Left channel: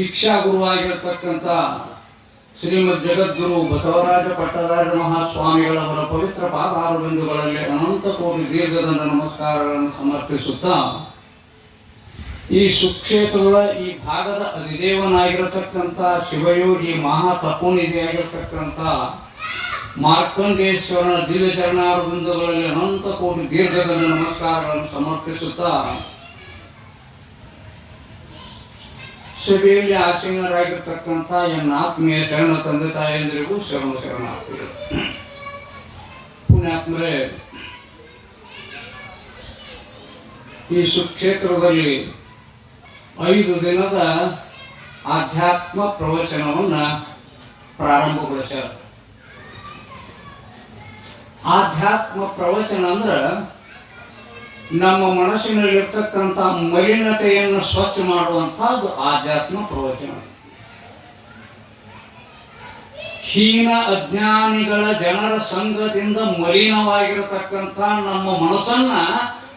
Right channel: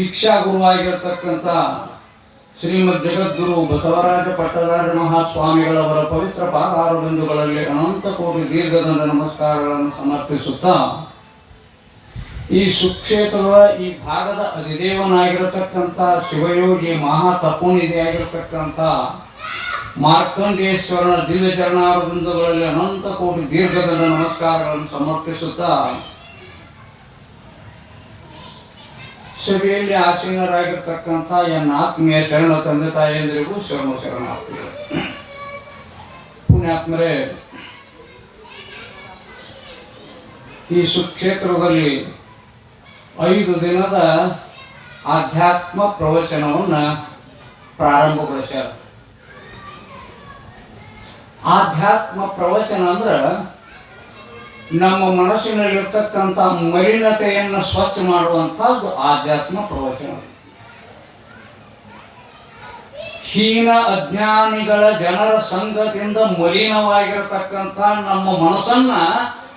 ದೀಕ್ಷಾ ಗುರುವಾಗಿರತಕ್ಕಂಥ ಶ್ರೀಮದ್ ಜಗದ್ಗುರು ಬಸವರಾಜ ಪಟ್ಟದಾರ ಮಹಾಸ್ವಾಮಿಗಳವರ ಪವಿತ್ರ ಪಾದಾರಬಿಂದುಗಳಲ್ಲಿ ಅನಂತ ಕೋಟಿ ದೀರ್ಘದಂಡ ನಮಸ್ಕಾರಗಳನ್ನು ಸಮರ್ಪಿಸುತ್ತಾ ಈ ಸುಕ್ಷೇತ್ರದ ಈ ಭಾಗದ ಅಧಿದೇವನಾಗಿರತಕ್ಕಂಥ ಶಿವಯೋಗಿ ಮಹಾ ತಪೋನಿಧಿಯಾಗಿರತಕ್ಕಂಥ ಮಾರ್ಕಂಡೇಶ್ವರನ ದಿವ್ಯ ಚರಣಾರಬಿಂದುಗಳಲ್ಲಿ ಅನಂತ ಕೋಟಿ ದೀರ್ಘದಂಡ ನಮಸ್ಕಾರಗಳನ್ನು ಸಮರ್ಪಿಸುತ್ತಾ ಸಭೆಯಲ್ಲಿ ಆಸೀನರಾಗಿರ್ತಕ್ಕಂಥ ಎನ್ನ ಆತ್ಮೀಯ ಶರಣ ತಂದೆ ತಾಯಿಯಂದ್ರಿಗೂ ಶರಣಾರ್ಥಿಗಳು. ಪುಣ್ಯಾತ್ಮರೇ, ಈ ಸುಕ್ಷೇತ್ರದಲ್ಲಿ 5 ದಿನದ ಆಧ್ಯಾತ್ಮ ಪ್ರವಚನವನ್ನು ಪ್ರಾರಂಭಗೊಳಿಸ್ಯಾರ. ಆಧ್ಯಾತ್ಮ ಪ್ರವಚನ ಅಂದ್ರೆ ನಮ್ಮ ಮನಸ್ಸಿನಲ್ಲಿರ್ತಕ್ಕಂಥ ಮಲಿನತೆಯನ್ನು ಸ್ವಚ್ಛ ಮಾಡುವಂಥದ್ದು ಆಧ್ಯಾತ್ಮ ಪ್ರವಚನ. ಹೀನ ಅಜ್ಞಾನಿಗಳ ಜನರ ಸಂಘದಿಂದ ಮಲಿನವಾಗಿರತಕ್ಕಂಥ ನಮ್ಮ ಮನಸ್ಸನ್ನ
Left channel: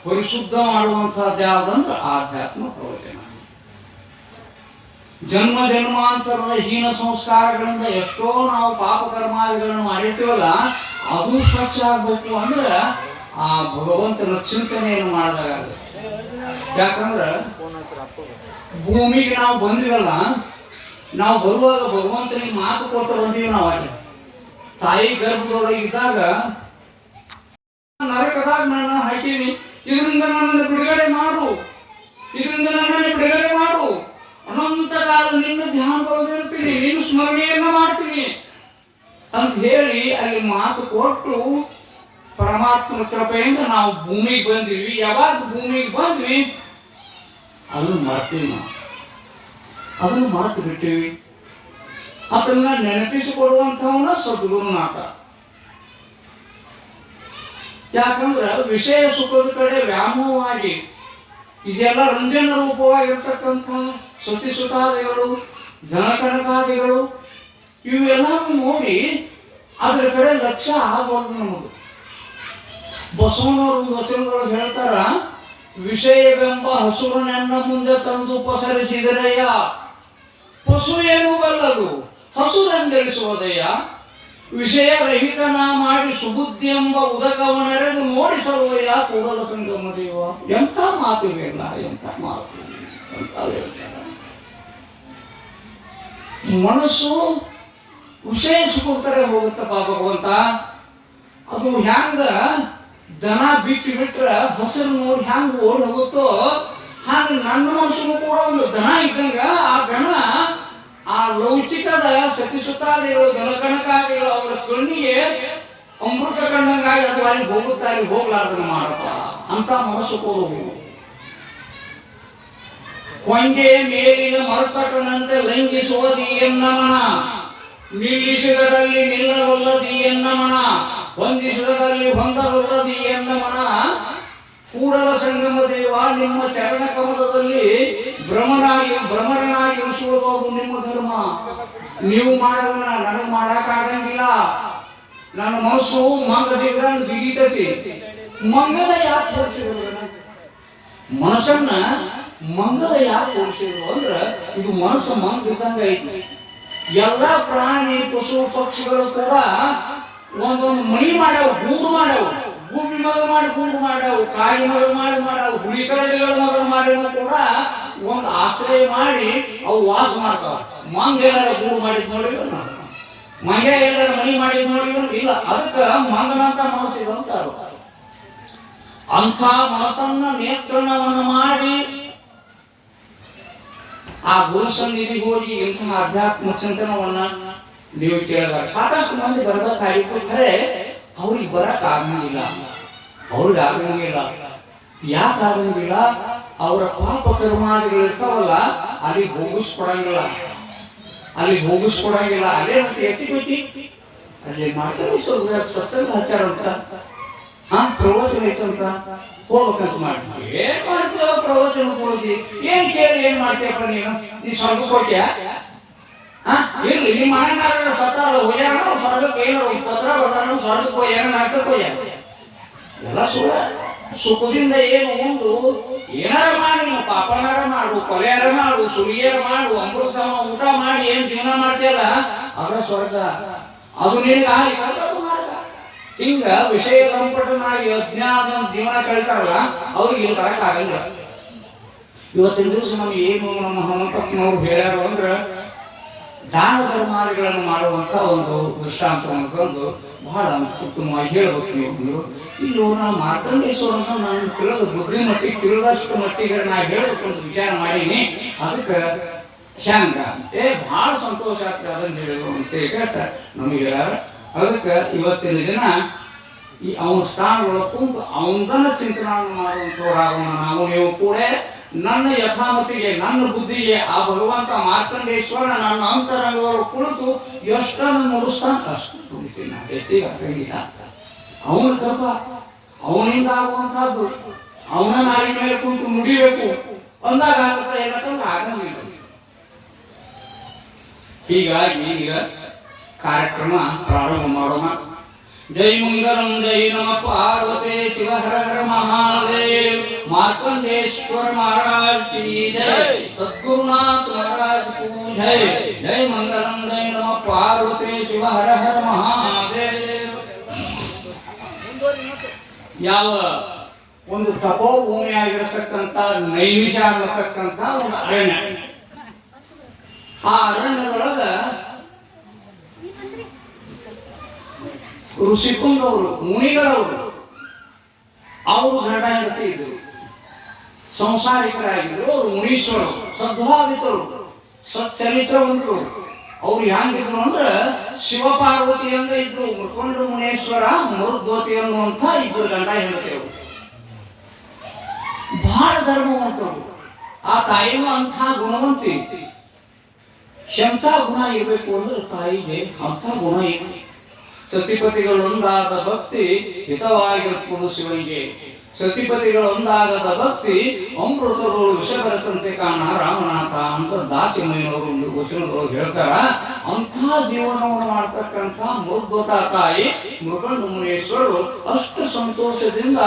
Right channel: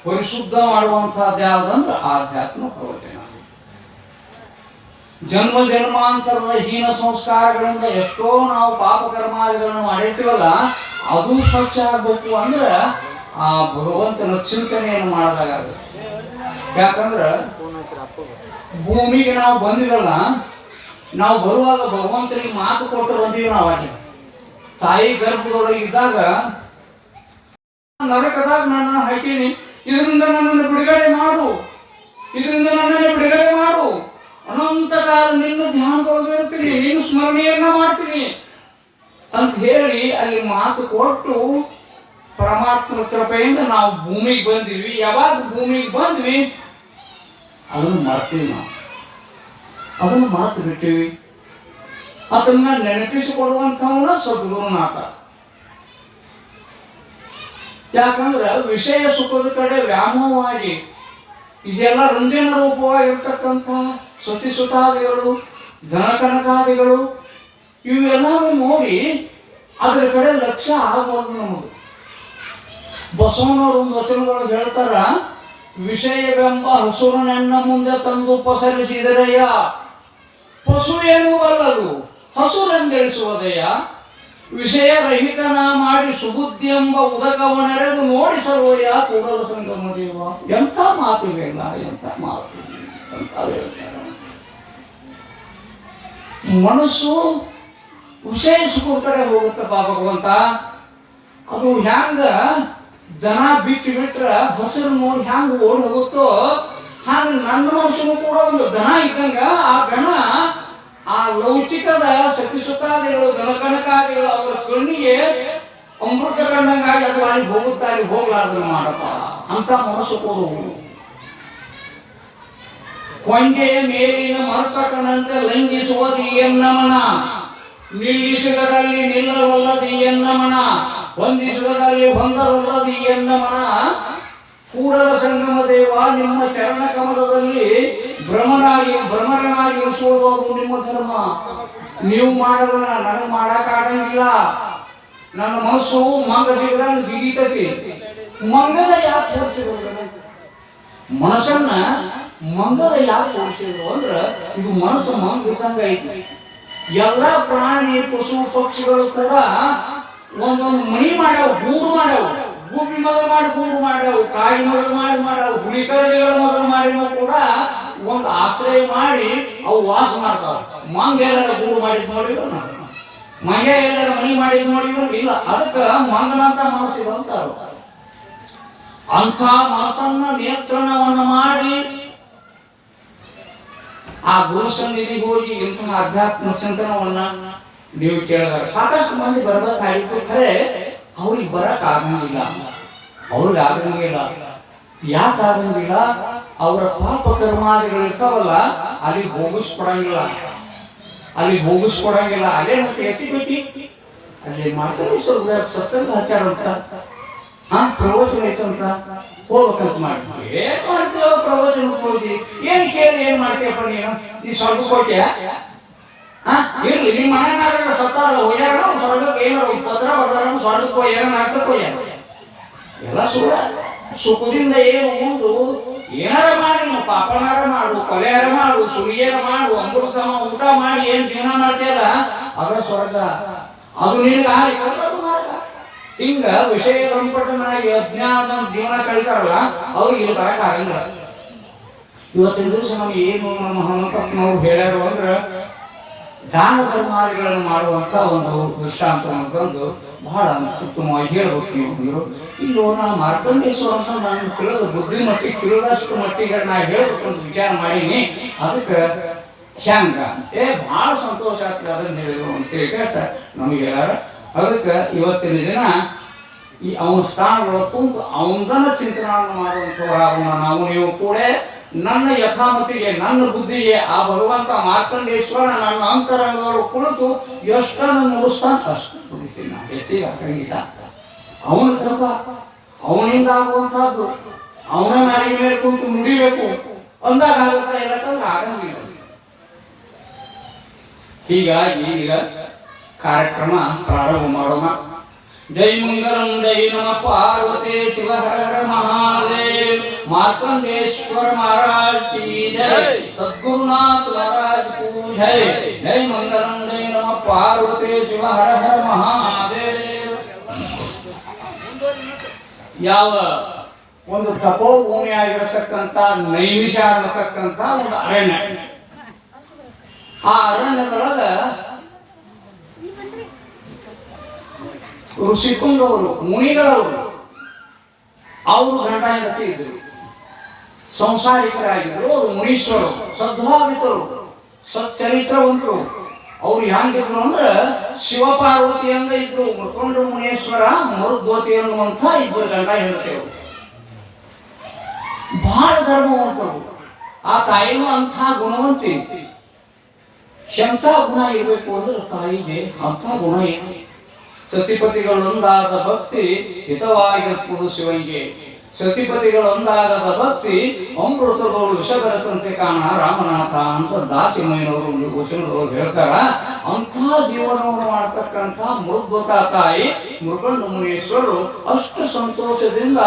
ಪರಿಶುದ್ಧ ಮಾಡುವಂಥದ್ದು ಯಾವುದಂದ್ರೆ ಆಧ್ಯಾತ್ಮ ಪ್ರವಚನ. ಜನ್ಮ ಜನ್ಮಾಂತರದ ಹೀನ ಸಂಸ್ಕಾರಗಳಿಂದ ಎಷ್ಟೋ ನಾವು ಪಾಪ ಕರ್ಮಾದಿಗಳನ್ನು ಮಾಡಿರ್ತೀವಲ್ಲ, ಅದು ಸ್ವಚ್ಛ ಆಗಬೇಕು ಅಂದ್ರೆ ಆ ಭಗವಂತನ ಚಿಂತನೆಯನ್ನು ಮಾಡಿದಾಗ. ಯಾಕಂದ್ರೆ ಭೂಮಿಗೆ ನಾವು ಬಂದಿವಲ್ಲ, ನಾವು ಬರುವಾಗ ಭಗವಂತನಿಗೆ ಮಾತು ಕೊಟ್ಟು ಬಂದೀವಿ. ನಾವು ಅಲ್ಲಿ ತಾಯಿ ಗರ್ಭದೊಳಗಿದ್ದಾಗ ನರಕದಾಗ ನನ್ನ ಹಾಕೀನಿ, ಇದರಿಂದ ನನ್ನನ್ನು ಬಿಡುಗಡೆ ಮಾಡು, ಇದರಿಂದ ನನ್ನನ್ನು ಬಿಡುಗಡೆ ಮಾಡು, ಅನಂತ ಕಾಲ ನಿನ್ನ ಧ್ಯಾನದೊಳಗಿರ್ತೀನಿ, ನಿನ್ನ ಸ್ಮರಣೆಯನ್ನ ಮಾಡ್ತೀನಿ ಅಂತ ಹೇಳಿ ಅಲ್ಲಿ ಮಾತು ಕೊಟ್ಟು ಪರಮಾತ್ಮ ಕೃಪೆಯಿಂದ ನಾವು ಭೂಮಿಗೆ ಬಂದಿವಿ. ಯಾವಾಗ ಭೂಮಿಗೆ ಬಂದ್ವಿ ಅದನ್ನು ಮರ್ತೀವಿ, ನಾವು ಅದನ್ನು ಮರೆತು ಬಿಟ್ಟಿವಿ. ಅದನ್ನ ನೆನಪಿಸಿಕೊಡುವಂಥವನ ಸದ್ಗುರುನಾಥ. ಯಾಕಂದ್ರೆ ವಿಷಯ ಸುಖದ ಕಡೆ ವ್ಯಾಮೋಹವಾಗಿ ಇದೆಲ್ಲ ರಂಜನ ರೂಪವಾಗಿರ್ತಕ್ಕಂಥ ಸತಿಸುತಾದಿಗಳು, ಧನಕನಕಾದಿಗಳು ಇವೆಲ್ಲವೂ ನೋಡಿ ಅದರ ಕಡೆ ಲಕ್ಷ್ಯ ಆಗಬಾರ್ದು ನಮಗೆ. ಬಸವನವರು ಒಂದು ವಚನದೊಳಗೆ ಹೇಳ್ತಾರ, ವಿಷಯವೆಂಬ ಹಸುರನನ್ನ ಮುಂದೆ ತಂದು ಪಸರಿಸಿದರೆಯ ಪಶು ಏನು ಬಲ್ಲದು ಹಸುರೆಂದೆಳಿಸುವುದಯ್ಯ, ವಿಷಯ ರಹಿತನ ಮಾಡಿ ಸುಬುದ್ಧಿ ಎಂಬ ಉದಕವನೆರೆದು ನೋಡಿಸಲೋಯ ಕೂಡಲ ಸಂಗಮ ದೇವ. ಎಂಥ ಮಾತುವಿಲ್ಲ, ಎಂಥ ಮಾತು ಅಂತ ಹೇಳ್ತಾರೆ. ಮನಸ್ಸು ವಿಷಯ ಸುಖದ ಕಡೆ ಹೋಗುತ್ತಪ್ಪ ಭಗವಂತ. ಅದು ಹ್ಯಾಂಗ ದನ ಬಿಚ್ಚಿ ಬಿಟ್ರ ಹಸಿರು ನೋಡಿ ಹ್ಯಾಂಗ ಓಡಿ ಹೋಗುತ್ತೋ ಹಾಗೆ ನನ್ನ ಮನಸ್ಸನ್ನು ಕೂಡ ಒಂದು ದನ ಇದ್ದಂಗ ಆ ದನ ಆ ಲೌಕಿಕದ ಸತಿಸುತ್ತಾದಿಗಳು, ದನಕಣಕಾದಿಗಳು ಅವರ ಕಣ್ಣಿಗೆ ಅಮೃತ ಕಣ್ಣಂಗಾಗಿ ಅದು ಅಲ್ಲಿ ಹೋಗುತ್ತಾ ಅಲ್ಲಿ ಹೋಗ್ಲಾರ್ದನ್ನು ಮಾಡಪ್ಪ ಅಂತ ಮನಸ್ಸು ಕೊಡುವುದು. ಕೊಂಗೆ ಮೇಲಿನ ಮರ್ಕಟನಂತೆ ಲಂಘಿಸುವುದು ಎನ್ನ ಮನ, ನಿಲ್ಲಿಸಿದರಲ್ಲಿ ನಿಲ್ಲವಲ್ಲದಿ ಎನ್ನ ಮನ, ಹೊಂದಿಸಿದರಲ್ಲಿ ಹೊಂದವಲ್ಲದಿ ಎನ್ನ ಮನ. ಕೂಡಲ ಸಂಗಮ ದೇವ, ನಿಮ್ಮ ಚರಣ ಕಮಲದಲ್ಲಿ ಭ್ರಮರನಾಗಿ ಇರಿಸುವುದು ಅದು ನಿಮ್ಮ ಧರ್ಮ. ನೀವು ಮಾಡೋದನ್ನ ನನಗೆ ಮಾಡಕ್ಕಾಗಂಗಿಲ್ಲ. ನನ್ನ ಮನಸ್ಸು ಮಂಗ ಸಿಗದಂಗೆ ಜಿಗಿತೈತಿ. ಮಂಗದ ಯಾಕೆ ತೋರಿಸಿದ್ರು? ಮನಸ್ಸನ್ನ ಮಂಗದ ಯಾಕೆ ತೋರಿಸಿದ್ರು ಅಂದ್ರೆ ಇದು ಮನಸ್ಸು ಮಂಗ ಇದ್ದಂಗ ಐತಿ. ಎಲ್ಲ ಪ್ರಾಣಿ ಪಶು ಪಕ್ಷಿಗಳು ಕೂಡ ಒಂದೊಂದು ಮನಿ ಮಾಡ್ಯಾವ, ಗೂಡು ಮಾಡ್ಯಾವ. ಗುಬ್ಬಿ ಮೊದಲು ಮಾಡಿ ಗೂಡು ಮಾಡ್ಯಾವು, ಕಾಯಿ ಮೊದಲು ಮಾಡ್ಯಾವು, ಹುಲಿಕರಡಿಗಳು ಮೊದಲು ಮಾಡಿದ್ರು ಕೂಡ ಒಂದು ಆಶ್ರಯ ಮಾಡಿ ಅವು ವಾಸ ಮಾಡ್ತಾವ. ಮಂಗ ಎಲ್ಲರ ಗೂಡು ಮಾಡಿದ್ ನೋಡಿದ್ರು, ಮಂಗ ಎಲ್ಲರ ಮನಿ ಮಾಡಿದ್ ನೋಡಿದ್ರು ಇಲ್ಲ. ಅದಕ್ಕೆ ಮಂಗನಂತ ಮನಸ್ಸಿದೆ ಅಂತಾರ. ಅಂಥ ಮನಸ್ಸನ್ನ ನಿಯಂತ್ರಣವನ್ನು ಮಾಡಿ ಆ ಗುರು ಸನ್ನಿಧಿಗೆ ಹೋಗಿ ಇಂಥ ಆಧ್ಯಾತ್ಮ ಚಿಂತನವನ್ನ ನೀವು ಕೇಳಿದಾಗ ಸಾಕಷ್ಟು ಮಂದಿ ಬರ್ಬೇಕಾಗಿತ್ತು. ಖರೆ ಅವ್ರಿಗೆ ಬರಕ್ ಆಗಂಗಿಲ್ಲ. ಅವ್ರಿಗೆ ಆಗಂಗಿಲ್ಲ. ಯಾಕೆ ಆಗಂಗಿಲ್ಲ? ಅವರ ಪಾಪ ಕರ್ಮಾದಿಗಳು ಇರ್ತಾವಲ್ಲ, ಅಲ್ಲಿ ಹೋಗಿಸ್ಕೊಡಂಗಿಲ್ಲ. ಅಲ್ಲೇ ಮತ್ತೆ ಎತ್ತಿ ಅಲ್ಲಿ ಮಾಡ್ತಾರೆ. ಸತ್ಸಂಗ ಆಚಾರ ಅಂತ ಪ್ರವಚನ ಐತಂತ ಹೋಗ್ಬೇಕಂತ ಮಾಡ್ತೀವಿ. ಏನ್ ಮಾಡ್ತೀವ ಪ್ರವಚನಕ್ಕೆ ಹೋಗಿ? ಏನ್ ಕೇಳಿ ಏನ್ ಮಾಡ್ತೀಯಪ್ಪ ನೀ ಸ್ವರ್ಗಕ್ಕೆ ಹೋಗ್ತೀಯ? ಇರ್ಲಿ, ನಿಮ್ಮ ಮನೆಯವ್ರ ಸತ್ತಾರ ಹೋಗ್ಯಾರ, ಸ್ವರ್ಗಕ್ಕೆ ಏನು ಪತ್ರ ಬರ್ದಾರ, ಸ್ವರ್ಗಕ್ಕೆ ಹೋಗ್ಯಾರ, ನಾಟಕಕ್ಕೆ ಹೋಗ್ಯಾರ, ಎಲ್ಲ ಸುಳ್ಳ. ಸುಖದಿಂದ ಏನು ಉಂಡು ಏನಾರ ಮಾಡಿ ನಾವು ಪಾಪನಾರ ಮಾಡು, ಕೊಲೆಯಾರ ಮಾಡು, ಸುರಿಯಾರ ಮಾಡು, ಅಂಬರು ಸಮ ಊಟ ಮಾಡಿ ಏನ್ ಜೀವನ ಮಾಡ್ತೀಯಲ್ಲ ಅದ ಸ್ವರ್ಗ. ಅದು ನಿನಗೆ ಅದು ಮಾರ್ಗ. ಹಿಂಗ ವಿಷಯ ಸಂಪಟನಾಗಿ ಅಜ್ಞಾನ ಜೀವನ ಕಳಿತಾರಲ್ಲ ಅವ್ರಿಗೆ ಇಲ್ಲಿ ಬರಕ್ ಆಗಂಗಿಲ್ಲ. ಇವತ್ತಿನ ದಿವಸ ನಮ್ಗೆ ಏನು ನಮ್ಮ ಹನುಮಪ್ಪನವ್ರು ಹೇಳ್ಯಾರು ಅಂದ್ರೆ ದಾನ ಧರ್ಮಾದಿಗಳನ್ನು ಮಾಡುವಂತ ಒಂದು ದೃಷ್ಟಾಂತ ಅಂತಂದು ಬಹಳ ಉತ್ತಮವಾಗಿ ಹೇಳ್ಬೇಕು. ನೀವು ಇಲ್ಲೋ ನಾವು ಮಾರ್ಕಂಡೇಶ್ವರ ಅಂತ ನಾನು ತಿಳಿದ ಬುದ್ಧಿ ಮಟ್ಟಿಗೆ ತಿಳಿದಷ್ಟು ಮಟ್ಟಿಗೆ ನಾ ಹೇಳ್ಬೇಕು ಅಂತ ವಿಚಾರ ಮಾಡೀನಿ. ಅದಕ್ಕೆ ಹ್ಯಾಂಗ ಬಹಳ ಸಂತೋಷ ಆಗ್ತದೆ ಅದನ್ನ ಹೇಳಿದ್ರು ಅಂತೇಳಿ ಕೇಳ್ತ ನಮಗೆ. ಅದಕ್ಕೆ ಇವತ್ತಿನ ದಿನ ಈ ಅವನ ಸ್ಥಾನಗಳು ತುಂಬ ಅವನದನ್ನ ಚಿಂತನೆ ಮಾಡುವಂಥವರಾಗೋಣ ನಾವು ನೀವು ಕೂಡ. ನನ್ನ ಯಥಾಮತಿಗೆ ನನ್ನ ಬುದ್ಧಿಗೆ ಆ ಭಗವಂತ ಮಾರ್ಕಂಡೇಶ್ವರ ನನ್ನ ಅಂತರಂಗದವರು ಕುಳಿತು ಎಷ್ಟನ್ನು ಮುಗಿಸ್ತಾನ ಅಷ್ಟು ದುಡಿತೀನಿ ನಾ, ಹೆಚ್ಚಿಗೆ ಹಾಕಂಗಿಲ್ಲ. ಅವನ ಕೃಪ ಅವನಿಂದ ಆಗುವಂತಹದ್ದು ಅವನ ನಾಲಿಗೆ ಮೇಲೆ ಕುಂತು ನುಡಿಬೇಕು ಅಂದಾಗ ಆಗುತ್ತಾ ಇಲ್ಲಂದ್ರೆ ಆಗಂಗಿಲ್ಲ. ಹೀಗಾಗಿ ಈಗ ಕಾರ್ಯಕ್ರಮ ಪ್ರಾರಂಭ ಮಾಡೋಣ. ಜೈ ಮಂಗಲಂ ಜೈ ನಮ ಪಾರ್ವತಿ ಶಿವ ಹರ ಹರ ಮಹಾದೇವ್. ಮಾರ್ಕಂಡೇಶ್ವರ ಮಹಾರಾಜ್ ಕಿ ಜೈ, ಸದ್ಗುರುನಾಥ ಮಹಾರಾಜ್ ಕೂ ಜೈ. ಜೈ ಮಂಗಲಂ ಜೈ ನಮ ಪಾರ್ವತಿ ಶಿವ ಹರ ಹರ ಮಹಾದೇವ್. ಯಾವ ಒಂದು ತಪೋಭೂಮಿ ಆಗಿರತಕ್ಕಂಥ ನೈಮಿಷ ಅನ್ನತಕ್ಕಂಥ ಒಂದು ಅರಣ್ಯ, ಆ ಅರಣ್ಯದೊಳಗ ಋಷಿಕುಂಡವರು ಮುನಿಗಳವರು ಅವರು ಗಂಡ ಹೆಂಡತಿ ಇದ್ರು, ಸಂಸಾರಿಕರಾಗಿದ್ರು. ಅವರು ಮುನೀಶ್ವರು, ಸದ್ಭಾವಿತರು, ಸಚ್ಚರಿತ್ರವಂತರು. ಅವ್ರು ಹೆಂಗಿದ್ರು ಅಂದ್ರೆ ಶಿವಪಾರ್ವತಿಯಂಗ ಇದ್ರು. ಮುರ್ಕೊಂಡ ಮುನೇಶ್ವರ ಮರುದ್ವತಿ ಅನ್ನುವಂಥ ಇಬ್ಬರು ಗಂಡ ಹೆಂಡತಿಯವರು ಬಹಳ ಧರ್ಮವಂತರು. ಆ ತಾಯಿನೂ ಅಂಥ ಗುಣವಂತಿ. ಎಂಥ ಗುಣ ಇರಬೇಕು ಅಂದ್ರೆ ತಾಯಿಗೆ ಅಂಥ ಗುಣ ಇತ್ತು. ಸತಿಪತಿಗಳೊಂದಾದ ಭಕ್ತಿ ಹಿತವಾಗಿರುವುದು ಶಿವಂಗೆ. ಸತಿಪತಿಗಳೊಂದಾಗದ ಭಕ್ತಿ ಅಮೃತಗಳು ವಿಷ ಬರತಂತೆ ಕಾಣ ರಾಮನಾಥ ಅಂತ ದಾಸಿಮಯ್ಯನವರು ಒಂದು ವಚನದವರು ಹೇಳ್ತಾರ. ಅಂಥ ಜೀವನವನ್ನು ಮಾಡ್ತಕ್ಕಂಥ ಮೃದ್ವತ ತಾಯಿ ಮೃಗಂಡ ಮುನೇಶ್ವರರು ಅಷ್ಟು ಸಂತೋಷದಿಂದ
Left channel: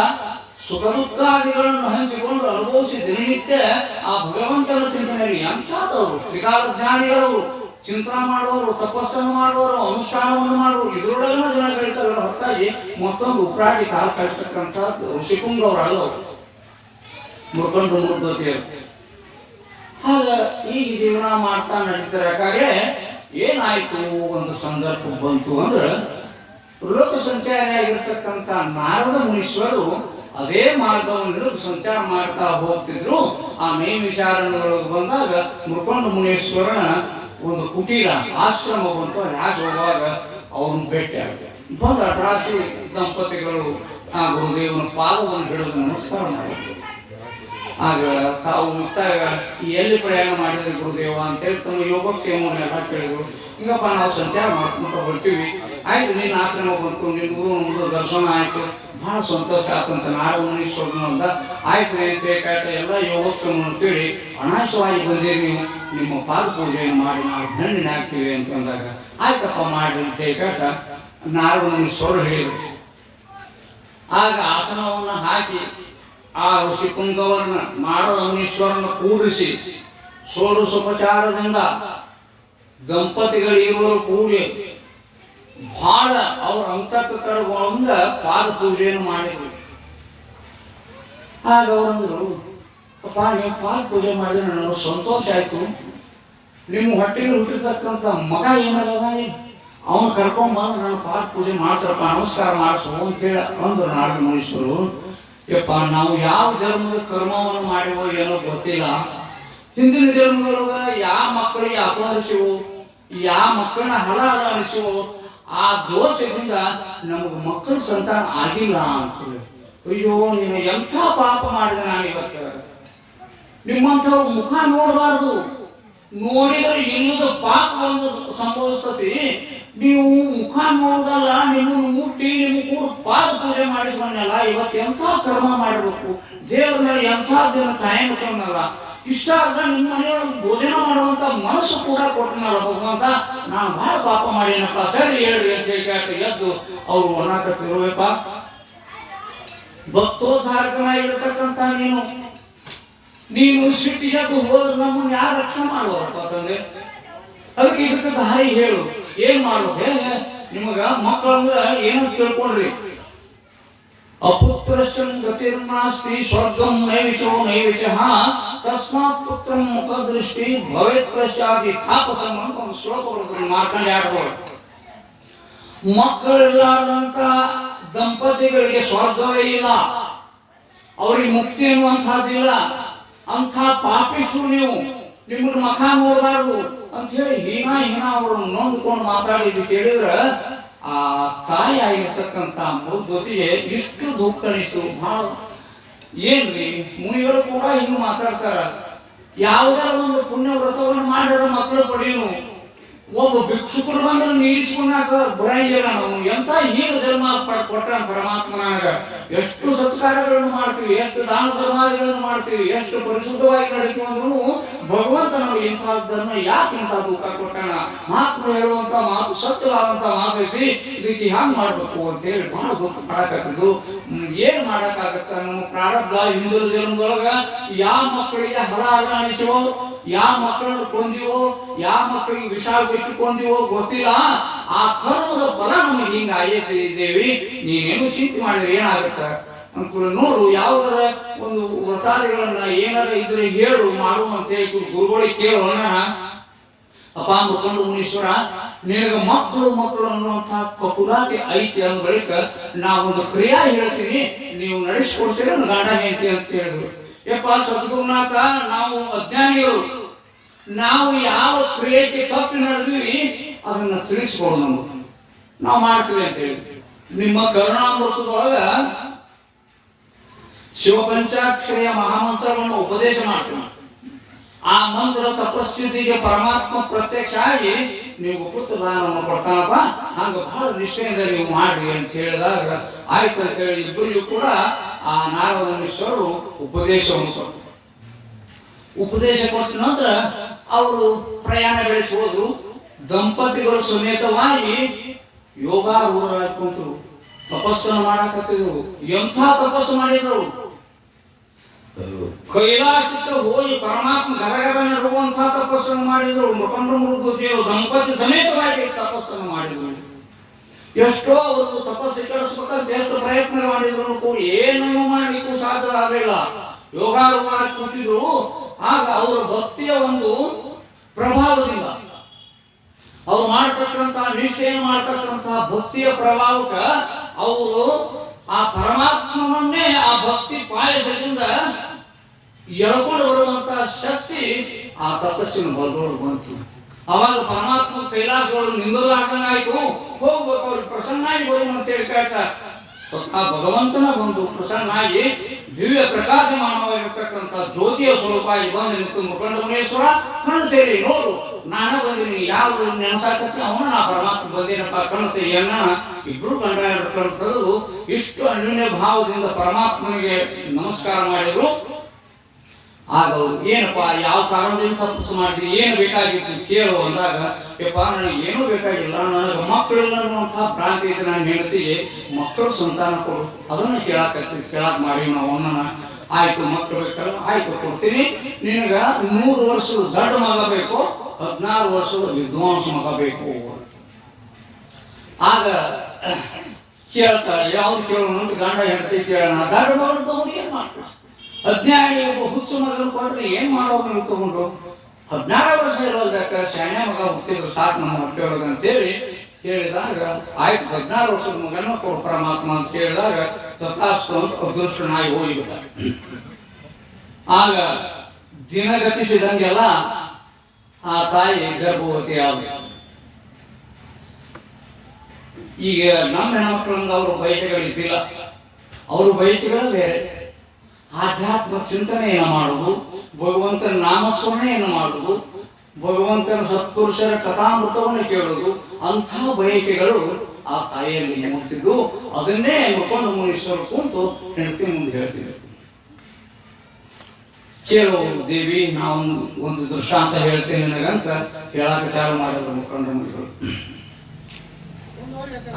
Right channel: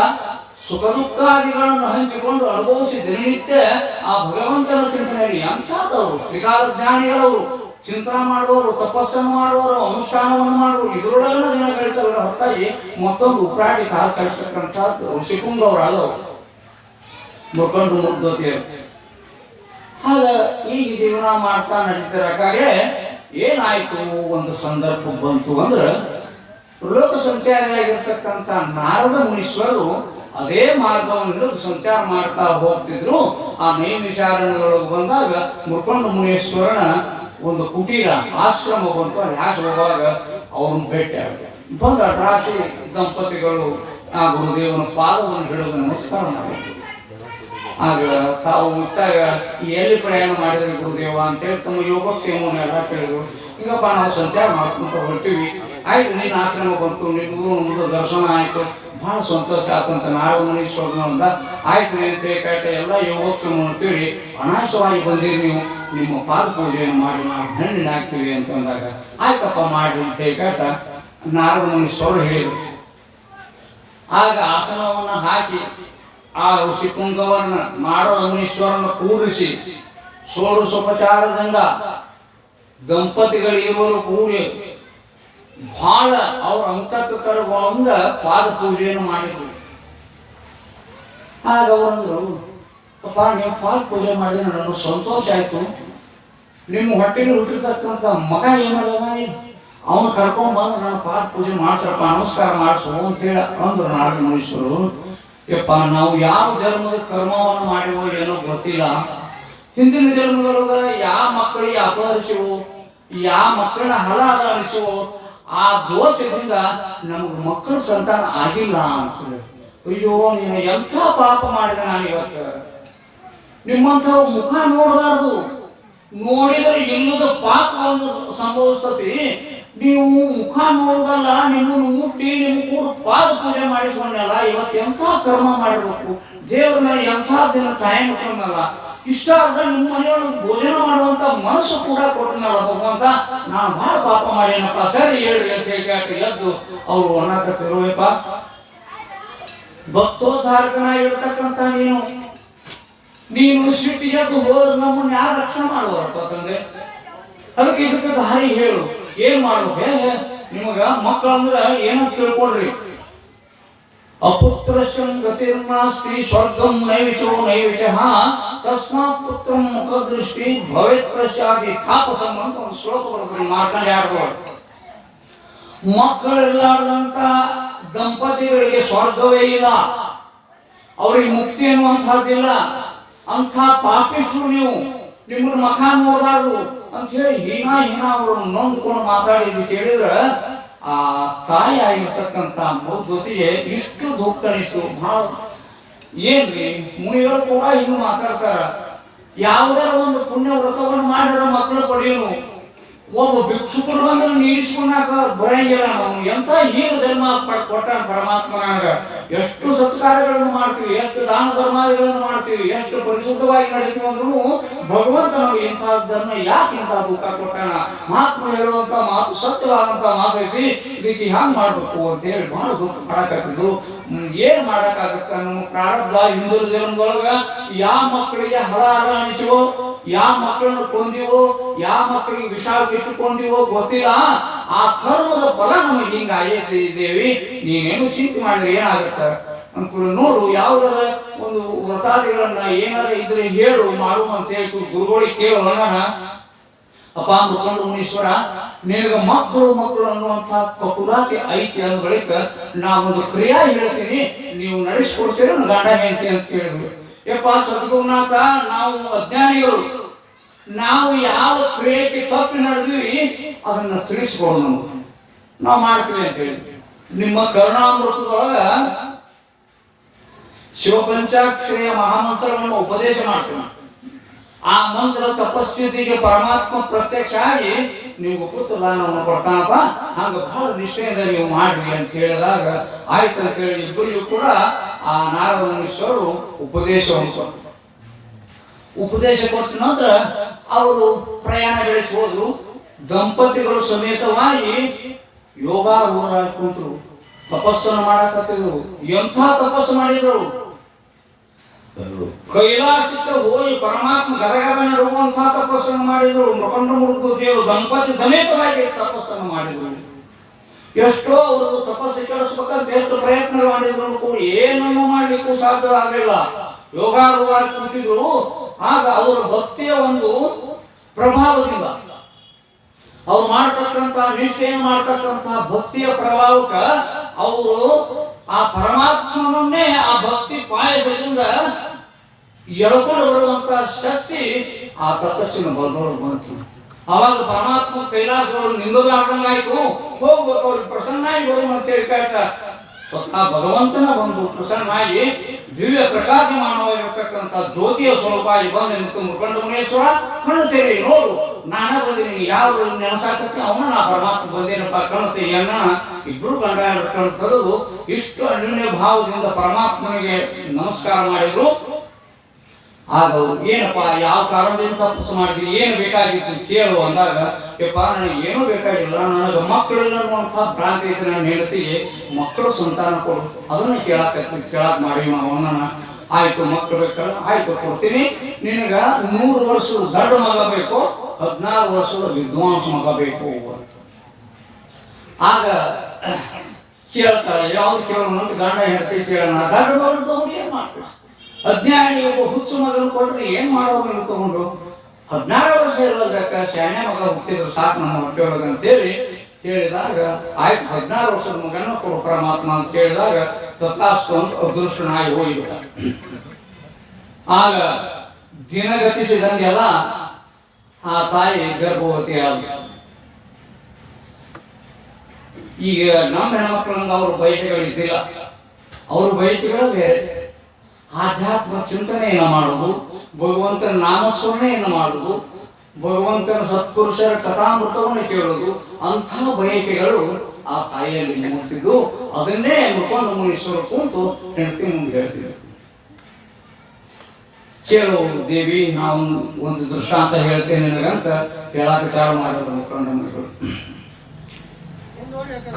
ಸುಖ ದುಃಖಾದಿಗಳನ್ನು ಹಂಚಿಕೊಂಡು ಅನುಭವಿಸಿ ದಿನನಿತ್ಯ ಆ ಭಗವಂತನ ಚಿಂತನೆಯಲ್ಲಿ ಅಂಥದವರು ತ್ರಿಕಾಲಜ್ಞಾನಿಗಳವರು, ಚಿಂತನೆ ಮಾಡುವವರು, ತಪಸ್ಸನ್ನು ಮಾಡುವವರು, ಅನುಷ್ಠಾನವನ್ನು ಮಾಡುವರು. ಇದರೊಳಗನ ದಿನ ಕಳಿತವರ ಹೊರತಾಗಿ ಮತ್ತೊಂದು ಉಪರಾಟಿ ಕಾಲ ಕಳಿಸ್ತಕ್ಕಂಥದ್ದು ಋಷಿಕುಂಡವರು ಅಲ್ಲವರು, ಮುರ್ಕೊಂಡು ಮುರ್ದ್ವತಿಯರು. ಆಗ ಈಗ ಜೀವನ ಮಾಡ್ತಾ ನಡೀತಿರಕಾಗೆ ಏನಾಯ್ತು, ಒಂದು ಸಂದರ್ಭ ಬಂತು ಅಂದ್ರೆ ಲೋಕ ಸಂಚಾರಿಯಾಗಿರ್ತಕ್ಕಂಥ ನಾರದ ಮುನೀಶ್ವರರು ಅದೇ ಮಾರ್ಗವನ್ನು ಹಿಡಿದು ಸಂಚಾರ ಮಾಡ್ತಾ ಹೋಗ್ತಿದ್ರು. ಆ ನೈಮಿಷಾರಣ್ಯದೊಳಗೆ ಬಂದಾಗ ಮುರ್ಕೊಂಡ ಮುನೀಶ್ವರನ ಒಂದು ಕುಟೀರ ಆಶ್ರಮ ಬಂತು. ಅಲ್ಲಿ ಯಾಕೆ ಹೋಗುವಾಗ ಅವನು ಭೇಟಿ ಆಗುತ್ತೆ. ಬಂದ ರಾಶಿ ದಂಪತಿಗಳು ಆ ಗುರುದೇವನ ಪಾದವನ್ನು ಹಿಡಿದು ನಮಸ್ಕಾರ ಮಾಡಿದ್ರು. ಆಗ ತಾವು ಮುಕ್ತಾಯ ಎಲ್ಲಿ ಪ್ರಯಾಣ ಮಾಡಿದ್ರೆ ಗುರುದೇವ ಅಂತೇಳಿ ತಮ್ಮ ಯೋಗಕ್ಷೇಮವನ್ನೆಲ್ಲ ಕೇಳಿದ್ರು. ಈಗಪ್ಪ ನಾವು ಸಂಚಾರ ಮಾಡ್ಕೊಂತ ಹೊರಟಿವಿ, ಆಯ್ತು ನಿನ್ನ ಆಶ್ರಮ ಬಂತು, ನಿಮಗೂ ಒಂದು ದರ್ಶನ ಆಯ್ತು, ಬಹಳ ಸಂತೋಷ ಆತಂತ ನಾರದ ಮುನೀಶ್ವರನ ಅಂತ ಆಯ್ತು ಅಂತ ಹೇಳಿ ಎಲ್ಲ ಯೋಗಕ್ಷೇಮವನ್ನು ಕೇಳಿ ಅನಾಶವಾಗಿ ಬಂದಿರಿ, ನೀವು ನಿಮ್ಮ ಪಾದ ಪೂಜೆಯನ್ನು ಮಾಡಿ ನಾವು ಧನ್ಯನ ಆಗ್ತೀವಿ ಅಂತ ಅಂದಾಗ ಆಯ್ತಪ್ಪ ಮಾಡ್ರಿ ಅಂತ ಹೇಳಿ ನಾರದ ಮುನೀಶ್ವರರು ಹೇಳಿದರು. ಆಗ ಆಸನವನ್ನು ಹಾಕಿ ಆ ಋಷಿಕುಂಗವನ್ನ ನಾರದ ಮುನೀಶ್ವರನ ಕೂರಿಸಿ ಷೋಡಶೋಪಚಾರದಿಂದ ದಂಪತಿಗಳಿರುವರು ಕೂಡಿ ಬಹಳ ಅವ್ರ ಅಂತಃಕರಣಗಳಿಂದ ಪಾದ ಪೂಜೆಯನ್ನು ಮಾಡಿದ್ರು. ಆಗ ಒಂದು ಅಪ್ಪ ನೀವು ಪಾದ ಪೂಜೆ ಮಾಡಿದ್ರೆ ನನಗೆ ಸಂತೋಷ ಆಯ್ತು, ನಿಮ್ಮ ಹೊಟ್ಟೆಗೆ ಹುಟ್ಟಿರ್ತಕ್ಕಂಥ ಮಗ ಏನಲ್ಲ ಅವನು ಕರ್ಕೊಂಡ್ಬಂದು ನನ್ನ ಪಾದ ಪೂಜೆ ಮಾಡ್ಸಪ್ಪ, ನಮಸ್ಕಾರ ಮಾಡಿಸು ಅಂತೇಳಿ ಅಂದ್ರು ನಾರದ ಮುನೀಶ್ವರರು. ಯಪ್ಪ ನಾವು ಯಾವ ಜನ್ಮದ ಕರ್ಮವನ್ನು ಮಾಡಿವೋ ಏನೋ ಗೊತ್ತಿಲ್ಲ, ಹಿಂದಿನ ಜನ್ಮದೊಳಗ ಯಾವ ಮಕ್ಕಳಿಗೆ ಅಪಹರಿಸುವು, ಯಾವ ಮಕ್ಕಳನ್ನ ಹಲ ಅನಿಸುವೋ ಆ ದೋಷದಿಂದ ನಮಗೆ ಮಕ್ಕಳ ಸಂತಾನ ಆಗಿಲ್ಲ ಅಂತ. ಅಯ್ಯೋ ನೀನು ಎಂಥ ಪಾಪ ಮಾಡಿದ, ನಾನು ಇವತ್ತು ನಿಮ್ಮಂಥವ್ರ ಮುಖ ನೋಡಬಾರ್ದು, ನೋಡಿದರೆ ಇಲ್ಲದ ಪಾಪ ಒಂದು ಸಂಭವಿಸ್ತತಿ. ನೀವು ಮುಖ ನೋಡಲ್ಲ, ನಿಮ್ಮನ್ನು ಮುಟ್ಟಿ ನಿಮ್ಮ ಕೂಡ ಪಾದ ಪೂಜೆ ಮಾಡಿಸ್ಕೊಂಡಲ್ಲ, ಇವತ್ತು ಎಂಥ ಕರ್ಮ ಮಾಡಿರ್ಬೇಕು, ದೇವ್ರ ಮೇಲೆ ಎಂಥ ದಿನ ಟೈಮ್ ಇಟ್ಕೊಂಡಲ್ಲ, ಇಷ್ಟ ಆದ ನಿಮ್ಮ ಮನೆಯೊಳಗೆ ಭೋಜನ ಮಾಡುವಂತ ಮನಸ್ಸು ಕೂಡ ಕೊಟ್ಟನಲ್ಲ ಭಗವಂತ, ನಾನು ಬಹಳ ಪಾಪ ಮಾಡೇನಪ್ಪ, ಸರಿ ಹೇಳ್ರಿ ಅಂತ ಹೇಳಿ ಎದ್ದು ಅವ್ರು ಒಣಾಕತ್ತಿರುವಪ್ಪ. ಭಕ್ತೋದ್ಧಾರಕನಾಗಿರ್ತಕ್ಕಂಥ ನೀನು ಸಿಟ್ಟಿಗೆ ಹೋದ್ರೆ ನಮ್ಮನ್ನ ಯಾರು ರಕ್ಷಣೆ ಮಾಡುವಪ್ಪ ತಂದೆ. ಅದಕ್ಕೆ ಇದಕ್ಕೆ ದಾರಿ ಹೇಳು, ಏನ್ ಮಾಡ್ಬೇಕು? ನಿಮಗ ಮಕ್ಕಳಂದ್ರ ಏನೋ ತಿಳ್ಕೊಳ್ರಿ. ಅಪುತ್ರಶಂ ಗತಿರ್ನಾಸ್ತಿ ಸ್ವರ್ಗಂ ನೈವಿಚೋ ನೈವಿಚಃ ತಸ್ಮಾತ್ ಪುತ್ರಂ ಮುಖದೃಷ್ಟಿ ಭವೇತ್ ಪ್ರಸಾದಿ ತಾಪಸಂ ಅಂತ ಒಂದು ಶ್ಲೋಕ ಬರ್ತದೆ. ಮಾತನಾಡ್ಬೋದು, ಮಕ್ಕಳಿಲ್ಲಾರ್ದಂತ ದಂಪತಿಗಳಿಗೆ ಸ್ವರ್ಗವೇ ಇಲ್ಲ, ಅವ್ರಿಗೆ ಮುಕ್ತಿ ಅನ್ನುವಂಥದ್ದಿಲ್ಲ. ಅಂಥ ಪಾಪಿಷ್ಠರು ನೀವು, ನಿಮ್ಮನ್ನ ಮಖ ನೋಡಬಾರ್ದು ಅಂತ ಹೇಳಿ ಹೀನ ಅವ್ರನ್ನ ನೊಂದ್ಕೊಂಡು ಮಾತಾಡಿದ್ದು ಕೇಳಿದ್ರೆ ಆ ತಾಯಿ ಆಗಿರ್ತಕ್ಕಂಥ ಜೊತೆಗೆ ಇಷ್ಟು ದುಃಖ ಇಷ್ಟು ಬಹಳ ಏನ್ರಿ. ಮುನಿಗಳು ಕೂಡ ಹಿಂಗೆ ಮಾತಾಡ್ತಾರ. ಯಾವ್ದಾರ ಒಂದು ಪುಣ್ಯ ವ್ರತವನ್ನು ಮಾಡಿದ್ರೆ ಮಕ್ಕಳು ಪಡೆಯನು. ಒಬ್ಬ ಭಿಕ್ಷುಕರು ಬಂದ್ರೆ ನೀಡಿಸ್ಕೊಂಡಾಕ ಬರಂಗಿಲ್ಲ. ನಾವು ಎಂತ ಹೀನ ಜನ್ಮ ಕೊಟ್ಟಾನ ಪರಮಾತ್ಮನಾಗ. ಎಷ್ಟು ಸತ್ಕಾರಗಳನ್ನು ಮಾಡ್ತೀವಿ, ಎಷ್ಟು ದಾನ ಧರ್ಮಾದಿಗಳನ್ನು ಮಾಡ್ತೀವಿ, ಎಷ್ಟು ಪರಿಶುದ್ಧವಾಗಿ ನಡೀತೀವಿ ಅಂದ್ರೂ ಭಗವಂತ ನಾವು ಇಂಥದ್ದನ್ನು ಯಾಕೆ ಇಂಥ ದುಃಖ ಕೊಟ್ಟಾನ. ಮಹಾತ್ಮ ಹೇಳುವಂತ ಮಾತು ಸತ್ಯವಾದಂತ ಮಾತು ಐತಿ. ಇದಕ್ಕೆ ಹ್ಯಾಂಗ್ ಮಾಡ್ಬೇಕು ಅಂತ ಹೇಳಿ ಬಹಳ ದುಃಖ ಪಡಕಾಗ್ತಿದ್ದು. ಏನ್ ಮಾಡಕ್ಕಾಗತ್ತ? ನಮ್ಮ ಪ್ರಾರಬ್ಧ ಹಿಂದೂ ಜನ್ಮದೊಳಗ ಯಾವ ಮಕ್ಕಳಿಗೆ ಹಳ ಹಳ ಅನಿಸಿವೋ, ಯಾವ ಮಕ್ಕಳನ್ನು ಕೊಂದಿವೋ, ಯಾವ ಮಕ್ಕಳಿಗೆ ವಿಷ ಇಟ್ಟುಕೊಂಡಿವೋ ಗೊತ್ತಿಲ್ಲ. ಆ ಕರ್ಮದ ಫಲ ನಮಗೆ ಹಿಂಗ ಆಗಿದ್ದೇವೆ. ನೀನೇನು ಚಿಂತೆ ಮಾಡಿದ್ರೆ ಏನಾಗತ್ತ ಅನ್ಕೊಂಡು ನೋಡು. ಯಾವ್ದಾರ ಒಂದು ವ್ರತಾದಿಗಳನ್ನ ಏನಾರ ಇದ್ರೆ ಹೇಳು ಮಾಡು ಅಂತ ಹೇಳಿ ಗುರುಗಳಿಗೆ ಕೇಳೋಣ. ಅಪ್ಪ ಅಂದ್ಕೊಂಡು ಮುನೀಶ್ವರ ನಿನಗ ಮಕ್ಕಳು ಅನ್ನುವಂಥ ಪಕುರಾತಿ ಐತಿ ಅಂದ ಬಳಿಕ ನಾವೊಂದು ಕ್ರಿಯಾ ಹೇಳ್ತೀನಿ, ನೀವು ನಡೆಸ್ಕೊಡ್ತೀರ ಗಂಡ ಹೆಂಡತಿ ಅಂತ ಹೇಳಿದ್ರು. ಯಪ್ಪ ಸದ್ಗುರುನಾಥ, ನಾವು ಅಜ್ಞಾನಿಗಳು, ನಾವು ಯಾವ ಕ್ರಿಯೆಗೆ ತಪ್ಪಿ ನಡೆದ್ವಿ ಅದನ್ನ ತಿಳಿಸ್ಕೊಡು, ನಾವು ಮಾಡ್ತೀವಿ ಅಂತ ಹೇಳಿ ನಿಮ್ಮ ಕರುಣಾಮೃತದೊಳಗ ಶಿವಪಂಚಾಕ್ಷರಿಯ ಮಹಾಮಂತ್ರವನ್ನು ಉಪದೇಶ ಮಾಡ್ತೀವಿ. ಆ ಮಂತ್ರ ತಪಸ್ಥಿತಿಗೆ ಪರಮಾತ್ಮ ಪ್ರತ್ಯಕ್ಷ ಆಗಿ ನೀವು ಪುತ್ರದಾನವನ್ನು ಕೊಡ್ತಾನಪ್ಪ, ಹಂಗ ಬಹಳ ನಿಷ್ಠೆಯಿಂದ ನೀವು ಮಾಡ್ರಿ ಅಂತ ಹೇಳಿದಾಗ ಆಯ್ತು ಅಂತ ಹೇಳಿ ಇಬ್ಬರಿಗೂ ಕೂಡ ಆ ನಾರದ ಮುನೀಶ್ವರರು ಉಪದೇಶವನ್ನು ಕೊಟ್ಟರು. ಉಪದೇಶ ಕೊಟ್ಟ ನಂತರ ಅವರು ಪ್ರಯಾಣ ಬೆಳೆಸಿ ಹೋದ್ರು. ದಂಪತಿಗಳು ಸಮೇತವಾಗಿ ಯೋಗಾರೂಢರಾಗಿ ಕುಂತರು, ತಪಸ್ಸನ್ನು ಮಾಡಕತ್ತಿದ್ರು. ಎಂಥ ತಪಸ್ಸು ಮಾಡಿದ್ರು! ಕೈಲಾಸಕ್ಕೆ ಹೋಗಿ ಪರಮಾತ್ಮ ಗದಗದ ನಡುವಂತಹ ತಪಸ್ಸನ್ನು ಮಾಡಿದ್ರು. ಮುಖಂಡ ಮೃಗದೇವರು ದಂಪತಿ ಸಮೇತವಾಗಿ ತಪಸ್ಸನ್ನು ಮಾಡಿದ್ರು. ಎಷ್ಟೋ ಅವರು ತಪಸ್ಸು ಕೆಡಿಸ್ಬೇಕಂತ ಎಷ್ಟು ಪ್ರಯತ್ನ ಮಾಡಿದ್ರು ಕೂಡ ಏನನ್ನು ಮಾಡ್ಲಿಕ್ಕೂ ಸಾಧ್ಯ ಆಗಲಿಲ್ಲ. ಯೋಗಾರೂಢರಾಗಿ ಕುಂತಿದ್ರು. ಆಗ ಅವರ ಭಕ್ತಿಯ ಒಂದು ಪ್ರಭಾವದಿಂದ, ಅವ್ರು ಮಾಡ್ತಕ್ಕಂಥ ನಿಷ್ಠೆಯನ್ನು ಮಾಡ್ತಕ್ಕಂಥ ಭಕ್ತಿಯ ಪ್ರಭಾವಕ್ಕೆ ಅವರು ಆ ಪರಮಾತ್ಮನನ್ನೇ ಆ ಭಕ್ತಿ ಪಾಯಸದಿಂದ ಎಳ್ಕೊಂಡು ಬರುವಂತ ಶಕ್ತಿ ಆ ತಪಸ್ಸಿನ ಬಲದೊಳಗೆ ಬಂತು. ಅವಾಗ ಪರಮಾತ್ಮ ಕೈಲಾಸದೊಳಗೆ ನಿಂದಲಾರ್ದಂಗಾಯ್ತು. ಹೋಗ್ಬೇಕು ಅವ್ರಿಗೆ ಪ್ರಸನ್ನಾಗಿ ಬರುವ ಅಂತೇಳಿ ಕಾಟ ಸ್ವತಃ ಭಗವಂತನ ಬಂದು ಪ್ರಸನ್ನಾಗಿ ದಿವ್ಯ ಪ್ರಕಾಶಮಾನವಾಗಿರತಕ್ಕಂಥ ಜ್ಯೋತಿಯ ಸ್ವರೂಪವಾಗಿ ಬಂದು ನಿಂತು ಮುಖಂಡ ಮುನೇಶ್ವರ ಕಣ್ಣು ತೆರಿ ನೋಡು, ನಾನ ಬಂದಿನಿ, ಯಾರು ನೆನಸಾಕತ್ತೆ ಅವನ ನಾ ಪರಮಾತ್ಮ ಬಂದೇನಪ್ಪ ಕಣ್ಣು ತೆಗಿಯನ್ನ. ಇಬ್ರು ಗಂಡ ಕಣ್ಣು ತೆಗೆದು ಇಷ್ಟು ಅನ್ಯೋನ್ಯ ಭಾವದಿಂದ ಪರಮಾತ್ಮನಿಗೆ ನಮಸ್ಕಾರ ಮಾಡಿದ್ರು. ಆಗ ಏನಪ್ಪ ಯಾವ ಕಾರಣದಿಂದ ತಪಸ್ಸು ಮಾಡ್ತೀನಿ, ಏನು ಬೇಕಾಗಿತ್ತು ಕೇಳು ಅಂದಾಗ, ಯಪ್ಪ ನನಗೆ ಏನೂ ಬೇಕಾಗಿಲ್ಲ, ನನಗೆ ಮಕ್ಕಳಿಲ್ಲ ಅನ್ನುವಂಥ ಭ್ರಾಂತಿ ಐತೆ. ನನ್ನ ಹೆಂಡತಿಗೆ ಮಕ್ಕಳು ಸಂತಾನ ಕೊಡು, ಅದನ್ನು ಕೇಳಾಕ್ ಮಾಡಿ ನಾವು ಅವನನ್ನ. ಆಯ್ತು ಮಕ್ಕಳು ಬೇಕಲ್ಲ, ಆಯ್ತು ಕೊಡ್ತೀನಿ. ನಿನಗ 100 ವರ್ಷದ ದೊಡ್ಡ ಮಗ ಬೇಕು, 16 ವರ್ಷದ ವಿದ್ವಾಂಸ ಮಗ ಬೇಕು. ಆಗ ಕೇಳ್ತಾಳ, ಯಾವ್ದು ಕೇಳೋಣ ಅಂತ ಗಂಡ ಹೆಂಡತಿ ಕೇಳೋಣ. ದೊಡ್ಡ ಮಗಳು ತಗೊಂಡು ಏನ್ ಮಾಡ್ತೀವಿ? ಅಜ್ಞಾನಿ ಒಬ್ಬ ಹುಚ್ಚು ಮಗನ ಕೊಟ್ರೆ ಏನ್ ಮಾಡೋರು ನೀವು ತಗೊಂಡು? 16 ವರ್ಷ ಇರೋದಕ್ಕ ಶಾನ್ಯ ಮಗ ಹುಟ್ಟಿದ್ರು ಸಾಕು ನಮ್ಮ ಹೊಟ್ಟೆ ಒಳಗೆ ಅಂತೇಳಿ ಹೇಳಿದಾಗ, ಆಯ್ತು 16 ವರ್ಷದ ಮಗನ ಕೊಡು ಪರಮಾತ್ಮ ಅಂತ ಹೇಳಿದಾಗ ತಥಾಸ್ತು ಅಂತ ಅದೃಷ್ಟನಾಗಿ ಹೋಗಿಬಿಟ್ಟ. ಆಗ ದಿನಗತಿಸಿದಂಗೆಲ್ಲ ಆ ತಾಯಿ ಗರ್ಭವತಿ ಆದ. ಈಗ ನಮ್ಮ ಹೆಣ್ಮಕ್ಳಂಗ ಅವ್ರ ಬಯಕೆಗಳಿದ್ದಿಲ್ಲ, ಅವ್ರ ಬಯಕೆಗಳು ಬೇರೆ. ಆಧ್ಯಾತ್ಮ ಚಿಂತನೆಯನ್ನು ಮಾಡುವುದು, ಭಗವಂತನ ನಾಮಸ್ಮರಣೆಯನ್ನು ಮಾಡುವುದು, ಭಗವಂತನ ಸತ್ಪುರುಷರ ಕಥಾಮೃತವನ್ನು ಕೇಳುವುದು, ಅಂಥ ಬಯಕೆಗಳು ಆ ತಾಯಿಯಲ್ಲಿ ಮೂಡ್ತಿದ್ದು. ಅದನ್ನೇ ಮುಖಂಡ ಮುನೀಶ್ವರ ಕುಂತು ಹೆಂಡತಿ ಮುಂದೆ ಹೇಳ್ತಿದ್ರು. ಕೇಳು ದೇವಿ, ನಾವು ಒಂದು ದೃಷ್ಟಾಂತ ಹೇಳ್ತೇನೆ ನನಗಂತ ಹೇಳಾಕ ಚಾಲು ಮಾಡಿದ್ರು ಮುಖಂಡ ಮುನಿಗಳು.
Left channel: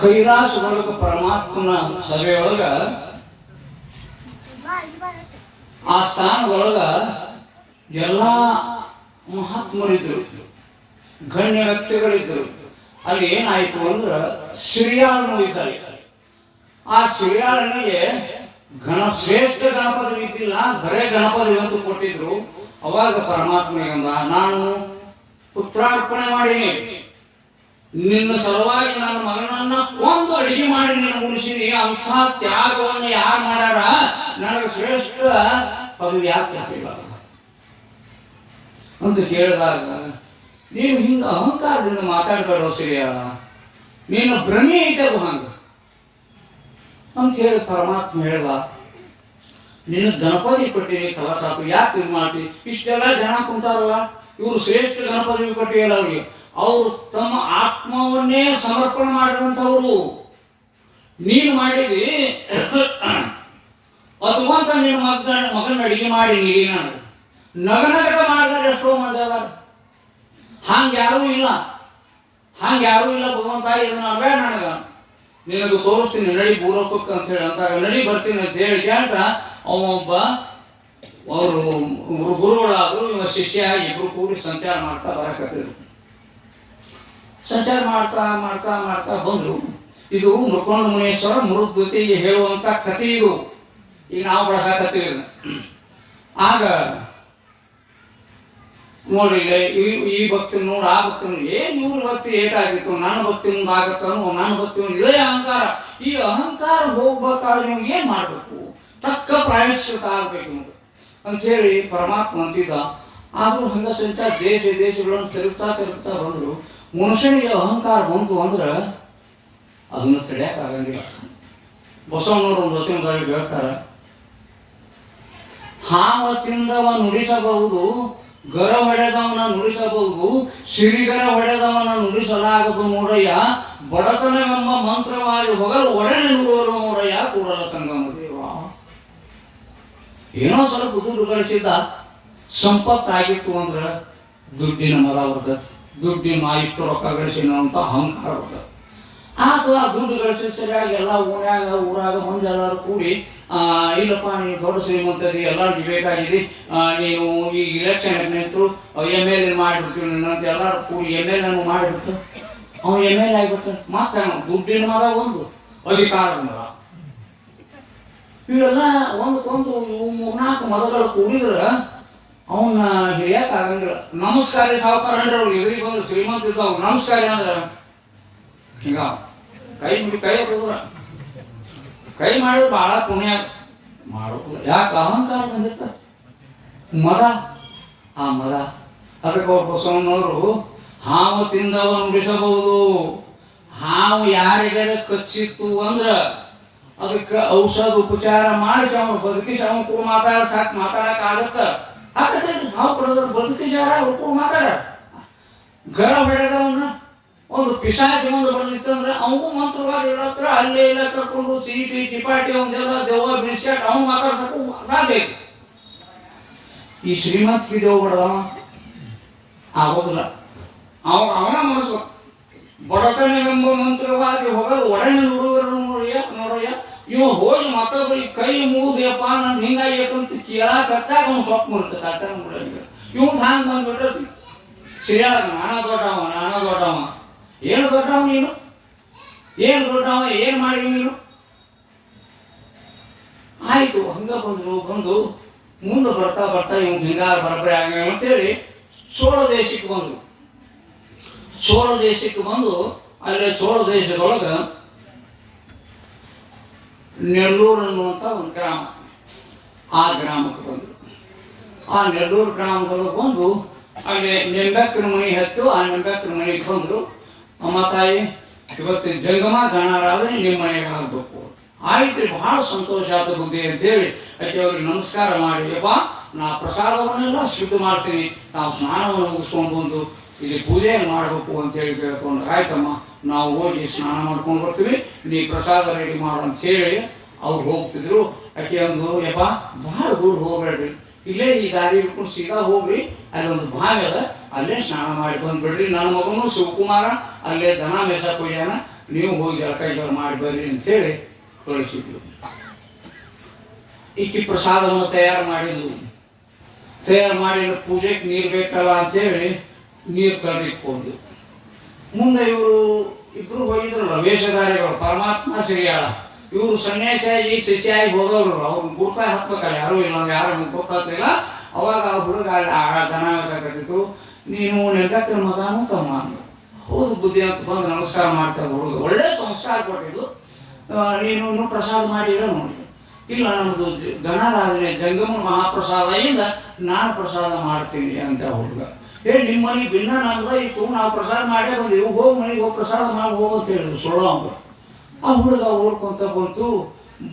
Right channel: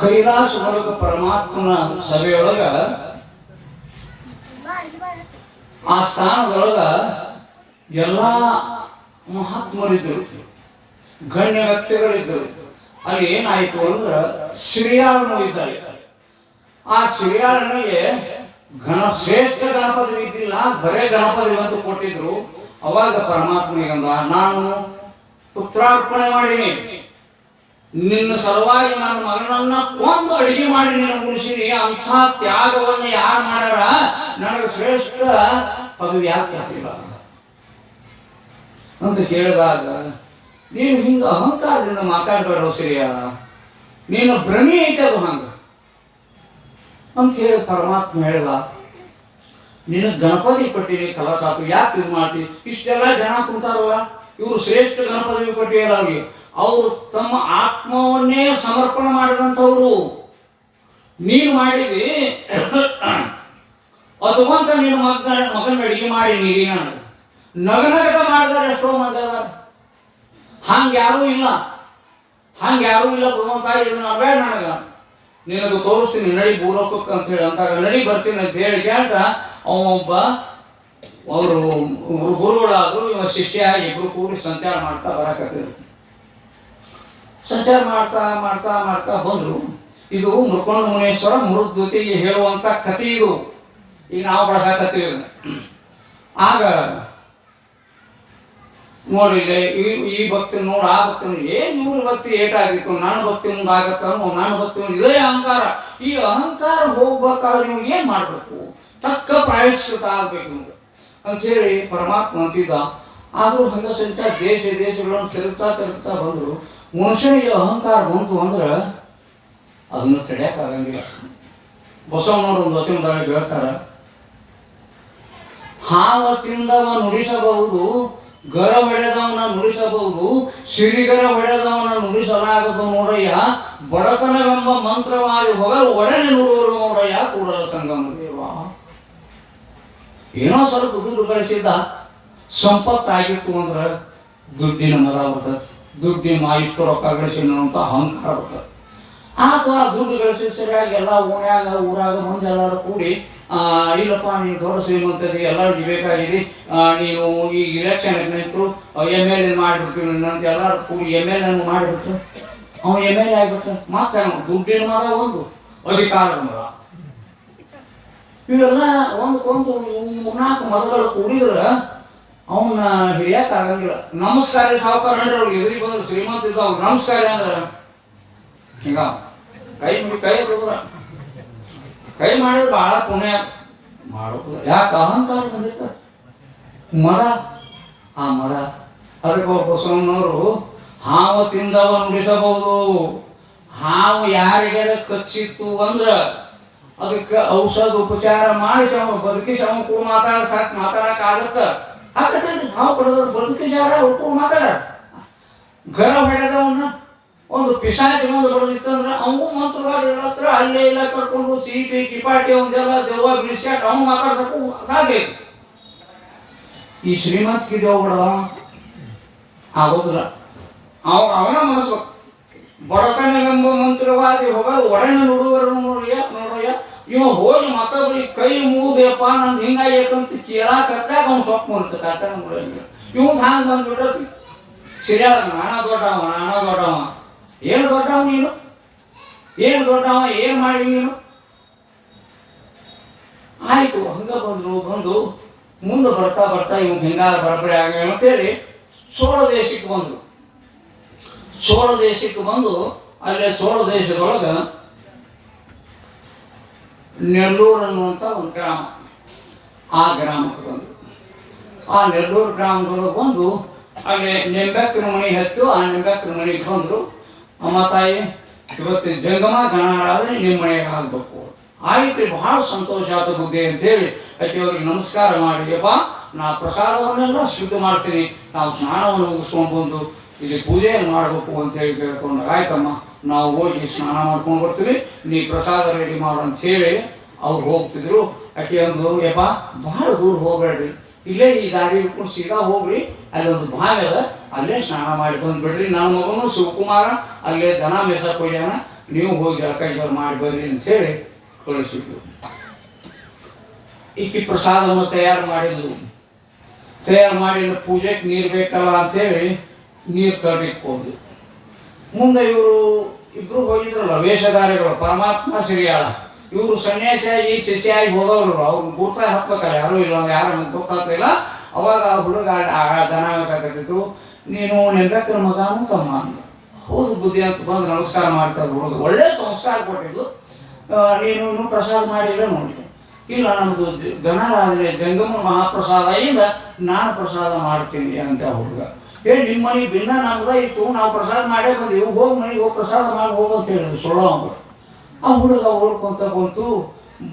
ಕೈಲಾಸ ಒಳಗ ಪರಮಾತ್ಮನ ಸಭೆಯೊಳಗ ಆ ಸ್ಥಾನದೊಳಗ ಎಲ್ಲ ಮಹಾತ್ಮರಿದ್ರು, ಗಣ್ಯ ವ್ಯಕ್ತಿಗಳಿದ್ರು. ಅಲ್ಲಿ ಏನಾಯ್ತು ಅಂದ್ರೆ ಸಿರಿಯಾಳನು ಇದ್ದಾರೆ. ಆ ಸಿರಿಯಾಳನಿಗೆ ಶ್ರೇಷ್ಠ ಗಣಪತಿ ಇದ್ದಿಲ್ಲ, ಬರೇ ಗಣಪತಿ ಅಂತ ಕೊಟ್ಟಿದ್ರು. ಅವಾಗ ಪರಮಾತ್ಮನಿಗಂದ, ನಾನು ಪುತ್ರಾರ್ಪಣೆ ಮಾಡೀನಿ, ನಿನ್ನ ಸಲುವಾಗಿ ನನ್ನ ಮಗನನ್ನ ಕೊಂದು ಅಡಿಗೆ ಮಾಡಿ ನಿನ್ನ ಉಳಿಸಿನಿ. ಅಂಥ ತ್ಯಾಗವನ್ನು ಯಾರು ಮಾಡ್ಯಾರ, ನನಗೆ ಶ್ರೇಷ್ಠ ಪದವಿ ಯಾಕೆ ಆಗ್ತಿಲ್ಲ ಅಂತ ಕೇಳಿದಾಗ, ನೀನು ಹಿಂಗ ಅಹಂಕಾರದಿಂದ ಮಾತಾಡಬೇಡ ಸಿರಿಯಾಳ, ನೀನು ಭ್ರಮೆ ಐತದು ಹಂಗ ಅಂತ ಹೇಳಿ ಪರಮಾತ್ಮ ಹೇಳಲ್ಲ. ನಿನಗೆ ಗಣಪತಿ ಕೊಟ್ಟಿನಿ, ಕಲಸ ಆತು, ಯಾಕೆ ಇದು ಮಾಡ್ತಿ? ಇಷ್ಟೆಲ್ಲ ಜನ ಕುಂತಾರಲ್ಲ, ಇವರು ಶ್ರೇಷ್ಠ ಗಣಪತಿ ಕೊಟ್ಟಿಲ್ಲ ಅವ್ರಿಗೆ. ಅವರು ತಮ್ಮ ಆತ್ಮವನ್ನೇ ಸಮರ್ಪಣೆ ಮಾಡಿದಂಥವ್ರು. ನೀನು ಮಾಡಿದಿ ಅದುವಂತ ನಿನ್ನ ಮಗನ ಅಡಿಗೆ ಮಾಡಿ ನೀಡಿ ನಾನು ನಗನಗದ ಮಾಡಿದಾರೆ ಎಷ್ಟೋ ಮಂದಿ ಅದಾರ. ಹಂಗೆ ಯಾರೂ ಇಲ್ಲ, ಹಂಗೆ ಯಾರೂ ಇಲ್ಲ. ಭಗವಂತ ಇದನ್ನ ಅದೇ ನನಗೆ ನಿನಗೆ ತೋರಿಸ್ತೀನಿ, ನಡಿ ಬೂರಕ್ಕಕ್ಕೆ ಅಂತ ಹೇಳಿ ಅಂತಾಗ ನಡಿ ಬರ್ತೀನಿ ಅಂತ ಹೇಳಿ ಕೇಳ್ತ ಅವೊಬ್ಬ ಅವರು ಗುರುಗಳಾದ್ರು, ಇವ ಶಿಷ್ಯ ಇಬ್ರು ಕೂಡಿ ಸಂಚಾರ ಮಾಡ್ತಾ ಬರಕತ್ತಿದ್ರು. ಸಂಚಾರ ಮಾಡ್ತಾ ಮಾಡ್ತಾ ಮಾಡ್ತಾ ಬಂದ್ರು. ಇದು ಮುರ್ಕೊಂಡ ಮುನೇಶ್ವರ ಮೃದ್ವತಿಗೆ ಹೇಳುವಂತ ಕಥೆ ಇದು. ಈಗ ನಾವು ಬಳಸಾಕತ್ತೀವಿ. ಆಗ ನೋಡಿಲ್ಲ ಈ ಭಕ್ತಿ ನೋಡು, ಆ ಭಕ್ತಿ ಏನ್ ಇವ್ರ ಭಕ್ತಿ ಏಟಾಗಿತ್ತು, ನನ್ನ ಭಕ್ತಿ ಮುಂದೆ ಆಗತ್ತೋ, ನನ್ನ ಭಕ್ತಿ ಮುಂದೆ ಇದೇ ಅಹಂಕಾರ. ಈ ಅಹಂಕಾರ ಹೋಗ್ಬೇಕಾದ್ರೆ ನೀವು ಏನ್ ಮಾಡ್ಬೇಕು, ತಕ್ಕ ಪ್ರಾಯಶ್ಚಿತ ಆಗ್ಬೇಕು ನಿಮ್ಗೆ ಅಂಥೇಳಿ ಪರಮಾತ್ಮ ಅಂತಿದ್ದ. ಆದ್ರೂ ಹಂಗ ಸಂತ ದೇಶಗಳನ್ನು ತಿರುಗ್ತಾ ಬಂದ್ರು. ಮನುಷ್ಯನಿಗೆ ಅಹಂಕಾರ ಬಂತು ಅಂದ್ರೆ ಅದನ್ನು ತಡೆಯಕ್ಕಾಗಂಗಿಲ್ಲ. ಬಸವನವರು ಒಂದು ವಚನದಲ್ಲಿ ಹೇಳ್ತಾರ, ಹಾಲ ತಿಂದವ ನುಡಿಸಬಹುದು, ಗರ ಹೊಡೆದವನ ನುಡಿಸಬಹುದು, ಸಿರಿಗರ ಹೊಡೆದವನ ನುಡಿಸಲಾಗದು ನೋಡಯ್ಯ, ಬಡತನವೆಂಬ ಮಂತ್ರವಾಗಿ ಹೊಗಲು ಒಡನೆ ನುಡುವರು ನೋಡಯ್ಯ ಕೂಡಲ ಸಂಗಮ ದೇವ. ಏನೋ ಸ್ವಲ್ಪ ದುಡ್ಡು ಗಳಿಸಿದ್ದ, ಸಂಪತ್ತಾಗಿತ್ತು ಅಂದ್ರೆ ದುಡ್ಡಿನ ಮರ ಬರ್ತದೆ, ದುಡ್ಡಿನ ಇಷ್ಟು ರೊಕ್ಕ ಗಳಿಸಿನ ಅಂತ ಅಹಂಕಾರ ಬರ್ತದೆ. ಆಗ ದುಡ್ಡು ಗಳಿಸಿ ಸರಿಯಾಗಿ ಎಲ್ಲ ಓಣ್ಯಾಗ ಊರಾಗ ಮುಂದೆ ಎಲ್ಲರೂ ಕೂಡಿ, ಇಲ್ಲಪ್ಪ ನೀನು ದೊಡ್ಡ ಶ್ರೀಮಂತರಿಗೆ ಎಲ್ಲರಿಗೂ ಬೇಕಾಗಿದೆ, ನೀನು ಈ ಇಲೆಕ್ಷನ್ ನಿಂತರು MLA ಮಾಡಿಬಿಡ್ತೀವಿ ಅಂತ ಎಲ್ಲರೂ ಕೂಡಿ MLA ಮಾಡಿಬಿಟ್ಟು ಅವನು MLA ಆಗಿಬಿಟ್ಟು ಮತ್ತೆ ದುಡ್ಡಿನ ಮರ ಒಂದು ಅಧಿಕಾರದ ಮರ, ಇವೆಲ್ಲ ಒಂದಕ್ಕೊಂದು 3-4 ಮರಗಳು ಕೂಡಿದ್ರೆ ಅವನ್ನ ಹಿಡಿಯಕ್ಕೆ ಆಗಂಗಿಲ್ಲ. ನಮಸ್ಕಾರ ಸಾವುಕಾರ ಅಂದ್ರೆ ಅವ್ರು ಎದುರಿಗೆ ಬಂದ್ರೆ ಶ್ರೀಮಂತ ಇದ್ದ ಅವ್ರು ನಮಸ್ಕಾರ ಅಂದ್ರೆ ಹಿಂಗ ಕೈ ಮಾಡಿದ್ರೆ ಬಹಳ ಪುಣ್ಯ ಮಾಡೋದು. ಯಾಕೆ ಅಹಂಕಾರ ಬಂದಿರ್ತ ಮರ, ಆ ಮರ. ಅದಕ್ಕೆ ಬಸವಣ್ಣವರು ಹಾವು ತಿಂದವ ನುಡಿಸಬಹುದು, ಹಾವು ಯಾರಿಗಾರ ಕಚ್ಚಿತ್ತು ಅಂದ್ರ ಅದಕ್ಕೆ ಔಷಧ ಉಪಚಾರ ಮಾಡಿಸಿ ಅವನು ಬದುಕಿಸಿ ಅವನು ಕೂಡ ಮಾತಾಡಕ್ ಆಗತ್ತ. ಹಾವು ಕೊಡೋದು ಬದುಕಿಸಾರ ಅವ್ರು ಕೂಡ ಮಾತಾಡ. ಗರ ಹೊಡೆದವನ್ನ ಒಂದು ಪಿಶಾಚಿ ಒಂದು ಬಡದಿತ್ತಂದ್ರೆ ಅವನು ಮಂತ್ರವಾದ ಇಲ್ಲತ್ರ ಅಲ್ಲೇ ಇಲ್ಲ ಕರ್ಕೊಂಡು ಚೀಟಿ ಚಿಪಾಟಿ ಒಂದೆಲ್ಲ ದೆವ್ವ ಬಿಡಿಸ್ಯಾಟ್ ಅವನು ಮಾತಾಡ್ಸಕ್ಕೂ ಸಾಧ್ಯ. ಈ ಶ್ರೀಮಂತಿಗೆ ದೇವ್ ಬಡವ ಆಗೋದಿಲ್ಲ. ಅವನ ಮನಸ್ಸು ಬಡತನವೆಂಬ ಮಂತ್ರವಾದಿ ಹೋಗಲು ಒಡನೆ ನೋಡುವರು ನೋಡಯ್ಯ ಇವ ಹೋಗಿ ಮತ್ತೊಬ್ಬರಿಗೆ ಕೈ ಮುಗಿದಪ್ಪ ನಂದು ಹಿಂಗಾಗೈತಂತ ಕೇಳಾಕತ್ತಾಗ ಅವ್ನು ಸ್ವಪ್ನ ಇರ್ತಕ್ಕ ಇವಂದು ಹಂಗೆ ಬಂದ್ಬಿಟ್ಟತಿ. ಸಿರಿಯಾಳ ನಾನಾ ದೊಡ್ಡವ ಏನು ದೊಡ್ಡವ ನೀನು, ಏನು ದೊಡ್ಡವ, ಏನು ಮಾಡಿ ನೀನು? ಆಯ್ತು ಹಂಗ ಬಂದು ಮುಂದೆ ಬರ್ತಾ ಇವ್ ಹಿಂಗಾರ ಬರಬರಿ ಆಗ ಅಂತೇಳಿ ಚೋಳ ದೇಶಕ್ಕೆ ಬಂದು ಅಲ್ಲೇ ಚೋಳ ದೇಶದೊಳಗ ನೆಲ್ಲೂರು ಅನ್ನುವಂಥ ಒಂದು ಗ್ರಾಮ, ಆ ಗ್ರಾಮಕ್ಕೆ ಬಂದು ಆ ನೆಲ್ಲೂರು ಗ್ರಾಮದೊಳಗೆ ಬಂದು ಅಲ್ಲಿ ನಿಂಬೆಕ್ಕನ ಮನೆ ಹತ್ತು. ಆ ನಿಂಬೆಕ್ಕನ ಮನೆಗೆ ಬಂದರು. ಅಮ್ಮ ತಾಯಿ ಇವತ್ತು ಜಂಗಮ ಗಣರಾದ್ರೆ ನಿಮ್ಮ ಮನೆಗೆ ಆಗಬೇಕು. ಆಯ್ತು, ಬಹಳ ಸಂತೋಷ ಆಯ್ತು ಬುದ್ಧಿ ಅಂತೇಳಿ ಆಕೆ ಅವ್ರಿಗೆ ನಮಸ್ಕಾರ ಮಾಡಿ, ಅಪ್ಪ ನಾ ಪ್ರಸಾದವನ್ನೆಲ್ಲ ಶುದ್ಧ ಮಾಡ್ತೀನಿ, ನಾವು ಸ್ನಾನವನ್ನು ಮುಗಿಸ್ಕೊಂಡು ಬಂದು ಇಲ್ಲಿ ಪೂಜೆಯನ್ನು ಮಾಡಬೇಕು ಅಂತೇಳಿ ಕೇಳ್ಕೊಂಡು, ಆಯ್ತಮ್ಮ ನಾವು ಹೋಗಿ ಸ್ನಾನ ಮಾಡ್ಕೊಂಡು ಬರ್ತೀವಿ, ನೀ ಪ್ರಸಾದ ರೆಡಿ ಮಾಡು ಅಂತ ಹೇಳಿ ಅವ್ರು ಹೋಗ್ತಿದ್ರು. ಆಕೆ ಒಂದು, ಯಪ್ಪ ಬಹಳ ದೂರ ಹೋಗ್ಬೇಡ್ರಿ, ಇಲ್ಲೇ ಈ ದಾರಿ ಹಿಡ್ಕೊಂಡು ಸೀದಾ ಹೋಗ್ರಿ, ಅಲ್ಲೊಂದು ಬಾವಿ ಅದ, ಅಲ್ಲೇ ಸ್ನಾನ ಮಾಡಿ ಬಂದ್ಬಿಡ್ರಿ, ನನ್ನ ಮಗನು ಶಿವಕುಮಾರ ಅಲ್ಲೇ ದನ ಮೇಸಕ್ಕೆ ಹೋಗ್ಯಾನ, ನೀವು ಹೋಗಿ ಜಳಕ ಮಾಡಿ ಬರ್ರಿ ಅಂತ ಹೇಳಿ ಕಳಿಸಿದ್ರು. ಈಕಿ ಪ್ರಸಾದವನ್ನು ತಯಾರು ಮಾಡಿದ್ಲು. ತಯಾರು ಮಾಡಿ ಪೂಜೆಗೆ ನೀರು ಬೇಕಲ್ಲ ಅಂತೇಳಿ ನೀರು ತರಲಿಕ್ಕೆ ಮುಂದೆ ಇವರು ಇಬ್ರು ಹೋಗಿದ್ರಲ್ಲ ವೇಷಧಾರಿಗಳು, ಪರಮಾತ್ಮ ಸಿರಿಯಾಳ. ಇವರು ಸನ್ಯಾಸಿಯಾಗಿ ಶಿಷ್ಯಾಗಿ ಹೋದವರು. ಅವ್ರು ಗುರ್ತಾಗಿ ಹತ್ಬೇಕಲ್ಲ, ಯಾರೂ ಇಲ್ಲ, ಯಾರು ಗೊತ್ತಾಗ್ತಿಲ್ಲ. ಅವಾಗ ಆ ಹುಡುಗ ದನ ಸಾಕತ್ತಿತ್ತು. ನೀನು ನೆಂಟಕ್ಕನ ಮಗನೂ ತಮ್ಮ ಅಂದ. ಹೌದು ಬುದ್ಧಿ ಅಂತ ಬಂದು ನಮಸ್ಕಾರ ಮಾಡ್ತಾರೆ. ಹುಡುಗ ಒಳ್ಳೆ ಸಂಸ್ಕಾರ ಕೊಟ್ಟಿದ್ದು. ನೀನು ಪ್ರಸಾದ ಮಾಡಿಲ್ಲ ನೋಡಿ. ಇಲ್ಲ, ನಮ್ಮದು ಗಣರಾಜನೇ ಜಂಗಮ ಮಹಾಪ್ರಸಾದದಿಂದ ನಾನು ಪ್ರಸಾದ ಮಾಡ್ತೀನಿ ಅಂತ ಹುಡುಗ ಹೇಳಿ, ನಿಮ್ಮ ಮನೆಗೆ ಭಿನ್ನ ನಮ್ದ ಇತ್ತು, ನಾವು ಪ್ರಸಾದ ಮಾಡೇ ಬಂದೀವಿ, ಹೋಗಿ ಮನೆಗೆ ಹೋಗಿ ಪ್ರಸಾದ ಮಾಡಿ ಹೋಗು ಅಂತ ಹೇಳಿದ್ರು. ಸುಳ್ಳು ಅಂಬ ಆ ಹುಡುಗ ಓಡ್ಕೊಂತ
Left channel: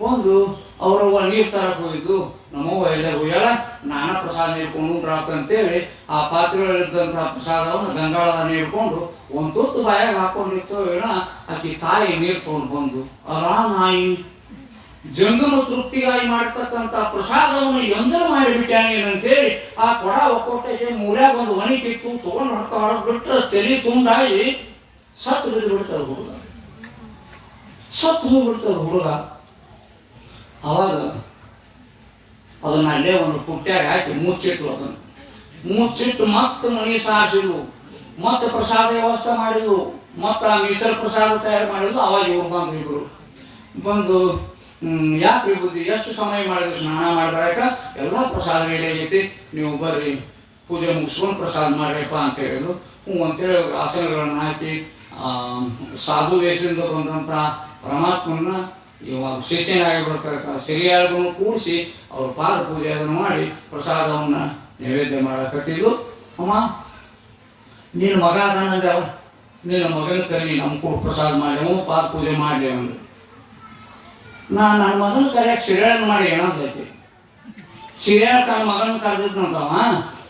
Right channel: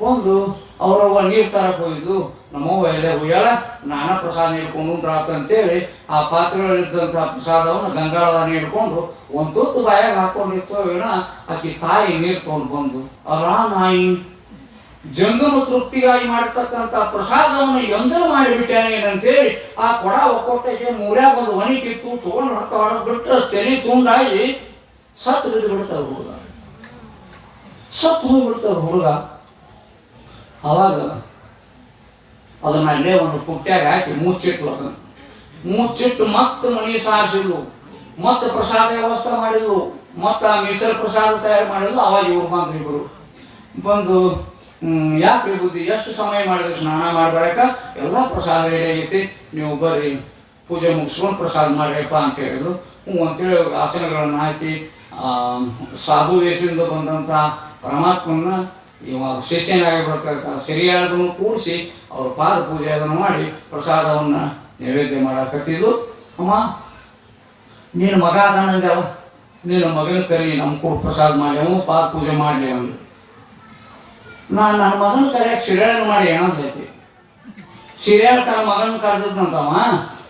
ಬಂದು ಅವರವ್ವ ನೀರು ತರಕ್ಕೆ ಹೋಗಿದ್ದು. ನಮ್ಮವ್ವ ಎಲ್ಲ ಹೋಗ್ಯಾಳ, ನಾನಾ ಪ್ರಸಾದ ನೀಡ್ಕೊಂಡು ಉಂಡ್ರಾಪ ಅಂತೇಳಿ ಆ ಪಾತ್ರೆಗಳಿದ್ದಂಥ ಪ್ರಸಾದವನ್ನು ಗಂಗಾಳದ ನೀಡ್ಕೊಂಡು ಒಂದು ತುತ್ತು ಬಾಯಾಗ ಹಾಕೊಂಡಿತ್ತು. ಏನೋ ಆಕಿ ತಾಯಿ ನೀರು ತೊಗೊಂಡು ಬಂದು ಅಲಾ ನಾಯಿ ಜಂಗಮ ತೃಪ್ತಿಗಾಗಿ ಮಾಡ್ತಕ್ಕಂಥ ಪ್ರಸಾದವನ್ನು ಎಂಜಲ್ ಮಾಡಿಬಿಟ್ಟಾನೇನಂತೇಳಿ ಆ ಕೊಡ ಒಕ್ಕೊಟ್ಟಕ್ಕೆ ಮೂರ್ಯಾಗ ಒಂದು ಒಣಿ ಕಿತ್ತು ತೊಗೊಂಡು ಹೊಡೆದು ಬಿಟ್ಟರೆ ತಲೆ ತುಂಡಾಗಿ ಸತ್ತು ಬಿದ್ದು ಬಿಡ್ತಾರೆ ಹುಡುಗ. ಸತ್ತು ಹೋಗ್ಬಿಡ್ತಾರೆ ಹುಡುಗ. ಅವಾಗ ಅದನ್ನ ಅಲ್ಲೇ ಒಂದು ಪುಟ್ಟ್ಯಾಗ ಹಾಕಿ ಮುಚ್ಚಿಟ್ಲು. ಅದನ್ನು ಮುಚ್ಚಿಟ್ಟು ಮತ್ತೆ ಮನೆ ಸಾರಿಸಿದ್ಲು, ಮತ್ತೆ ಪ್ರಸಾದ ವ್ಯವಸ್ಥೆ ಮಾಡಿದ್ಲು, ಮತ್ತೆ ಆ ಮೀಸಲು ಪ್ರಸಾದ ತಯಾರು ಮಾಡಿದ್ಲು. ಅವಾಗ ಇವ್ರು ಬಂದ್ರು. ಇಬ್ರು ಬಂದು ಯಾಕೆ ಬುದ್ಧಿ ಎಷ್ಟು ಸಮಯ ಮಾಡಿದ್ರು ಸ್ನಾನ ಮಾಡ್ಬಾರಕ, ಎಲ್ಲ ಪ್ರಸಾದ ರೆಡಿ ಆಗೈತಿ, ನೀವು ಬರ್ರಿ ಪೂಜೆ ಮುಗಿಸ್ಕೊಂಡು ಪ್ರಸಾದ ಮಾಡ್ರಪ್ಪ ಅಂತ ಹೇಳಿದ್ರು. ಹ್ಞೂ ಅಂತೇಳಿ ಆಸನಗಳನ್ನು ಹಾಕಿ ಸಾಧು ವೇಷದಿಂದ ಬಂದಂಥ ಪರಮಾತ್ಮನ ಇವಾಗ ಶಿಷ್ಯನಾಗಿಬಿಡ್ತಕ್ಕ ಸಿರಿಯಾಳನ್ನು ಕೂಡಿಸಿ ಅವ್ರ ಪಾದ ಪೂಜೆ ಅದನ್ನು ಮಾಡಿ ಪ್ರಸಾದವನ್ನು ನೈವೇದ್ಯ ಮಾಡಕತ್ತಿದ್ದು. ಅಮ್ಮ ನೀನು ಮಗ ಅದನ್ನಂದೆವ, ನೀನು ಮಗನ ಕರಿ ನಮ್ಮ ಕೂಡ ಪ್ರಸಾದ ಮಾಡ್ಯವು, ಪಾದ ಪೂಜೆ ಮಾಡಲಿ ಅಂದು. ನನ್ನ ಮಗನ ಕರೆಯಾಗ ಸಿರಿಯಾಳನ್ನು ಮಾಡಿ ಏನಂತೈತಿ, ಸಿರಿಯಾಳ ತನ್ನ ಮಗನ ಕರೆದಿದ್ನಂತವ,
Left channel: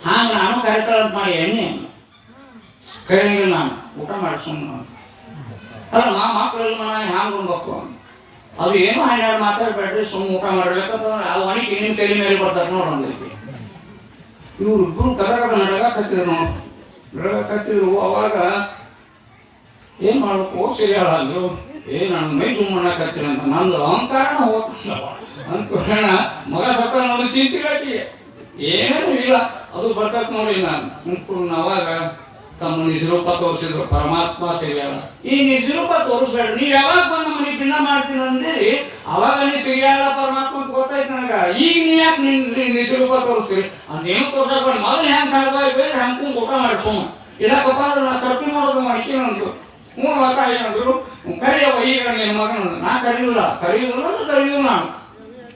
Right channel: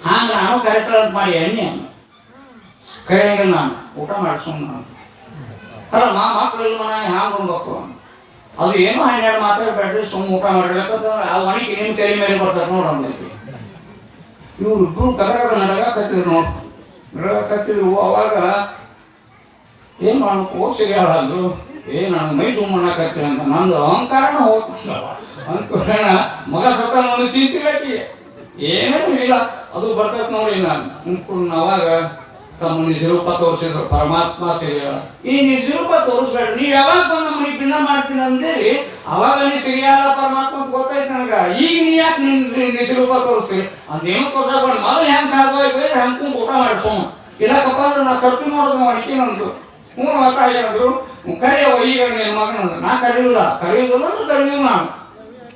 ಹಾಂಗೆ ನಾನು ಕರೆಕ್ಟ್ ಮಾಡಿ ಎಣ್ಣೆ ಕರೆಯಂಗಿಲ್ಲ, ನಾನು ಊಟ ಮಾಡಿ ಸುಮ್ಮನೆ ಅಲ್ಲ ಮಕ್ಕಳೆಲ್ಲ ನಾನು ಹ್ಯಾಂಗೆ ಉಣ್ಬೇಕು, ಅದು ಏನೋ ಹನ್ನೆರಡು ಮಾತಾಡ್ಬೇಡ್ರಿ, ಸುಮ್ಮನೆ ಊಟ ಮಾಡಿರ್ಬೇಕಂತಂದ್ರೆ ಅದು ಒಣಗಿ ನಿಮ್ಮ ತಲೆ ಮೇಲೆ ಬರ್ತದೆ ನೋಡಂದೈತಿ. ಇವ್ರಿಬ್ರು ಕರ್ನಾಟಕ ನಡಗತ್ತಿದ್ರು ನೋಡಿ, ನಡಗತ್ತಿದ್ರು. ಅವಾಗ ಏನು ಮಾಡ್ಬೇಕು, ಸಿರಿಯಾಳ ಅಂದ್ರು, ನಾನು ಮೈ ತುಂಬಣ್ಣಕತ್ತೀರ ಅಂತ ನಂದು ಅಹಂಕಾರನ ಹೋಗ್ತಲ್ಲ ಅಂದ್ಕೊಳ್ಳೋಣ. ಮಗ ಸತ್ತ ನನಗೆ ಚಿಂತಿಲ್ಲಕಿ ಏನೇನು ಇಲ್ಲ, ಅದು ಬರ್ತೈತೆ ನೋಡಿ. ನಾನು ಅಂದ್ಕೊಂಡು ಅವಾಗ ತಮ್ಮ ನಿಜರೂಪ ತೋರಿಸಿದ್ರು ಪರಮಾತ್ಮ ಸಿರಿಯಾಳ. ಈ ನಿಜರೂಪ ತೋರಿಸ್ಬೇಡ, ನೀವು ಯಾವಾಗ ಬಂದು ನಮ್ಮನಿಗೆ ಭಿನ್ನ ಮಾಡ್ತೀನಿ ಅಂದೇಳಿ ಅವಾಗ ನೀವು ಸಿರಿಯಾಳ ಪರಮಾತ್ಮ ಅಂತ ಗೊತ್ತಾಯ್ತು ನನಗೆ. ಈಗ ನೀವು ಯಾಕೆ ನಿಜರೂಪ ತೋರಿಸ್ತೀರಿ ಅದೇನು ತೋರ್ಸಬೇಡ, ಮೊದಲು ಹೆಂಗೆ ಸಾಧ್ಯ ಹಂಗೆ ಊಟ ಮಾಡಿಸೋಣ. ಇಲ್ಲಕ್ಕಪ್ಪ ಅಂದ್ರೆ ನಾ ಖರ್ಚು ಮಾಡೋದು ಮಾಡ್ತೀನಿ ಅಂದ್ರು. ಹ್ಞೂ ತಾಯಿ ಅಂದ್ರು, ಕರೆಯವ ಈಗ ನಿನ್ನ ಮಗನ. ನಾ ಕರೆಯುವುದಿಲ್ಲ ಕರೆಯುವುದಿಲ್ಲ ನಾನು.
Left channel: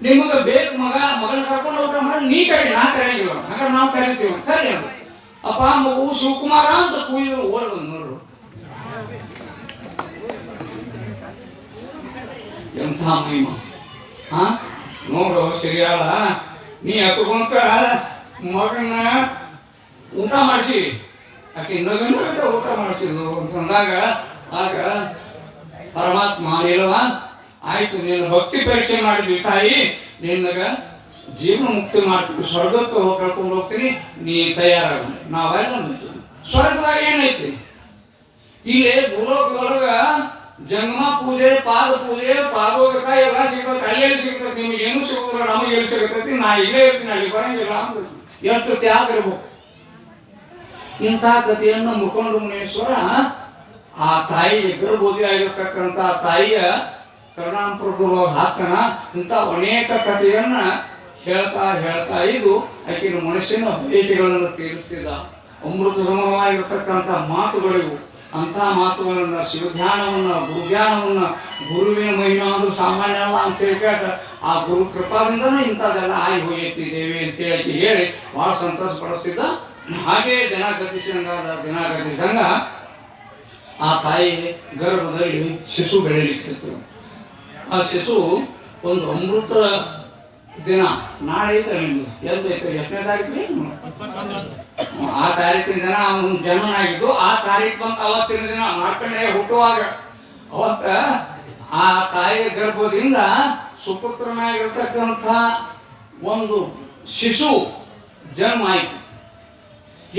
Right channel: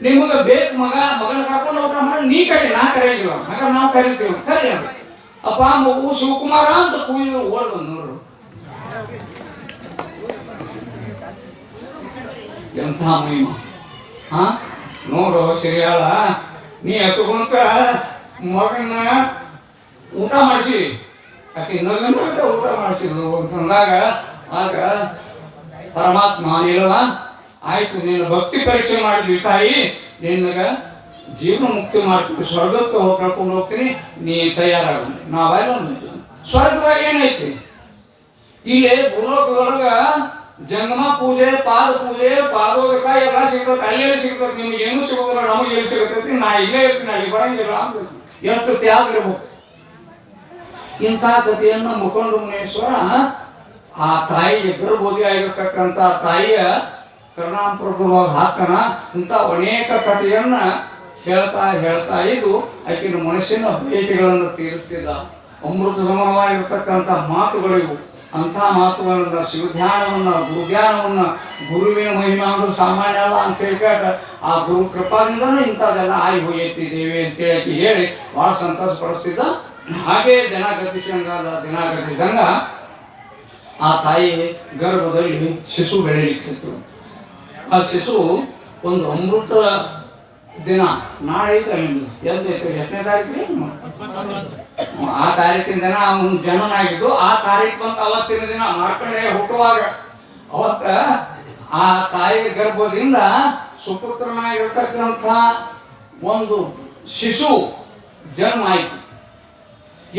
ನಿಮಗೆ ಬೇಕು ಮಗನ ಕರ್ಕೊಂಡು ಊಟ ಮಾಡಿ ನೀ ಕರಿ, ನಾ ಕರೆಯಂಗಿಲ್ಲ. ಹಾಗಾದ್ರೆ ನಾವು ಕರಿತೀವಿ, ಕರಿ ಅಂದ್ರು. ಅಪ್ಪ ಮಗು ಶಿವಕುಮಾರ ಅಂತ ಕೂಯಿದ್ರು. ಓಡ್ ಬಂದು ನೋಡು ಎಂಥ ಮಹಿಮ. ನೋಡು ಸಿರಿಯಾಳ, ನೀ ಹತ್ಕೊಂತ ಮಗನ ಊಟ ಮಾಡಿಸಿ, ಆಕೆ ಇನ್ನೊಂದು ಊಟ ಮಾಡಿಸಿದ್ರು ಅಂತಂದಾಗ ಆಗ ಪರಮಾತ್ಮ ನಿಲ್ವ ಆಯ್ತು, ನೀನು ಭಕ್ತಿ ಪರೀಕ್ಷೆ ಮಾಡಿದ್ವಿ ತಾಯಿ, ನಿನಗ ಜೀವನ ಮುಕ್ತಿ ಮಾಡ್ತೀವಿ, ಸ್ವರ್ಗಕ್ಕೆ ಕರ್ಕೊಂಡು ಹೋಗ್ತೀನಿ, ನೀ ತಯಾರಾಗ. ನಾವೆಲ್ಲ ಸ್ವರ್ಗದಾಗ ಏನೈತಿ, ಇಲ್ಲೇ ಭೂಲೋಕದೊಳಗ ಜಂಗಮ ಪೂಜೆ, ಪಾದ ಪೂಜೆ, ಪಾದೋದಕ ಎಲ್ಲ ಸಿಗ್ತದೆ. ಅಲ್ಲೆಲ್ಲಿ ಸಿಗ್ತದೆ, ನಿಮ್ಗೆ ಏನೂ ಸಿಗೋದಿಲ್ಲ, ನಮಗೆ ಎಲ್ಲಿ ಸಿಗತೈತಿ, ನಾ ಇಲ್ಲೇ ಇರ್ತೀನಿ, ಅಲ್ಲಿ ಬರಂಗಿಲ್ಲ ಅಂದ್ರೆ ಎಷ್ಟು ತ್ಯಾಗ ಇರ್ಬೇಕು. ಇಂಥ ಕಥೆಯನ್ನು ಮುಖಂಡ ಮುನೇಶ್ವರ ಆ ತಾಯಿಗೆ ಗರ್ಭೋದಿ ಆಗಿರ್ತಕ್ಕಂಥ ತಾಯಿಯ ಕರುಣಾಂಪುರದೊಳಗೆ ಹಾಕನ ಇಂಥ ಅನೇಕ ಕಥೆಯನ್ನ ಹೇಳ್ತಾ ಇದ್ದು ಆಕಿನ ಮನುಷ್ಯನ ಭೇಟಿಗಳನ್ನು ತೀರಿಸ್ತಿದ್ದ. ಅಮೃತ ಸಮಾನವಾಗಿರ್ತಕ್ಕಂಥ ಮಾತುಗಳಿವು. ಅಂಥ ಮಾತುಗಳಿಂದ ಶಿವಧ್ಯಾನವನ್ನ, ಗುರುಧ್ಯಾನವನ್ನ, ಗುರುವಿನ ಮಹಿಮಾ ಅಂದ್ರೆ ಸಾಮಾನ್ಯ ಅಲ್ಲ ಅಂತ ಹೇಳ್ಕಾಟ ಆ ಗುರು ಕೃಪಾದಿಂದನೂ ಇಂಥದ್ದೆಲ್ಲ ಆಗಿ ಹೋಗೈತಿ ದೇವಿ ಅಂತೇಳಿ ಹೇಳಿ ಭಾಳ ಸಂತೋಷ ಪಡಿಸ್ತಿದ್ದ. ಹಾಗೆ ದಿನ ಗತಿಸಿದಂಗ ಆ ತಾಯಿ ಗರ್ಭದಲ್ಲಿ ಶಿಶು ಬೆಳೀಲಿಕ್ಕಿತ್ತು. ಆ ಶಿಶು ಒಂದು ಅಮೃತ ದಿನ ನಾಳೆ ಐತೆ ನಿಮ್ದು ಎಲ್ದೈತೆ, ಎಷ್ಟನೇ ತಾರೀಕು? ಆ ತಾರೀಕಿನ ದಿನ ಅವನು ಜನನ ಆಗಿದ್ದು. ಆ ತಾರೀಕು ಬಂತ ಅವತ್ತಿನ ದಿನ ಮಾಡ್ಕೊಂಡೆ ಹುಟ್ಟುವಾಗ ಅವತ್ತ ಆ ತಾಯಿಯ ಗರ್ಭದಿಂದ ಸುಪುತ್ರನಾಗಿರ್ತಕ್ಕಂಥ ಒಂದು ಶಿಶು ಜನ್ಮ ಆಯ್ತು.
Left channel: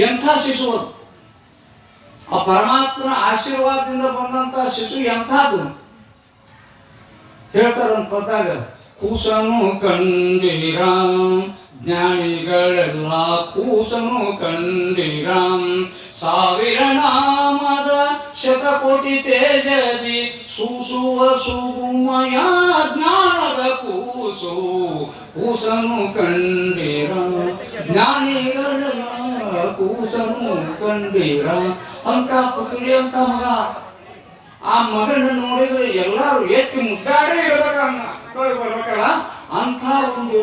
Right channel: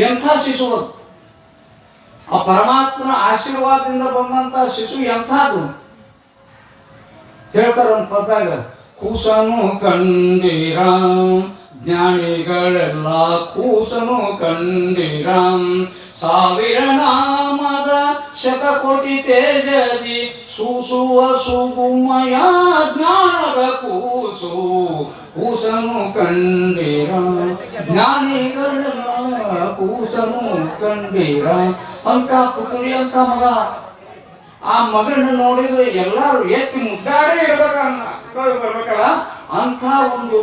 ಎಂಥ ಶಿಶು ಅದು, ಆ ಪರಮಾತ್ಮನ ಆಶೀರ್ವಾದದಿಂದ ಬಂದಂತ ಶಿಶು ಎಂಥದ್ದು ಹೇಳ್ತಾರ ಒಂದು ಪದಾಗ. ಕೂಸನು ಕಂಡಿರಾಮ್, ಜ್ಞಾನಿಗಳೆಲ್ಲ ಕೂಸನು ಕಂಡಿರಾಮ್. ಸಾವಿರ ನಾಮದ ಶತಕೋಟಿ ತೇಜದಿ ಸೂಸುವ ಸುಗುಮಯ ಜ್ಞಾನದ ಕೂಸು, ಕೂಸನು ಕಂಡಿರಾಮ್, ಜ್ಞಾನಿಗಳೆಲ್ಲ ಕೂಸನು ಕಂಡಿರಾಮ್ ಅಂತ ಪುತ್ರಿ ಅಂತ ಮಗ. ಆ ಮಗನ ನೋಡಿದ್ರೆ ಎಲ್ಲರೂ ಎತ್ತಿ ಮುದ್ದಾಡೇ ಬರ್ಬೇಕಲ್ಲ ಅಂತ ಒಂದು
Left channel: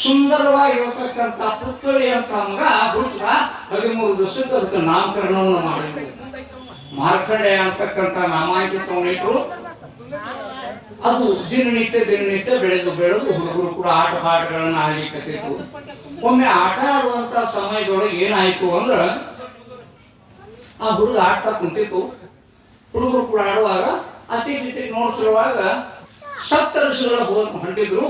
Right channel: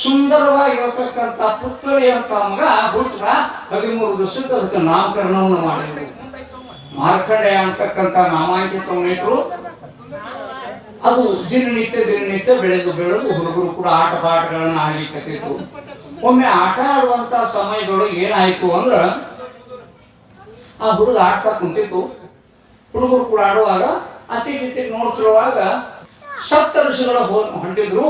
ಸುಂದರವಾಗಿರತಕ್ಕಂಥ ಪುತ್ರಿ ಅಂತ ಮಗ ಹುಟ್ಟ 13 ದಿವಸಕ್ಕೆ ಅದಕ್ಕೆ ನಾಮಕರಣವನ್ನು ಮಾಡಿದ್ರು. ಮಾರ್ಕಂಡೇಯ ಅಂತಕ್ಕಂಥ ನಾಮಾಂಕಿತವನ್ನಿಟ್ರು. ಅದು ದಿನನಿತ್ಯ ಬೆಳೆದು ಹುಡುಗರು ಕೂಡ ಆಟ ಪಾಠಗಳನ್ನು ಆಡ್ಲಿಕ್ಕತ್ತಿದ್ರು. ಒಮ್ಮೆ ಆಟ ಆಡುವಂತ ಸಮಯದೊಳಗೆ ಏನಾಯ್ತು ಅಂದ್ರ ಆ ಹುಡುಗ ಆಡ್ತಾ ಕುಂತಿತ್ತು. ಹುಡುಗರು ಕೂಡ ಆಡುವಾಗ ಅಚ್ಚಿಗೆ ನೋಡ್ತಿರುವಾಗ ಸಪ್ತಋಷಿಗಳ ಹೊಂಟಿದ್ರು.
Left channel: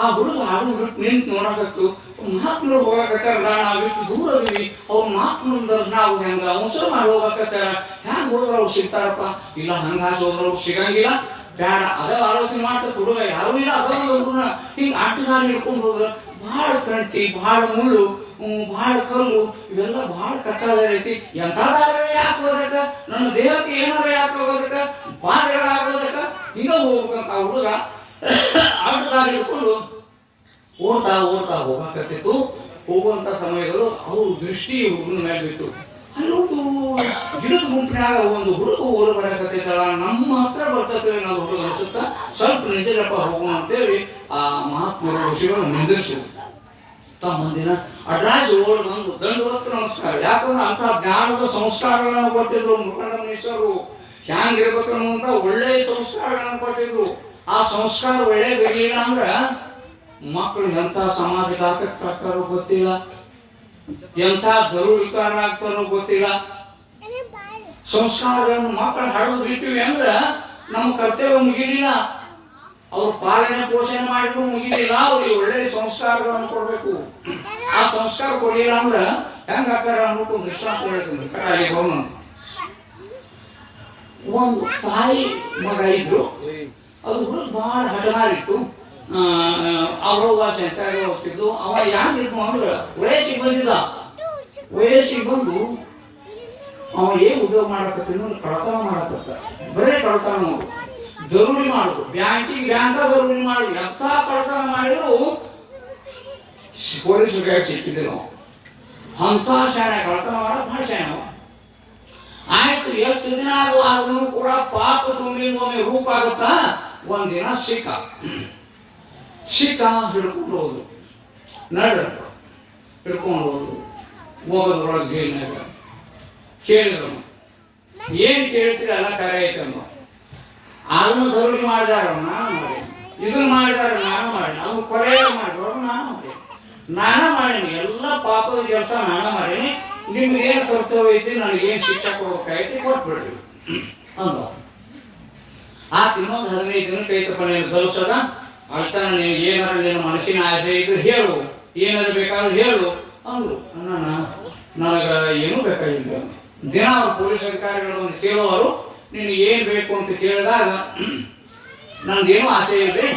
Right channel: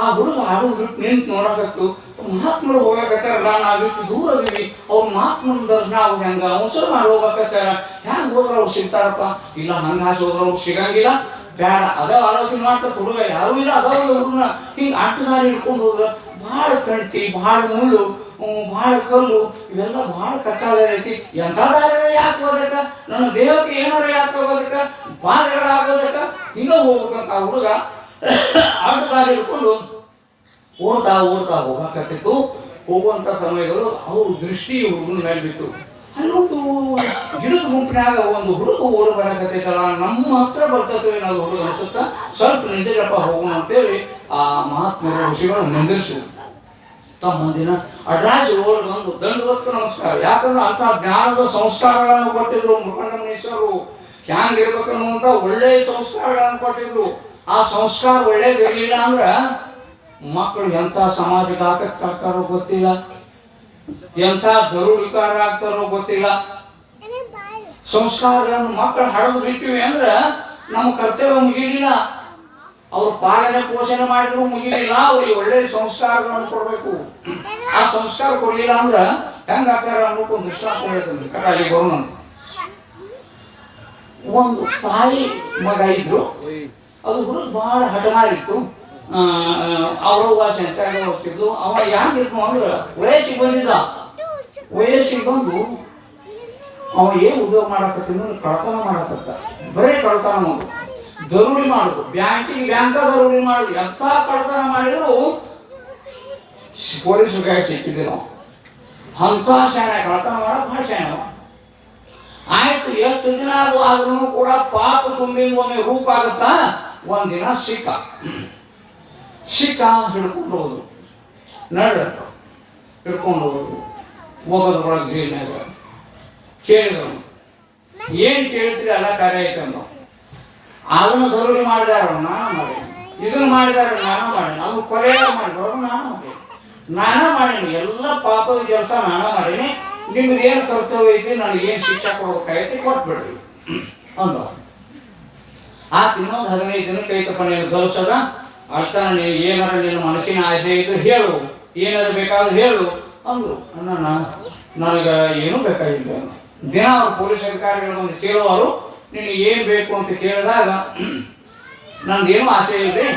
ಆ ಹುಡುಗ ಆಡು ಬಿಟ್ಟು ನಿಂತು ನೋಡಕತ್ತು. ಮಹಾತ್ಮರು ಹೋಗಕತ್ತಾರಲ್ಲ, ನಾವಿಟ್ಟು ದೂರ ಅದೀವಿ, ಅವ್ರ ಮಹಾತ್ಮರ ದರ್ಶನ ಆಗೋದು ಹೆಂಗ, ಮುಸರು ಮಾಡಿ ಹೋಗಕತ್ತಾರ, ಹೆಂಗ್ ಹೋದ್ರ ಅವ್ರು ಸಿಗ್ತಾರಪ್ಪ? ಇಲ್ಲ ಹಂಗ ಹಾಸಿ ಹೋದ್ರ ಅವ್ರು ಸಿಗಂಗಿಲ್ಲ, ಬೇಡ ಅದ ಆಲೋಚನೆ ಮಾಡ್ತಾ ಹುಡುಗ ಯಾರು ಇಲ್ಲ ಅದಾವ ಹುಡುಗನ ಹಿಂಗ ಅಡ್ಡದಾರಿ ಹಿಡ್ಕೊಂಡು ಹೋದ್ರ ಭಾಳ ಕಂಟಿ, ಭಾಳ ಮುಳ್ಳು, ಭಾಳ ಕಲ್ಲು, ಇವೆಲ್ಲ ಭಾಳ ಕಚ್ಚಾದ ಐತಿ. ಎಂಥ ದಾರಿ ಯಾಕೆ ಹೋದಕ್ಕ, ನನ್ನ ದೇಹಕ್ಕೆ ಏನಾರ ಯಾಕೆ ಹೋಗೋದಕ್ಕ, ಬಾಧೆಗಳಾಗೋದಕ್ಕ, ಹಿಂಗ ಹೋಗ್ಬೇಕಂತ ಆ ಹುಡುಗ ಅಡ್ಡದಾರಿ ಹಿಡ್ಕೊಂಡು ಓಡ್ತಾ ಹೋಗಕತ್ತಿತ್ತು. ಹೋಗುವಂತ ಸಮಯಗಳು ಅವ್ರ ದೃಷ್ಟಿ ಹುಡುಗನ ಮೇಲೆ ಬಿತ್ತು. ಅಲ್ಲೊಂದು ಗಿಡದ ಗುಂಪಿನಾಗ ಒಂದು ಹುಡುಗ ಓಡ ಬರಕತ್ತೈತಲ್ಲ, ನಮ್ಮ ಹತ್ರ ಬರ್ತೇವೆ ನಾವು ಹುಡುಗ ಅನ್ಸುತ್ತಾ, ಸ್ವಲ್ಪ ನಿಂದಿರಪ್ಪ ಹೋಗೋಣ ಅಂತೇಳಿ ಆ ಮಹಾತ್ಮರು ಋಷಿಗಳು ನಿಂದಿರಿಸಿದ್ರು. ತಮ್ಮ ಮಂದಿನ ಅಡ್ರಾಜ್ ಓಡ್ ಬಂದು ದಂಡವತ್ತು ನಮಸ್ಕಾರ. ಯಾಕಂದ್ರೆ ಅಂತ ಜ್ಞಾನದ ಸಂಸ್ಕಾರಗಳನ್ನು ಕೊಟ್ಟಿದ್ರು ಮುಖಂಡನೇಶ್ವರು. ಹ್ಯಾಂಗಿರ್ಬೇಕು ಅನ್ನುವಂತ ಒಳ್ಳೆಯ ಸಂಸ್ಕಾರಗಳನ್ನು ಕೊಟ್ಟಿದ್ರು. ಆ ಸಂಸ್ಕಾರ ಒಳ್ಳೇದಿರ್ಲಿಲ್ಲ ಅಂದ್ರ ಮಕ್ಕಳು ಎಂಥ ಸಮಾಜಕ್ಕೆ ಹಾಕತ್ತಾರೋ ಗೊತ್ತಿಲ್ಲ, ಎಂಥ ದರುವಿಕಾರ ಆಗ್ತಾರೋ ಗೊತ್ತಿಲ್ಲ. ಸಂಸ್ಕಾರಗಳನ್ನು ಮಕ್ಕಳು ಹರಿದು ಬಿಟ್ಟಿವಿ ಅಂದ್ರ ನಮ್ಮ ಕರ್ತವ್ಯ ಮುಗಿಲಿಲ್ಲ. ಅವ್ರು ಪಾಲನೆ ಪೋಷಣೆ ಮಾಡಿದ್ರು ಮುಗಿಲಿಲ್ಲ. ಅವ್ರಿಗೆ ಒಳ್ಳೆ ಸಂಸ್ಕಾರಗಳನ್ನು ಕೊಡ್ಬೇಕು. ಆ ಸಂಸ್ಕಾರ ಕೊಡ್ಲಿಲ್ಲ ಅಂದ್ರ ಹೆಂಗ ಹಾಕಾರ ಅನ್ನೋಕೊಂದು ದೃಷ್ಟಾಂತ ಹೇಳ್ತಂದ್ರೆ ಕಟಾಲಿ ಬರೋಣ. ಒಂದು ತಾಯಿ ಮಗ ಇದ್ರು. ಅದು ಹುಡುಗ ಬಹಳ ಹಠಮಾರಿತ್ತು. ಅವ್ರವ್ವ ಸೆಂಟ್ರಾಗ ಹೋಗ್ತಿದ್ದು. ಅವ ಯಾಕಿತ್ತು ಅಂದ್ರೆ ವಯಸ್ಸಿಗೆ ಬಂದಿದ್ದ. ವಯಸ್ಸಿಗೆ ಬಂದು ಅವ ಏನ್ ಉದ್ಯೋಗ ಮಾಡಕತ್ತಿದ್ನು, ಕಳತನ ಮಾಡಕತ್ತ. ಬರೇ ಕಳತನ ಮಾಡೋದು, ದರೋಡಿ ಮಾಡುದು, ಬ್ಯಾಂಕ ದರೋಡಿ ಮಾಡುದು. ಎಂಥ ಕಳತನ ಮಾಡಿದ್ರು ಪೊಲೀಸರಿಗೆ ಸಿಕ್ಕಿದ್ದೆ ನಾವು. ಅಂತ ಶಾಣೆ ಕಳತನ ಮಾಡ ಭಾಳ ಶಾಣೆ ಅವ. ಆಯ್ತು, ಎಷ್ಟು ದಿನ ಆದ್ರೂ ಕೂಡ ಪಾಪ ತುಂಬಿದ ಒಮ್ಮೆ ರೂಪ ಆಗತ್ತಾ. ಒಂದಿನ ಸಿಕ್ಕ ಹಿಡ್ಕೊಂಡು ಹೋದ್ರು. ಹಿಡ್ಕೊಂಡು ಹೋದ್ರು. ಹೋಗೋದ್ರೊಳಗೆ ಜೈಲ್ನಾಗ ಕೇಳಿದ್ರು, ಏನ್ ಕೇಳ್ತೀರಿ ಎಲ್ಲ ಕಾರ್ಯ ಐತೆ ಅಂದ. ಅದನ್ನು ದರೋಡಿ ಮಾಡಿದಾರ ನಾನು ಮಾಡಿ, ಇದನ್ನು ಮಾಡಿದಾರ ನಾನು ಮಾಡಿ, ಅದು ಕೊಲೆಯ ಮಾಡಿದ್ರು ನಾನು ಮಾಡೀನಿ, ಎಲ್ಲ ಪಾಪದ ಕೆಲಸ ನಾನು ಮಾಡೀನಿ. ನಿಮ್ದು ಏನು ಕರ್ತವ್ಯ ಐತಿ, ನನಗೇನು ಶಿಕ್ಷೆ ಕೊಡ್ಬೇಕಾಗೈತಿ ಕೊಟ್ಬಿಡ್ರಿ ಅಂದ. ಆತ ಇನ್ನೊಂದು 15 ದಿನಕ್ಕೆ ಐತಪ್ಪ ನೀನು ಗಲ್ಸದ ಅಳ್ತಾನ. ನೀವು ಏನಾರ ನಿನ್ನ ಮನಸ್ಸಿನ ಆಸೆ ಇದ್ರೆ ಹೇಳು, ಏನಾರು ಬೇಕಾದ್ರೂ ಹೇಳು ಅಂದ್ರು. ನನಗೆ ಏನೂ ಬೇಕಾಗಿಲ್ಲ. ದಿನ ಅವ್ರು ಪೊಲೀಸ್ ಅಧಿಕಾರಿಗಳು ಒಂದು ಕೇಳುವರು, ನಿನಗೆ ಏನು ಬೇಕು ಅಂತ ಕೇಳಿದಾಗ ನಂದೇನು ಆಸೆ ಇಲ್ರಿ,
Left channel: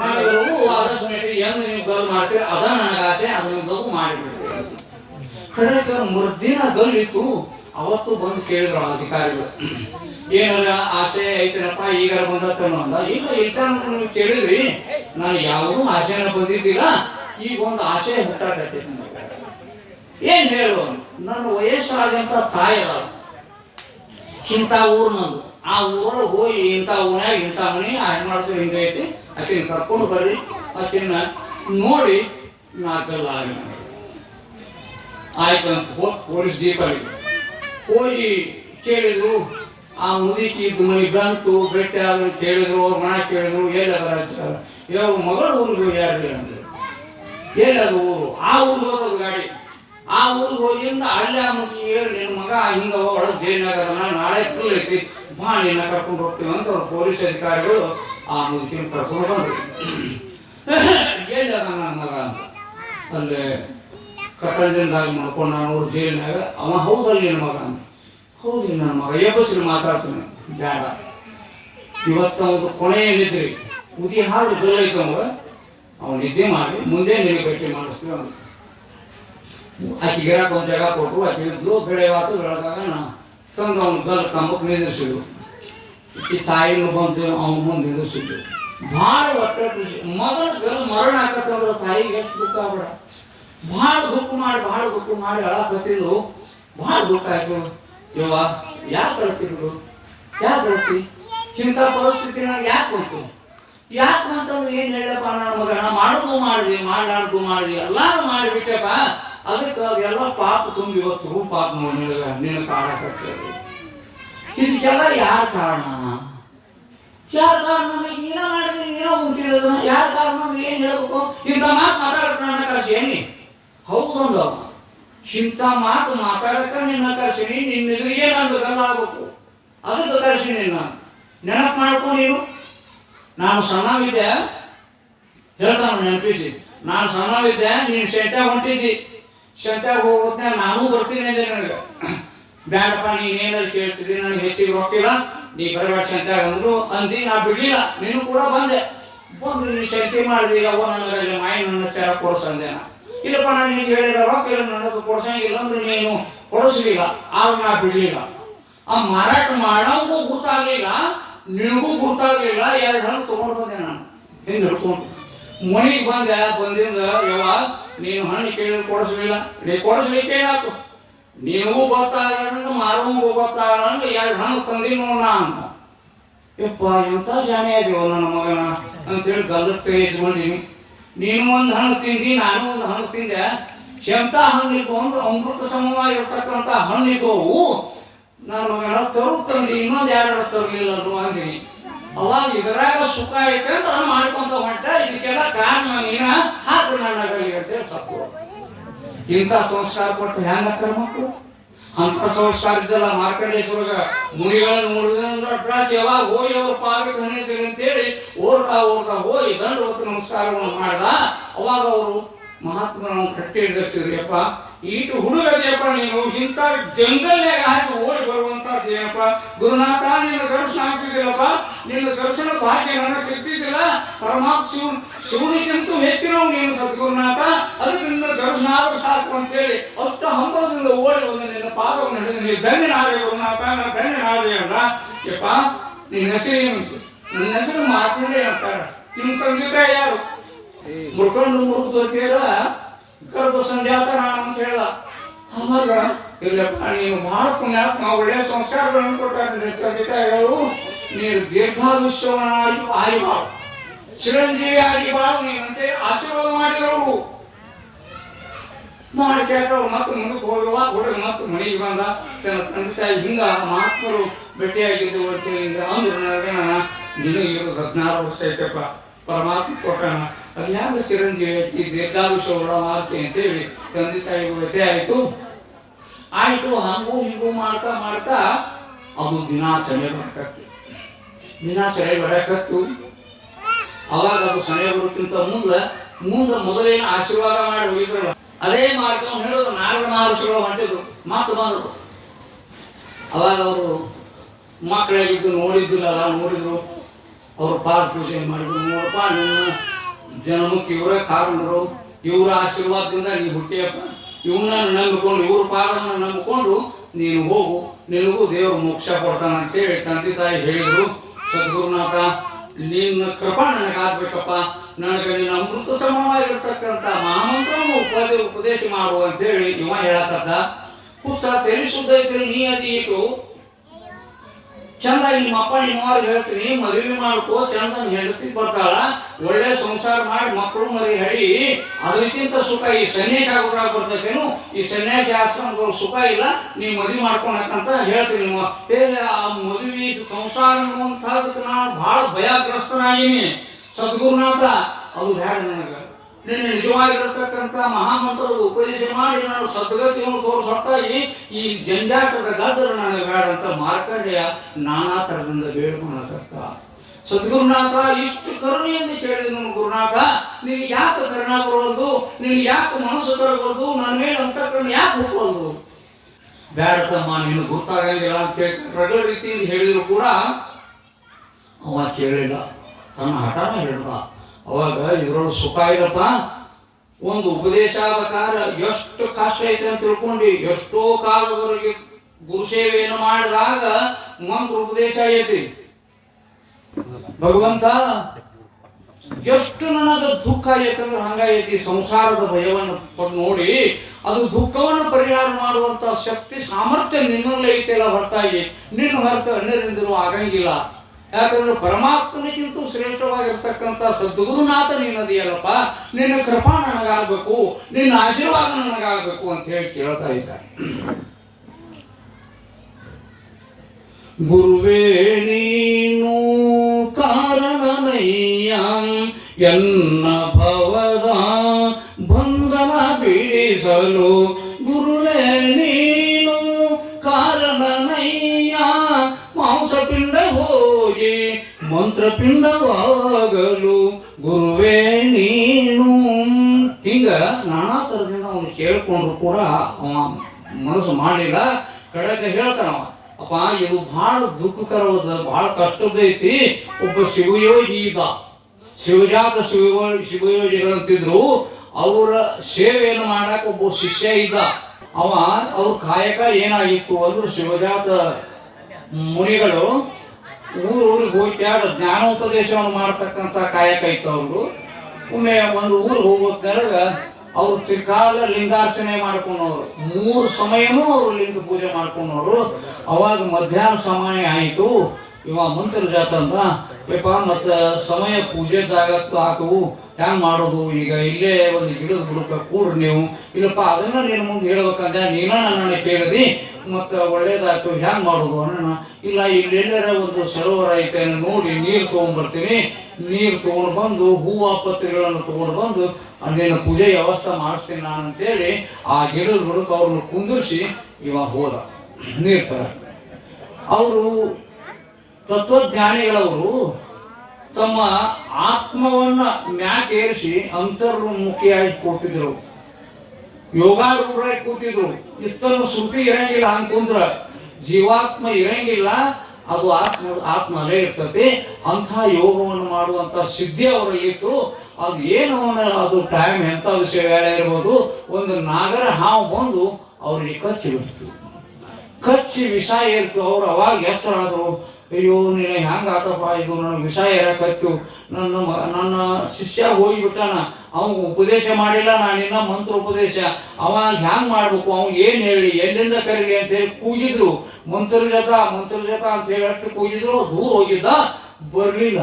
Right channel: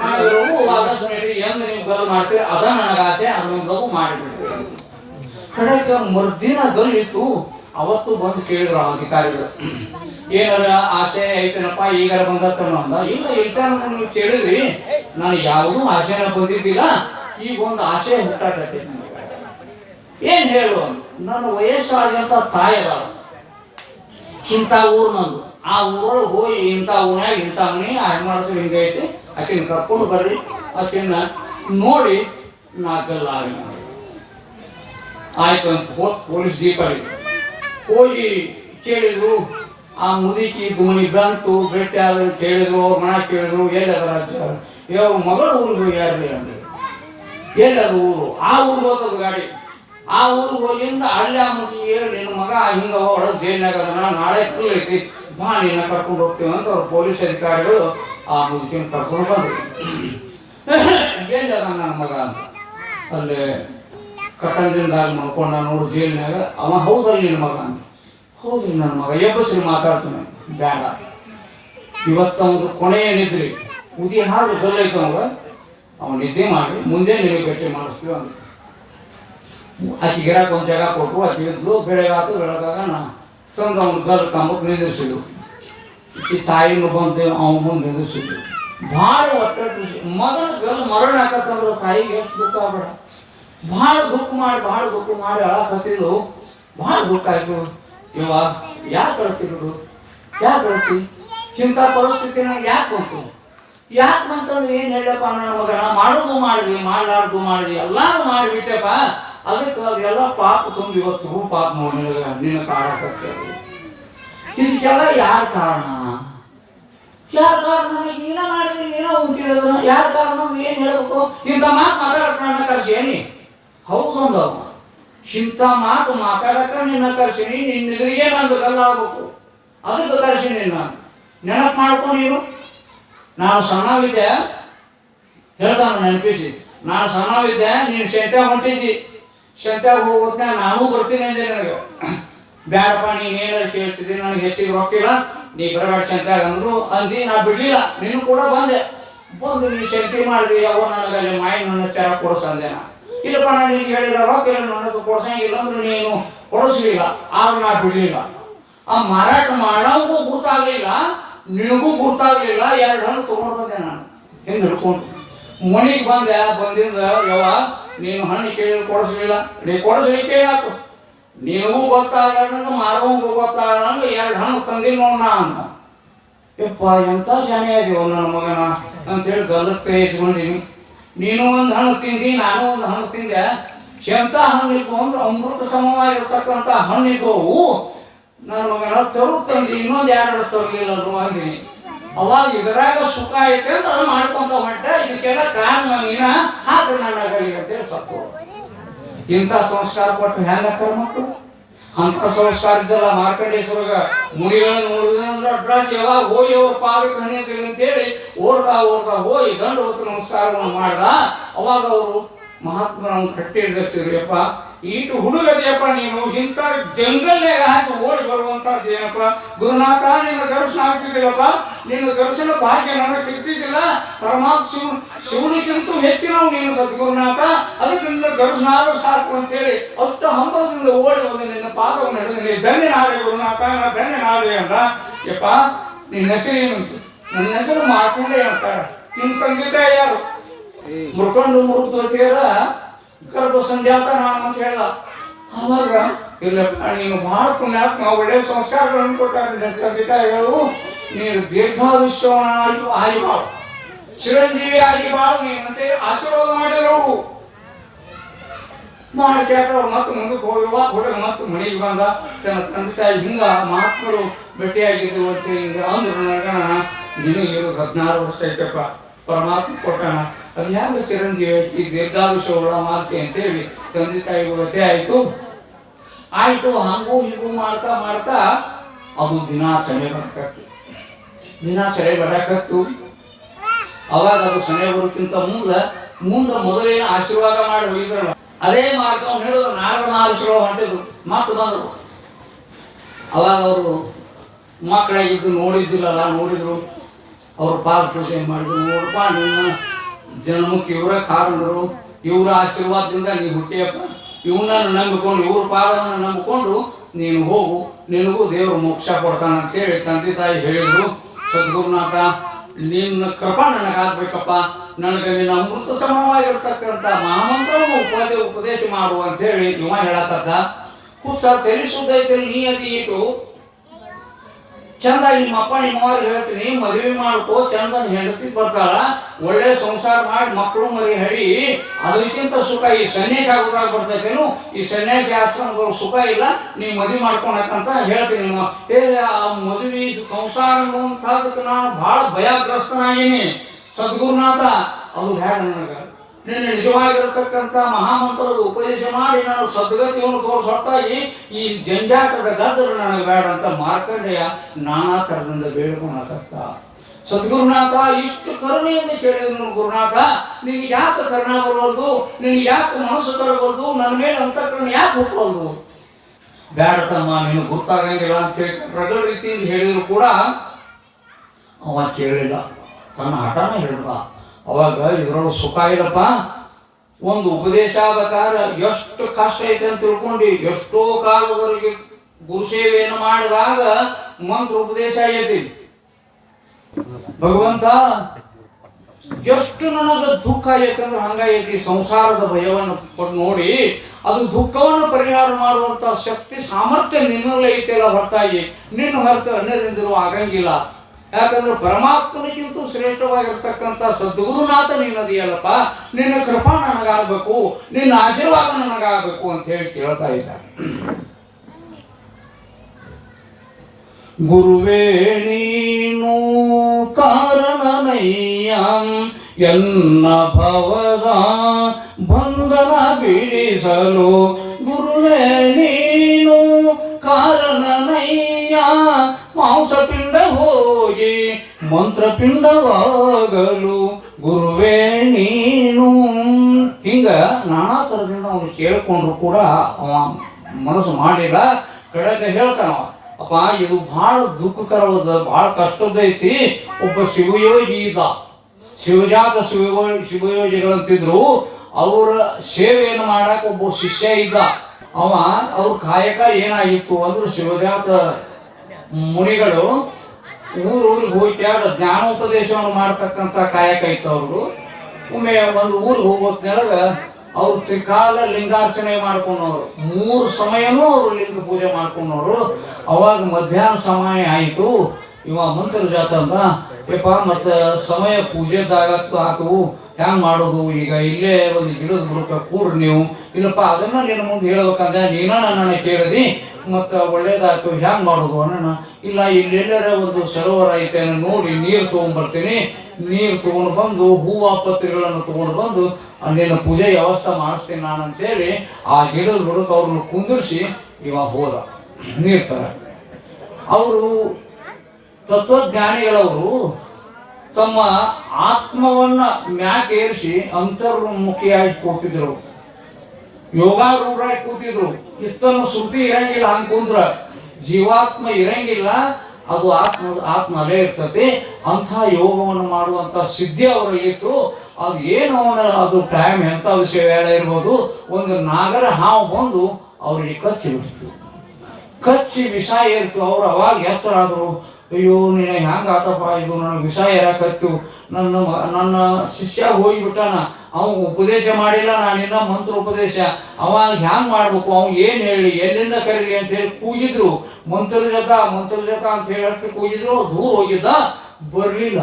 ನನಗೆ ಲಘು ಆದಷ್ಟು ಎಂದು ನೀವು ಗಲ್ ಮಾಡ್ತೀರಿ, ಅದ ನನಗೆ ಆಸೆ, ಅದನ್ನು ಲಘು ಮಾಡಿಬಿಡ್ತೀವಿ. ಕಡೆಗೆ ಮರ್ದಿನ ಗಲ್ಲಿತ್ತು. ಅವತ್ತು ಬಂದು ಕೇಳಿದ್ರು ಆ ಅಧಿಕಾರಿಗಳು, ಏನಾರ ಆಸೆ ಐತೇನಪ್ಪ ಈಗಾರ ಬಂದತ್ತನೋ ಅಂದ. ಇಲ್ಲ ಇಲ್ತಾನ ನೀವು ಕೇಳಿದ್ರಿ, ನಾನು ಯಾವುದೂ ಆಸೆನ ಬಂದಿದ್ದಿಲ್ಲ, ಈಗ ಒಂದು ಆಸೆ ಹುಟ್ಟಾಕತ್ತಿ. ಏನ್ ಹೇಳು, ನನ್ನ ವಯಸ್ಸಾದಂತ ತಾಯಿ ಅದಾಳ, ಇಂಥ ಊರು ನಂದು. ಆ ಊರೊಳಗೆ ಹೋಗಿ ಇಂಥ ಊನ್ಯಾಗ ಇಂಥ ಮನೆ ಆ ಹೆಣ್ಮಾಡ್ಸೋ ಹಿಂಗೆ ಐತಿ, ಆಕಿನ ಕರ್ಕೊಂಡು ಬರ್ರಿ, ಆಕಿನ ನೋಡಿ ನಾಲ್ಕಲ್ಲ ಆಯ್ತು ಅಂತ ಪೊಲೀಸ್ ಜೀಪಲ್ಲಿ ಹೋಗಿ ಕೇಳಿದ್ರು. ಆ ಮುದುಕಿ ಮನೆ ಬಂತು, ಭೇಟಿ ಆದ್ರು, ಕೇಳಿದ್ರು, ಅವ್ರ ಮನೆ ಕೇಳಿದ್ರು, ಎಲ್ಲದ ಯಾವ ಮಗಳ ಊರಿಗೆ ಯಾರ್ರಿ ಅಂದ್ರು. ಎಲ್ಲದು ಊರು? ಆ ಊರಿಗೆ ಹೋಗೋದು ಗಾಡಿ. ಆ ಊರಿಗೆ ಹೋಗಿಂದ ಅಲ್ಲಿ ಆ ಮುದುಕಿ ನಿನ್ನ ಮಗ ಹಿಂಗ ಒಳಗೆ ಜೈಲ್ನಾಗ ಅದನ್ನ, ನಾಳೆ ಫುಲ್ ಐತಿ, ಬಾ ನಿನ್ನ ಕರ್ಕೊಂಡು ಹೋಗ್ತೀವಿ ಅಂತ ಅವ್ರು ಪೊಲೀಸ್ ಅಧಿಕಾರಿಗಳು ಆ ಮುದುಕಿನ ಕರ್ಕೊಂಡು ಬಂದ್ರು. ಎಲ್ಲದ ನನ್ನ ಮಗ ಅಂತ ಅಲ್ಲಿ ಕಟ್ಟಡದಿಂದಾಗ ಮಾಡ್ಕೊಂಡು ನಾನು ನೋಡಿ ಜೈಲಿನಾಗ. ಅವ ಹೌದಲ್ಲ ನಿನ್ನ ಮಗ ಅಂತ. ಹೌದು ನನ್ನ ಮಗ. ಎಬ್ಬಸ್ರಿ ಮಾತಾಡ್ತಾನೆ, ಬೇಡ ಇವತ್ತು ಒಂದು ಕೊನೆಯ ನಿದ್ರಿ, ಉದಿ ಹಾಗೆ ಗಲ್ಲೈತಂಗ ಅವ್ನು ನಿದ್ದೆ ಮಾಡಿ ಮುಂದೆ ನೀವು ಭೇಟಿ ಮಾಡಿಸ್ತೀವಿ ಅವ್ನು ಆಕೆ ಗಿರಾಕ ಒಂದು ಜಾಗ ಕೊಟ್ಟು ಆಕೆ ಇದ್ದು ಬೆಳಗಾಗ ನಾ ತಂದು ಅವ್ನು ಗಲ್ ಕಂಬಕ್ಕೆ ನಿಂದಿರ್ಸಿದ್ರು ಈ ತಾಯಿನೂ ಬಂದು ಅವ್ನು ಮುಂದೆ ನಿಂದಿರ್ಸಿದ್ರು ಭಾಳ ಒಟ್ಟ ಮಗನ ಗಲ್ ಮರಣ ಹಾಕತ್ತಂದ್ರೆ ತಾಯಿಗೆ ಎಷ್ಟು ದುಃಖ ಆಗ್ಬೇಡ ಭಾಳ ದುಃಖ ಮಾಡಿ ಅಳಕತ್ತಿದ್ರು ಭಾಳ ದುಃಖ ಆಯ್ತು ಇವ ಯಾಕೆ ಅಳ್ತಿದ್ರು ಯಾಕೆ ಅಳ್ತಿ ಇಂಥ ಪರಿಸ್ಥಿತಿ ನನಗೆ ಯಾಕೆ ಬಂತು ಯಾಕೆ ಬಂತಂದ್ರೆ ಏನು ಹೇಳಪ್ಪ ನನ್ನ ಮಗನ ಮಾಡೋದು ಮಾಡಿದ್ವಿ ಎಲ್ಲಾರು ಮಾಡಿಬಿಟ್ಟಪ್ಪ ಅದಕ್ಕೆ ಅದೆಲ್ಲ ಪಾಪ ತುಂಬಿ ಇವತ್ತು ಪಾಪ ನಿನ್ನ ಕಾಡಕತ್ತೇಳಿ ಇದಕ್ಕೆಲ್ಲ ಯಾರ ಕಾರಣ ನನಗೆ ಏನೋ ಮಾಡಿದ್ರೆ ಏನೋ ಉಂಟಿರೋದು ಯಾರ ಕಾರಣ ಏನು ಹೇಳಬೇಕು ಇಂಥ ಮಾತು ಮಾತಾಡೋಣ ಕರ್ಸೇನಿ ಹೌದೊಂದವ ಇಂಥ ಮಾತು ಮಾತಾಡಕ ನಿನ್ನ ಕರ್ಸಿನಿ ನಿನ್ನ ಎದುರಿಗೆ ನಂದು ಗಲ್ಲ ಆಗ್ಬೇಕು ಅದಕ್ಕೆ ಕರ್ಸಿನಿ ನಾನು ನೆನಪು ಮಾಡ್ಕೊಂಡು ನೀನು ನಾನು ಸಣ್ಣವಿದ್ದೆ ಹೇಳ್ತಾನೆ ನೆನಪಿಸಿ ನಾನು ಸಣ್ಣವಿದ್ದೆ ನೀನು ಶೆಂಟ್ಯಾಗ ಹೊಂಟಿದ್ದಿ ಶೆಂಟ್ಯಾಗ ಹೋಗೋದ್ನ ನಾನು ಬರ್ತೀನಿ ಅಂದೆ ನನಗೆ ಬ್ಯಾಡಪ್ಪ ನೀನೇನಾರು ಕೇಳ್ತಿದ್ದಿ ನನಗೆ ಹೆಚ್ಚಿಗೆ ರೊಕ್ಕಿಲ್ಲ ನೀ ಬರಬೇಡ ಶೆಂಟ್ಯಾಗ ಅಂದ್ರು ಅಂದು ನಾ ಬಿಡ್ಲಿಲ್ಲ ನೀನು ಕೂಡ ಬಂದು ನೀನು ಶೆಂಟಿ ಮಾಡಿದ್ವಿ ಅವ ನನಗೆ ಅಲ್ಲಿ ಮಾಯಿ ನನ್ನ ಚಾರ ಕೊಡಿಸಂದೆ ನಾ ಇಲ್ಲಪ್ಪ ನಾನು ನಿನಗೆ ಹೇಳಿಲ್ಲ ರೊಕ್ಕ ಇಲ್ಲ ನನ್ನ ಕೊಡ್ಸಂಗಿಲ್ಲ ಅಂದ್ರೆ ನೀನು ಕೊಡಿಸ್ಲಿಲ್ಲ ಆಗ ನಾ ಬಿಡ್ಲಿಲ್ಲ ಆ ಮಾರಾಟ ಮಾಡೋಂಗೂ ಗುರ್ತಾಗ್ಲಿಲ್ಲ ನಿನಗೂ ಗುರ್ತಾಗ್ಲಿಲ್ಲ 2 ಹಣ್ಣು ತೊಗೊಂಡು ಬಂದೆ ನಾನು ಹಿಂಗೆ ಹಿಡ್ಕೊಂಡು ಮನೆಗೆ ಬಂದಿಂದ ಯವ್ವ ನೀನು ಹಣ್ಣು ಕೇಳಿದ್ರೆ ಕೊಡಿಸ್ಲಿಲ್ಲ ನೀ ಕೊಡಿಸ್ಲಿಕ್ಕೆ ಏನಾಯ್ತು ನಿನಗೂ ಗೊತ್ತಾಗಲ್ಲ ಮಾರೋಂಗೂ ಗೊತ್ತಾಗಲ್ಲ 2 ಹಣ್ಣು ತಂದಿಲ್ಲ ನೋಡ ಅಂತ ಯಪ್ಪ ಎಂಥ ಶಾಣೆ ಅದೀವ ನನ್ನ ಮಗನ ಅಂತೇಳಿ ಗಲ್ಲಕ್ಕೆ ಇಸ್ಕೊಂಡಿನಿ ನೀನು ಒಂದು ಹಣ್ಣು ತಿಂದಿ ನಾನು ಒಂದು ಹಣ್ಣು ತಿಂದೆ ಎಂಥ ಹಣ್ಣಿತ್ತು ಅಂದ್ರೆ ಅಮೃತ ಸಮವಾಗಿರ್ತಕ್ಕಂಥ ಹಣ್ಣಿದ್ದವು ನಾನು ಮಗನ ತಂದು ಇನ್ನೊಂದು 2 ತರಲಿಲ್ಲ ಅಂದಿನಿ ಅವಾಗ ಇದರಾಗ ಸುಖ ಐತೆ ಅಂತ ಅದು ಮಾಡ್ಕೊಂತ ಹೊಂಟ ಇದಕ್ಕೆಲ್ಲ ಕಾರಣ ನೀನ ಹಾಕಿ ನನ್ನ ಅಂತೇಳಿ ಸತ್ತು ಇಂಥ ಸಂಸ್ಕಾರ ಕೊಟ್ಟು ಹೆಂಗ ಮಕ್ಕಳು ಅಂತ ಸಂಸ್ಕಾರ ಇದ್ದಲ್ಲ ಮಾರ್ಕಂಡೇಶ್ವರ್ಗ ಮುನಿಗಳನ್ನು ನೋಡಿದ್ರೆ ಅಡ್ರಾಸ್ ಯಾವಾಗ ಹೋಗಿ ಅವ್ರ ಪಾದಕ್ಕೆ ಹಣ್ಣಿ ಅಂತೇಳಿ ಓಡ್ತಾ ಹೋಗಿ ದಂಡ ಹೊತ್ತು ನಮಸ್ಕಾರವನ್ನು ಮಾಡ್ದ ಅವಾಗ ಅವರು ಮಹಾತ್ಮರನ್ನು ಕಟ್ಟಿ ಹಿಡಿದಿರ್ತಿದ್ರಿಯಪ್ಪ ಈಟು ಹುಡುಗದೇಪ್ಪ ನೀನು ಇಂಥ ಜಂಗಲ್ಲೇ ಹಾಕಿ ಓಡಿ ಬರುವಂತದ್ದೇನಪ್ಪ ಗುರುನಾಥ ನಿನ್ನ ದರ್ಶನ ಆಗ್ತಿದ್ದಿಲ್ಲಪ್ಪ ನಿನ್ನ ದರ್ಶನ ಭಾಗ್ಯ ನನಗೆ ಸಿಗ್ತಿದ್ದಿಲ್ಲ ಪರಮಾತ್ಮ ಶಿವನಿಗಿಂತೂ ಹೆಚ್ಚಿನವು ನೀನು ಸದ್ಗುರುನಾಥ ಅದಕ್ಕೆ ನಿನ್ನ ದರ್ಶನ ಆದರೂ ಸಾಕು ಅಂತೇಳಿ ಅಷ್ಟು ಹಂಬಲದಿಂದ ಓಡಿ ಬಂದು ನಿನ್ನ ಪಾದವನ್ನು ಹಿಡಿದು ನೀನು ಧನ್ಯನಾದೆ ಗುರುನಾಥ ನಾ ಧನ್ಯನಾದೆ ಅಂದ ಯಪ್ಪ ನಿನ್ನ ಹೆಸರು ಏನಂತ ನನ್ನ ಹೆಸರು ಮಾರ್ಕೊಂಡೆ ಅಂತಾರ ನಿಮ್ಮ ತಂದೆ ತಾಯಿ ಯಾರು ಮುರ್ಕೊಂಡು ಮುರುದ್ವತಿಯರ ಗರ್ಭ ಸಂಜಾತ ನಾನು ಅಂತ ಹೇಳ್ದ ಅವಾಗ ಇಲ್ಲಪ್ಪ ನೀನು ಭಾಳ ಪುಣ್ಯಾತ್ಮ ಒಳ್ಳೆಯ ಸಂಸ್ಕಾರಗಳನ್ನು ಕೊಟ್ಟಾರ ತಂದೆ ತಾಯಿಗಳು ನೀನು ದೀರ್ಘಾಯುಷ್ಯವಾಗಿ ಆಗಿಬಾರು ಚಿರಂಜೀವಿ ಆಗಿಬಾರು ನೀನಂತೆ ಆಶೀರ್ವಾದ ಮಾಡಿರೋರು ಮಾಡ್ಕ್ಯಾಕ ಮತ್ತೆ ಮುಂದಕ್ಕೆ ಹೋಗುವ ಹುಡುಗ ಮತ್ತೆ ಮನೆಗೆ ಬಂದ ತನ್ನ ತಂದೆ ತಾಯಿ ಹಿಂಗ ಮಹಾತ್ಮರು ಭೇಟಿಯಾಗಿದ್ದು ಅಂತ ಹಿಂಗ ಅಂದ್ರು ನಿನಗೆ ಇರೋದು 16 ವರ್ಷ ಐತಪ್ಪ ಪರಮಾತ್ಮ ಕೊಟ್ಟಣ ಅದು ಯಾರು ಚಿರಂಜೀವಿ ಐತಿ ದೀರ್ಘಾಯುಷ್ಯ ಒಳ ಮಾಡ್ತಿ ಅಂತೇಳಿ ತಂದೆ ತಾಯಿಗಳು ಅದೇ ಆಯಿತು ಹಂಗೂ ಹಿಂಗೂ ಮಾಡ್ತಾ ಅದು ದಿನ ಸರಿ ಬರಕತ್ತು ಅವಾಗ ಅದು ಸರಿ ಬರೋಕ್ಕಿಂತ ಮುಂದೆ ಮೊದಲೇನು ಆಶೀರ್ವಾದ ಮಾಡಿ ಹೋಗಿದ್ರಲ್ಲ ಅದೇ ಮಾರ್ಗವನ್ನು ಹೇಳಿದ್ರು ನಾರದ ಮಹರ್ಷಿಗಳು ಹೊಂಟಿದ್ರು ಮಾತು ಬಂದರು ಅವಾಗ ಅವರು ಮಕ್ಕಳಾಗಿದ್ದು ನೋಡಿದ್ರು ಅವ್ರ ಪಾದ ಪೂಜೆ ಮಾಡಿದ್ರು ನೋಡಪ್ಪ ನಿನ್ನ ಜನ್ಮಕ್ಕೆ ಇವರೇ ಕಾರಣರು ಇವರ ಆಶೀರ್ವಾದದಿಂದ ನೀನು ಹುಟ್ಟಿಯಪ್ಪ ಇವನನ್ನು ನಂಬಿಕೊಂಡು ಇವ್ರ ಪಾದವನ್ನು ನಂಬಿಕೊಂಡು ನೀನು ಹೋಗು ನಿನಗೂ ದೇವರು ಮೋಕ್ಷ ಕೊಡ್ತಾನೆ ಅಂತೇಳಿ ತಂದೆ ತಾಯಿ ಹೇಳಿದರು ಸದ್ಗುರುನಾಥ ನಿನ್ನ ಕೃಪಾ ನನಗಾಗಬೇಕಪ್ಪ ನನಗೆ ನಿನ್ನ ಅಮೃತ ಸಮವಾಗಿರ್ತಕ್ಕಂಥ ಮಹಾಮಂತ್ರವನ್ನು ಉಪದೇಶ ಮಾಡು ಅಂತೇಳಿ ಇವ ಹೇಳಕತ್ತ ಹುಚ್ಚ ತಲೆ ಶುದ್ಧ ಐತಲ್ಲಿ ನೀ ಅದಿ ಇಟ್ಟು ಚಂದ ನಿಮ್ಮ ಅಪ್ಪ ನಿಮ್ಮವ್ರಿಗೆ ಹೇಳ್ತೀನಿ ಮದುವೆ ಮಾಡ್ಕೋ ಚಂದನ್ ಹೆಂಡತಿ ಬರ್ತಾಳ ಒಳ್ಳೆ ಸಂಸಾರ ಮಾಡಿ ಮಕ್ಕಳು ಮರಿ ಹಡಿ ಅದಕ್ಕಿಂತ ಸುಖ ಈ ಸನ್ಯಾಸಿ ಆಗೋದ್ರಾಗ ಬರ್ತೈತೇನು ಈ ಸನ್ಯಾಸಿ ಆಶ್ರಮದವ್ರು ಸುಖ ಇಲ್ಲ ನೀವು ಮದುವೆ ಮಾಡ್ಕೊಳಕಂತ ಹೇಳ್ತೀನಿ ನಿಮ್ಮ ಆ ಮದುವೆ ಸಂಸಾರ ಅನ್ನುವಂಥದಕ್ಕೆ ನಾನು ಭಾಳ ಭಯಗ್ರಸ್ತನಾಗೀನಿ ಸದ್ಗುರುನಾಥ ಅದು ಹೇಗೆ ನನಗೆ ನಿನ್ನ ನಿಜವಾಗಿರತಕ್ಕಂಥ ಮಹಾಮಂತ್ರದ ಉಪದೇಶ ಮಾಡಿ ನಾನು ಸದ್ಗತಿಯನ್ನು ತೋರಿಸೊಟ್ಟಾಗಿ ಈ ಜಂಜಾಟದ ಗದ್ದಲು ನನಗೆ ಬೇಡ ಅಂತ ಮಾರ್ಕಂಡೆಯ ನಾನಾ ಥರದಿಂದ ಬೇಡ್ಕೊಳತಕ್ಕ ಸದ್ಗುರುನಾಥ ಇಷ್ಟು ಕರುಣೆಯಿಂದ ಕೇಳಿದನು ಗುರುನಾಥ ನಿನಗೆ ಯಾಕೆ ಕರುಣೆ ಬರೋದು ನಿನಗೆ ಯಾಕೆ ಮನಸ್ಸು ತರಬಹುದು ನನ್ನ ಮೇಲೆ ಅಂತಃಕರಣ ಯಾಕೆ ಹುಟ್ಟೋದು ಬೇಡ ತಮ್ಮ ನೀನು ಗೊತ್ತಾಗಂಗಿಲ್ಲ ಅಂತ ರಗಡ ರೀತಿಯಿಂದ ಹೇಳಿದ್ರು ಕೂಡ ಅವ ಕೇಳಿಲ್ಲ ತನ್ನ ಹಠನ ಹೇಳ್ದ. ಅವಾಗ ಇದ್ರೊಳಗೆ ಸುಖ ಇಲ್ಲಪ್ಪ. ಒಂದು ಉಪದೇಶ ಆಗ್ಬೇಕಾದ್ರೆ ಎಷ್ಟು ಕಷ್ಟ ಐತೆ ಅಂತ ತಿಳ್ಕೊಂಡು ಎಷ್ಟೋ ಕಾಲದವರೆಗೆ ಗುರುಸೇವೆಯನ್ನು ಮಾಡಿದಾಗ ಮಂತ್ರ ಉಪದೇಶ ಆಗೈತಿ. ಭಗವಂತ ಎಷ್ಟು ನನಗೆ ದುಃಖ ಆಗೈತಂದ್ರೆ ಹಂಗಾಗೈತಿ. ಸಂಸಾರದ ಭಯವನ್ನು ನೋಡಿ ಅದು ದುಃಖವನ್ನು ಪರಿಹಾರ ಮಾಡುವಂತ ಶಕ್ತಿ ಸಾಮರ್ಥ್ಯ ನಿನ್ನಲ್ಲಿ ಐತೆಲ್ಲ ಹೊರತಾಗಿ ನಿನ್ನ ಹೊರತು ಅನ್ಯರಿಂದಲೂ ಆಗಂಗಿಲ್ಲ. ಯಾಕಂದ್ರೆ ಪರಮಾತ್ಮನಿಗಿಂತೂ ಶ್ರೇಷ್ಠವಾಗಿರ್ತಕ್ಕಂಥ ಸದ್ಗುರುನಾಥ ನೀನದಿಯಲ್ಲಪ್ಪ, ನಿನ್ನ ಕೃಪಾ ನನಗಾಗಬೇಕು, ನಿನ್ನ ಆಶೀರ್ವಾದ ನನಗಾಗಬೇಕು ಅಂತ ಹೇಳಿ ಕೇಳ್ತಾ ಇದ್ದಾರೆ. ಗುರುವೇ ನೀನು ಕಾರಣನಯ್ಯ ಎನ್ನ ಭವದ ಬಂಧನ ಬಿಡಿಸಲು. ಗುರುವೇ ನೀನು ಕಾರಣನಯ್ಯ ಮಾಂಸಪಿಂಡ ಹೋಗಿ ಮಂತ್ರಪಿಂಡವಾಗಲು. ಗುರುವೇ ನೀನು. ಹಿಂಗ ನಾನಾ ಥರದಿಂದ ಅವನು ಕೇಳ್ಕೊಂಡ್ರು ಕೂಡ ಅವ ಮನಸ್ಸು ಮಾಡಲಿಲ್ಲ. ಕಡೆಗೆ ಹೇಳ್ತಾನವ, ಅಪ್ಪ ಇದು ಬಹಳ ದುಃಖಕರವಾದ ಬಹಳ ಕಷ್ಟದೈತಿ. ಒಬ್ಬ ಶಿವಯೋಗಿ ಇದ್ದ, ಶಿವಜಾತ ಶಿವಯೋಗಿಗಳಂತಿದ್ರು. ಅವರ ಸೇವೆಯನ್ನು ಮಾಡಕ್ಕೆ ಒಬ್ಬ ಶಿಷ್ಯ ಇದ್ದ. ಅವ್ರ ಕಾಯಕ ಏನಾಗಿತ್ತು ಅಂದ್ರೆ ಶಿವಜಾತ ಮುನಿಗಳು ಊರಿಗೆ ಹೋಗ್ಯಾರ ಜ್ಞಾನೋಪದೇಶವನ್ನು ಮಾಡ್ತಕ್ಕಂಥ ಕಾಯಕ ಇತ್ತು ಅವ್ರು. ಒಮ್ಮೆ ಒಂದು ಊರಿಗೆ ಹೋಗೋದ್ನಾಗ ಅವ್ರು ತ್ರಿಕಾಲ ಲಿಂಗಾರ್ಚನೆ ಮಾಡ್ಕೊಂಡವ್ರು. 3 ಸಮಯನೂ ಅವರು ಲಿಂಗ ಪೂಜೆ ಮಾಡ್ಕೊಂಡವ್ರು. ಅವಾಗ ಮಧ್ಯಾಹ್ನ ಸಮಯ ಆಯಿತು. ಇವ ಮಂತ್ರ ಜಾತ ಅಂತ ಯಪ್ಪ ಮತ್ತು ಸಮಯ ಪೂಜೆದಾಗತ್ತು ಆತು, ಹ್ಯಾಂಗೆ ಮಾಡೋದು? ಈಗ ಇಲ್ಲೇ ಒಂದು ಗಿಡದ ಬುಡಕ ಕೂಡ್ರಿ ನೀವು. ಇಲ್ಲಪ್ಪ ಅದನ್ನ ನಿನ್ನ ಮುಂದೆ ಹೇಳ್ಬೇಕಂದ್ರೆ ನೀನ ನನ್ನನ್ನು ಕೇಳಿದಿ, ಮತ್ತು ಒಳ್ಳೇದಾಯ್ತು, ಹ್ಯಾಂಗೆ ಮಾಡೋದು ಅಣ್ಣ? ಇಲ್ಲ ಇಲ್ಲೆಲ್ಲರ ಒಂದು ಸರೋವರ ಐತೆ ನೋಡಿ ನೀರು ತೊಗೊಂಡ್ಬರ್ತೀನಿ. ನೀರು ತೊಗೊಂಡು ಬಂದು ಹೂವು ಪತ್ರಿಗಳನ್ನು ತೊಗೊಂಡು ಬಂದು ನಿನ್ನ ಪೂಜೆ ವ್ಯವಸ್ಥೆ ಮಾಡಿಸ್ತೀನಿ ನಾನು ಅಂತೇಳಿ ಆ ಗಿಡದ ಬುಡಕ ಅವ್ರನ್ನ ಕುಂದಿರಿಸಿ ಇವ ಹೋದ ನೀರು ತರ. ಅವರು ತತ್ವಜ್ಞಾನಿಗಳವರು ತಮ್ಮ ಆತ್ಮವನ್ನ ಮ್ಯಾಕೇರಿಸಿ ಅಂತರ್ಮುಖಿಯಾಗಿ ಕೂತಿದ್ರು, ಯೋಗಾರೂಢರಾಗಿ ಕೂತಿದ್ರು. ಇಷ್ಟನ್ನು ಶ್ರುತಿ ಇರಂಗಿಲ್ಲ ಹಂಗೆ ಕುಂದ್ರ, ಜೀವಾತ್ಮ ಇರಂಗಿಲ್ಲ, ಅದು ಆತ್ಮ ಅಲ್ಲೇ ಇರ್ತದೆ. ಅಂಥ ಯೋಗವನ್ನು ಮಾಡುವಂಥ ಸಿದ್ಧಿ ಅವರಲ್ಲಿತ್ತು. ಅದು ಏನು ಅದು ಟೈಮ್ ಎಂಥ ವಿಷಯ ವೇಳೆ ಇರ್ಬೋದು, ಒಂದು ನಾಗರ ಹಾವು ಬಂದು ಅವರಿಗೆ ಕಚ್ಚಿ ಬಿಡ್ತು. ಕಚ್ಚಿ ವಿಷ ಏರ್ತು. ಅವ್ರು ಅವಾಗ ಎಚ್ಚರ ಆದರು, ಅಯ್ಯೋ ನೀನು ಹ್ಯಾಂಗ ಆತಪ್ಪ, ಇದು ನನಗೆ ವಿಷ ಏರಕತ್ತು, ನನ್ನ ಶಿಷ್ಯ ಹೋಗಿಬಿಟ್ಟಾನ, ಅವ್ನು ಉಪದೇಶ ಮಾಡಿಲ್ಲ, ನಾನಿನ್ನ ಮಂತ್ರ ಉಪದೇಶ, ಅವಾಗ ಹ್ಯಾಂಗ ಮಾಡ್ಬೇಕು, ಅವ್ನು ಏನು ಹೇಳಿ ಎಲ್ಲಿಂದ ಕರೀಲಿ ಅಂತ ಹೇಳಿ ಕೂಗಿದ್ರು. ಮಂತ್ರ ಜಪ ಅಂತ ಹೇಳಿ ಅಷ್ಟು ಕೂಗಿದ್ರು. ದೂರ ಹೋಗಿದ್ದ, ಬರಲಿಲ್ಲ.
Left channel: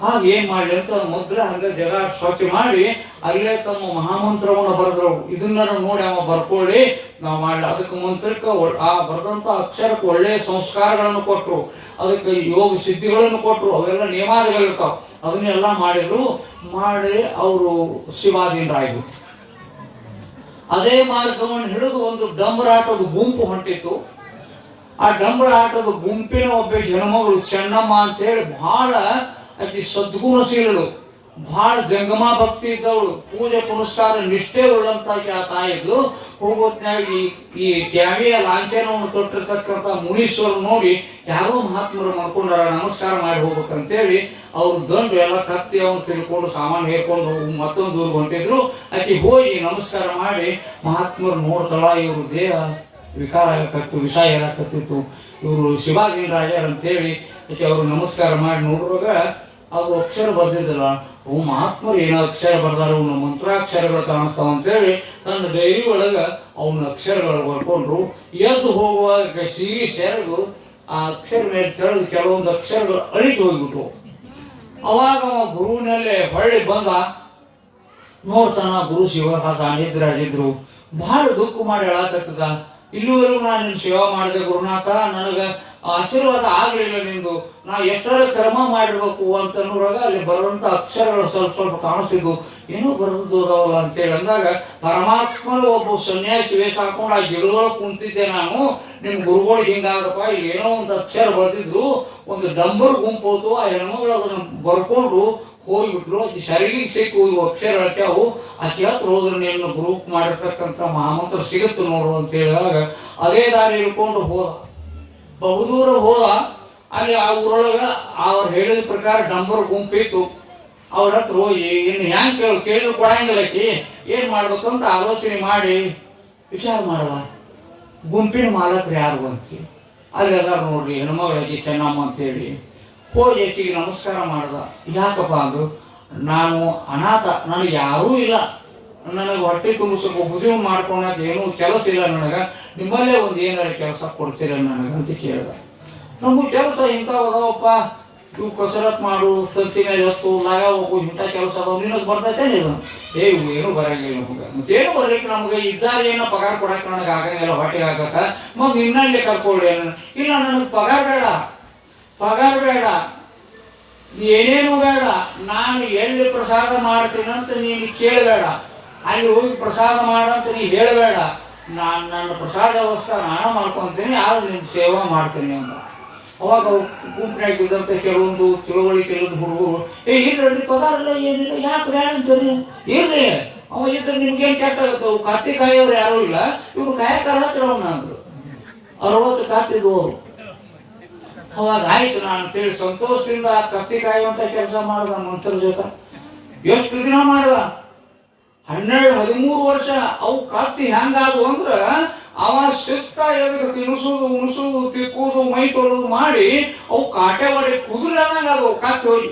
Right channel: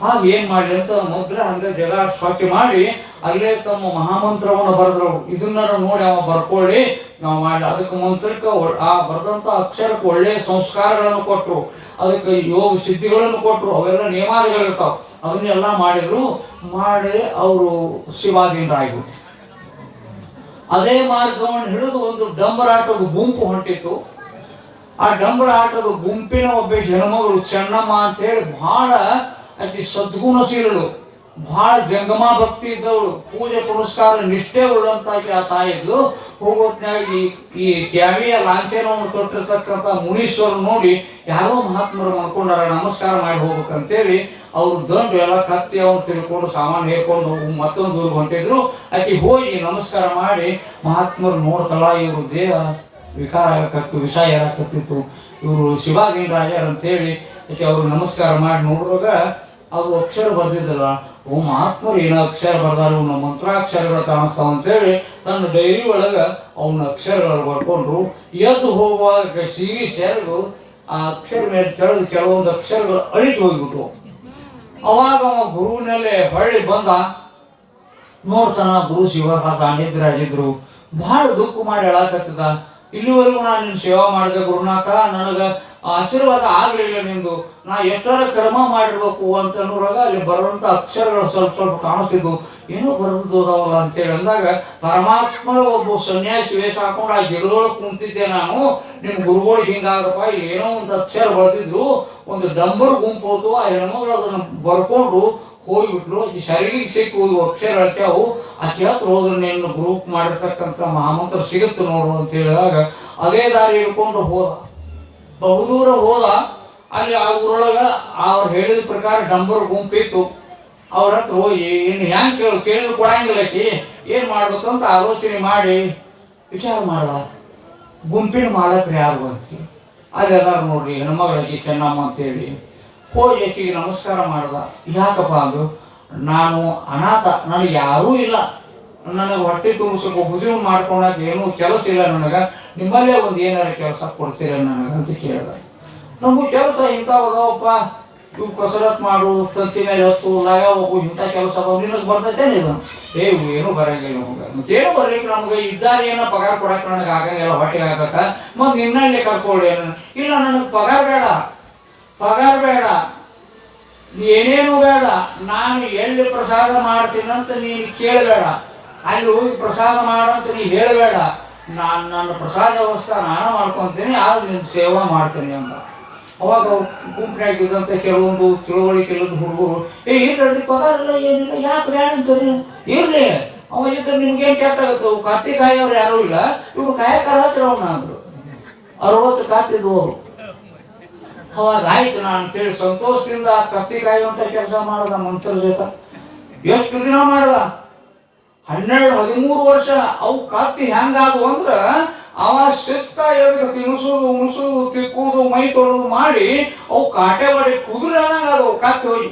ಹಾಗೆ ಏನು ಮಾಡಲಿ ಅಂತ ಮೊದಲೇ ಹಂಗೆ ಜಗ ಸ್ವಚ್ಛ ಮಾಡಿ ಅಲ್ಲೇ ತಮ್ಮ ಮಹಾಮಂತ್ರವನ್ನು ಬರೆದ್ರು. ಇದನ್ನ ನೋಡಿ ಅವ ಬರ್ಕೊಳ್ಳಿ, ನಾವು ಮಾಡಲಿ. ಅದಕ್ಕೆ ಮಂತ್ರಕ್ಕೆ ಆ ಬರೆದಂಥ ಅಕ್ಷರಕ್ಕೆ ಒಳ್ಳೆಯ ಸಂಸ್ಕಾರಗಳನ್ನು ಕೊಟ್ಟರು, ಅದಕ್ಕೆ ಯೋಗ ಸಿದ್ಧಿಗಳನ್ನು ಕೊಟ್ಟರು. ಅವೆಲ್ಲ ನಿಯಮಾದಿಗಳಿರ್ತಾವೆ, ಅದನ್ನೆಲ್ಲ ಮಾಡಿದ್ರು. ಮಾಡಿ ಅವರು ಶಿವಾಧೀನರಾಗಿಬಿಟ್ಟು ಅದೇ ಮಾರ್ಗವನ್ನು ಹಿಡಿದು ಒಂದು ಡಂಬರಾಟದ ಗುಂಪು ಹೊಂಟಿತ್ತು. ಆ ಡಂಬರಾಟದ ಗುಂಪಿನ ಒಬ್ಬ ಹೆಣ್ಮಗಳು ಚೆನ್ನಮ್ಮ ಅಂತೇಳಿ ಬಹಳ ಆಕೆ ಸದ್ಗುಣಶೀಲಳು, ಬಹಳ ಜಂಗಮ ಭಕ್ತಿ ಇದ್ದವಳು, ಪೂಜೆ ಪುರಸ್ಕಾರ ನಿಷ್ಠೆ ಉಳ್ಳಂತಾಗಿ ಆ ತಾಯಿದ್ದು. ಹೋಗೋತ್ನಾಗಿ ಈ ತ್ಯಾಗಿಯ ಲಾಂಛನವನ್ನು ತೊಟ್ಟಿರ್ತಕ್ಕಂಥ ಮುನೀಶ್ವರರು ನೋಡಿ ಯಾರೋ ಮಹಾತ್ಮರು ಮಾಡ್ಕೊಂಡಾರ, ನಮಸ್ಕಾರ ಮಾಡಿ ಹೋಗ್ಬೇಕಂತೇಳಿ ಅವ್ರು ದಂಡು ಎಲ್ಲ ಕತ್ತಿ ಅವನು ತಿಳ್ಕೊಂಡು ಸಾಮಾನು ಹೇಳ್ಕೊಂಡು ಮತ್ತೊಂದು ದೂರ ಹೊಂಟಿದ್ರು. ಆಕೆ ಹೋಗಿ ನಮಸ್ಕಾರ ಮಾಡಿ ಮಹಾತ್ಮರು ನೋಡ್ತಳ, ಇವರು ದೇಹ ವಿಕಾರ ಆಗಕತ್ತು, ವಿಷ ಏರಾಕತ್ತಿತ್ತು, ಇವರು ಶಿವಾಧೀನರಾಗ್ಯಾರ ಅಂತೇಳಿ ಆಕೆ ಅವರು ನಮಸ್ಕಾರ ಮಾಡಿ ನೋಡುವಾಗ ಅದು ಅಕ್ಷರ ಬರ್ದಿದ್ದಲ್ಲ, ಅವು ಮಹಾತ್ಮರು ಏನೋ ಅಕ್ಷರ ಬರ್ದಾರ, ಅವನ ಮಂತ್ರಾಕ್ಷರಗಳು ಕಾಣಿಸ್ತಾವ ಅಂತೇಳಿ ತನ್ನ ಡೈರಿ ಒಳಗೆ ಅವನ ಅಕ್ಷರಗಳು ಬರ್ಕೊಂಡ್ರು. ಎದ್ದು ಹೋಗುವಾಗ ಸಿಗಿ ಸೆರಗು ಆ ಅಕ್ಷರ ಮೇಲೆ ತೆಗೆದು ಕೆಲವೊಂದು ಅಕ್ಷರಗಳು ಅಳಿತು ಹೋಗ್ಬಿಟ್ಟು. ಅವಾಗ ಅವ ಗುರುವಿನಲ್ಲೇ ಹೊಳ್ಳಿ ಬಂದ. ನೋಡ್ತಾನ ಗುರು ಶಿವಹಾಸ ನಿದ್ರಾಗಿದ್ರು. ಬಹಳ ದುಃಖ ಮಾಡಿ ಹೇಳಕತ್ತಿದ್ದ, ಇಲ್ಲಿವರೆಗೂ ನಾನು ನಿನ್ನ ಸೇವಾ ಮಾಡಿದೆ ಗುರುನಾಥ, ನನಗೆ ಆಶೀರ್ವಾದ ಆಗಲಿಲ್ಲ ನಿಂದು, ನಾ ಎಷ್ಟರ ಕ್ರಮ ಮಾಡಿರ್ಬೇಕು ಅಂತ ಅನ್ನೋರಾಗ ಅಲ್ಲಿ ಬರುವಂಥ ಅಕ್ಷರಗಳು ಸ್ವಲ್ಪ ಸ್ವಲ್ಪ ಕಾಣಿಸ್ತಿದ್ವು. ಏನೋ ಬರೆದೋದವಲ್ಲ ಅಂತೇಳಿ ಅಂದಾಗ ಪರಮಾತ್ಮ ಒಬ್ಬ ಸನ್ಯಾಸಿ ವೇಷ ಹಾಕೊಂಡು ಆ ಗಿಡದೊಳಗೆ ಕುಂತಿದ್ದೆ ನಾನು, ನಿಮ್ಮ ಗುರುಗಳು ಹಿಂಗಾಗಪ್ಪ, ಇಲ್ಲಿ ಏನೋ ಒಂದು ಅಕ್ಷರ ಬರೆದಿದ್ರು, ಒಂದು ಡಂಬರ್ ಗುಂಪು ಹೋತು, ಆ ಹೆಣ್ಮಗಳು ಅದನ್ನು ಬರ್ಕೊಂಡು ಹೋಗ್ಬಿಟ್ರು. ಅದು ಸರಿಗಿಗೆ ಸಿಕ್ಕು ಅಕ್ಷರ ಹಾಕ್ಯಾವು. ಆಕೆ ಹತ್ರ ಹೋದ್ರೆ ನೀನು ಗ್ರೂಪ್ ಮಾಡಿರ್ತಕ್ಕಂಥ ಮಹಾಮಂತ್ರ ಸಿಗುತ್ತೆ ನೋಡು ಅಂತ ಹೇಳಿದಾಗ ಅದೇ ದಾರಿ ಹಿಡ್ಕೊಂಡು ಹೋದ. ಬಹುದೂರ ಹೋದ. ಅಲ್ಲಿ ಆ ಊರೊಳಗೆ ಅವ್ರು ಹೇಳಿದ ಪ್ರಕಾರ ಡಂಬರ್ ಗುಂಪಿತ್ತು. ಅವ್ರ ಹತ್ರ ಹೋಗಿ ಇನ್ನು ಹೆಂಗೆ ಕೇಳಿದ್ರು ಕೊಡಂಗಿಲ್ಲಕಿ ಏನು ಮಾಡ್ಬೇಕಂತ ಆಲೋಚನೆ ಮಾಡಿ ವಿಚಾರ ಮಾಡಲ್ಲ. ಗುಂಪಿನ ಮಾಲಕರು ಯಾರು ಅಂತ ಅಲ್ಲೆಲ್ಲಾರು ನೋಡ್ರಿ ಹೆಣ್ಮಗಳಾಕಿ ಚೆನ್ನಮ್ಮ ಅಂತೇಳಿ ಹೋಗಿ ಆಕಿಗೆ ನಮಸ್ಕಾರ ಮಾಡ್ದ. ಯಾಕಪ್ಪ ಅಂದ್ರು, ನಾನು ಅನಾಥ, ನನಗೆ ಯಾರೂ ಇಲ್ಲ, ನನಗೆ ಹೊಟ್ಟೆ ತುಂಬಿಸಬೇಕು, ಹುಜು ಮಾಡ್ಕೊಳಕ್ಕೆ ಏನೂ ಕೆಲಸ ಇಲ್ಲ ನನಗೆ, ನಿಮ್ಮಲ್ಲೇ ಒಂದು ಏನಾರ ಕೆಲಸ ಕೊಡ್ತೀರ ನನಗೆ ಅಂತ ಕೇಳ್ದ. ನಮಗೂ ಕೆಲಸ ಇಂಥವಪ್ಪ, ಇವು ಕಸರತ್ ಮಾಡೋದು, ಸಂತಿ ಮೇಲೆ ಹೊತ್ತು ಲಯ ಹೋಗು, ಇಂಥ ಕೆಲಸ ಅದಾವ, ನಿನಗೆ ಬರ್ತೈತೇನು ಇದು? ಏನೂ ಬರಂಗಿಲ್ಲ ನಮ್ಗೆ, ಮತ್ತೇನು ಬರ್ಲಿಕ್ಕೆ ನಮ್ಗೆ ಇದ್ದಾರೆ, ಏನೋ ಪಗಾರ ಕೊಡಕ್ಕೆ ನನಗೆ ಆಗಂಗಿಲ್ಲ, ಹೊಟ್ಟೆಗೆ ಆಗಕ್ಕ, ಮತ್ತು ಇನ್ನಲ್ಲೇ ಕರ್ಕೊಳ್ಳಿ. ಇಲ್ಲ ನನಗೆ ಪಗಾರ ಬೇಡ, ಏನೇನು ಬೇಡ, ನಾನು ಎಲ್ಲಿ ಪ್ರಸಾದ ಮಾಡ್ತೀನಂತ ನೀನು ಕೇಳಬೇಡ, ಅಲ್ಲಿ ಹೋಗಿ ಪ್ರಸಾದ ಮಾಡಂತ ನೀ ಹೇಳಬೇಡ, ನಾನು ನನ್ನ ಪ್ರಸಾದ ವ್ಯವಸ್ಥೆ ನಾನು ಮಾಡ್ಕೊತೀನಿ, ಆದ್ರೆ ನಿನ್ನ ಸೇವಾ ಮಾಡ್ತೀನಿ ಅಂತ. ಅವಾಗ ಗುಂಪಿನಾಗಿದ್ದಂತೆ ಕೆಲವೊಂದು ಹುಡುಗರು ಇರ್ರಿ ಪಗಾರ ಇಲ್ಲ ಏನಿಲ್ಲ, ಯಾಕೆ ಬೇಡ ಅಂತೀರಿ, ಇರ್ಲಿ ಅವ ಇದ್ರೆ ನಿಮ್ಗೇನು ಕೆಟ್ಟಾಗತ್ತೆ, ಕತ್ತಿ ಕಾಯೋರು ಯಾರೂ ಇಲ್ಲ, ಇವ್ರು ಕಾಯಕಾರ ಹತ್ತಿರ ಅವನ್ನ ಅಂದರು. 60 ಕಾತಿದ್ವು ಅವರು. ಅವಾಗ ಆಯ್ತು ನಾನು ಅಂತೇಳಿ ಸಂತೋಷದಿಂದ ಕತ್ತಿ ಕಾಯುವಂಥ ಕೆಲಸ ಮಾಡ್ದ ಮಂತ್ರ ಜೊತೆ. ಎಷ್ಟು ದಿನ ಮಾಡ್ದ? 12-13 ವರ್ಷ. ಅವು ಕತ್ತಿ ಹೆಂಗಾದವು ಅಂದ್ರೆ ಅವ ಶಿಸ್ತ ಎದಕ್ಕೆ ತಿನ್ನಿಸೋದು, ಉಣಿಸೋದು, ತಿಕ್ಕುವುದು, ಮೈ ತೊಡೋದು ಮಾಡಿ ಅವು ಕಾಟೆ ಮಾಡಿ ಕುದುರೆ ಅನ್ನಂಗೆ ಅದು ಕತ್ತಿ ಹೋಗಿ.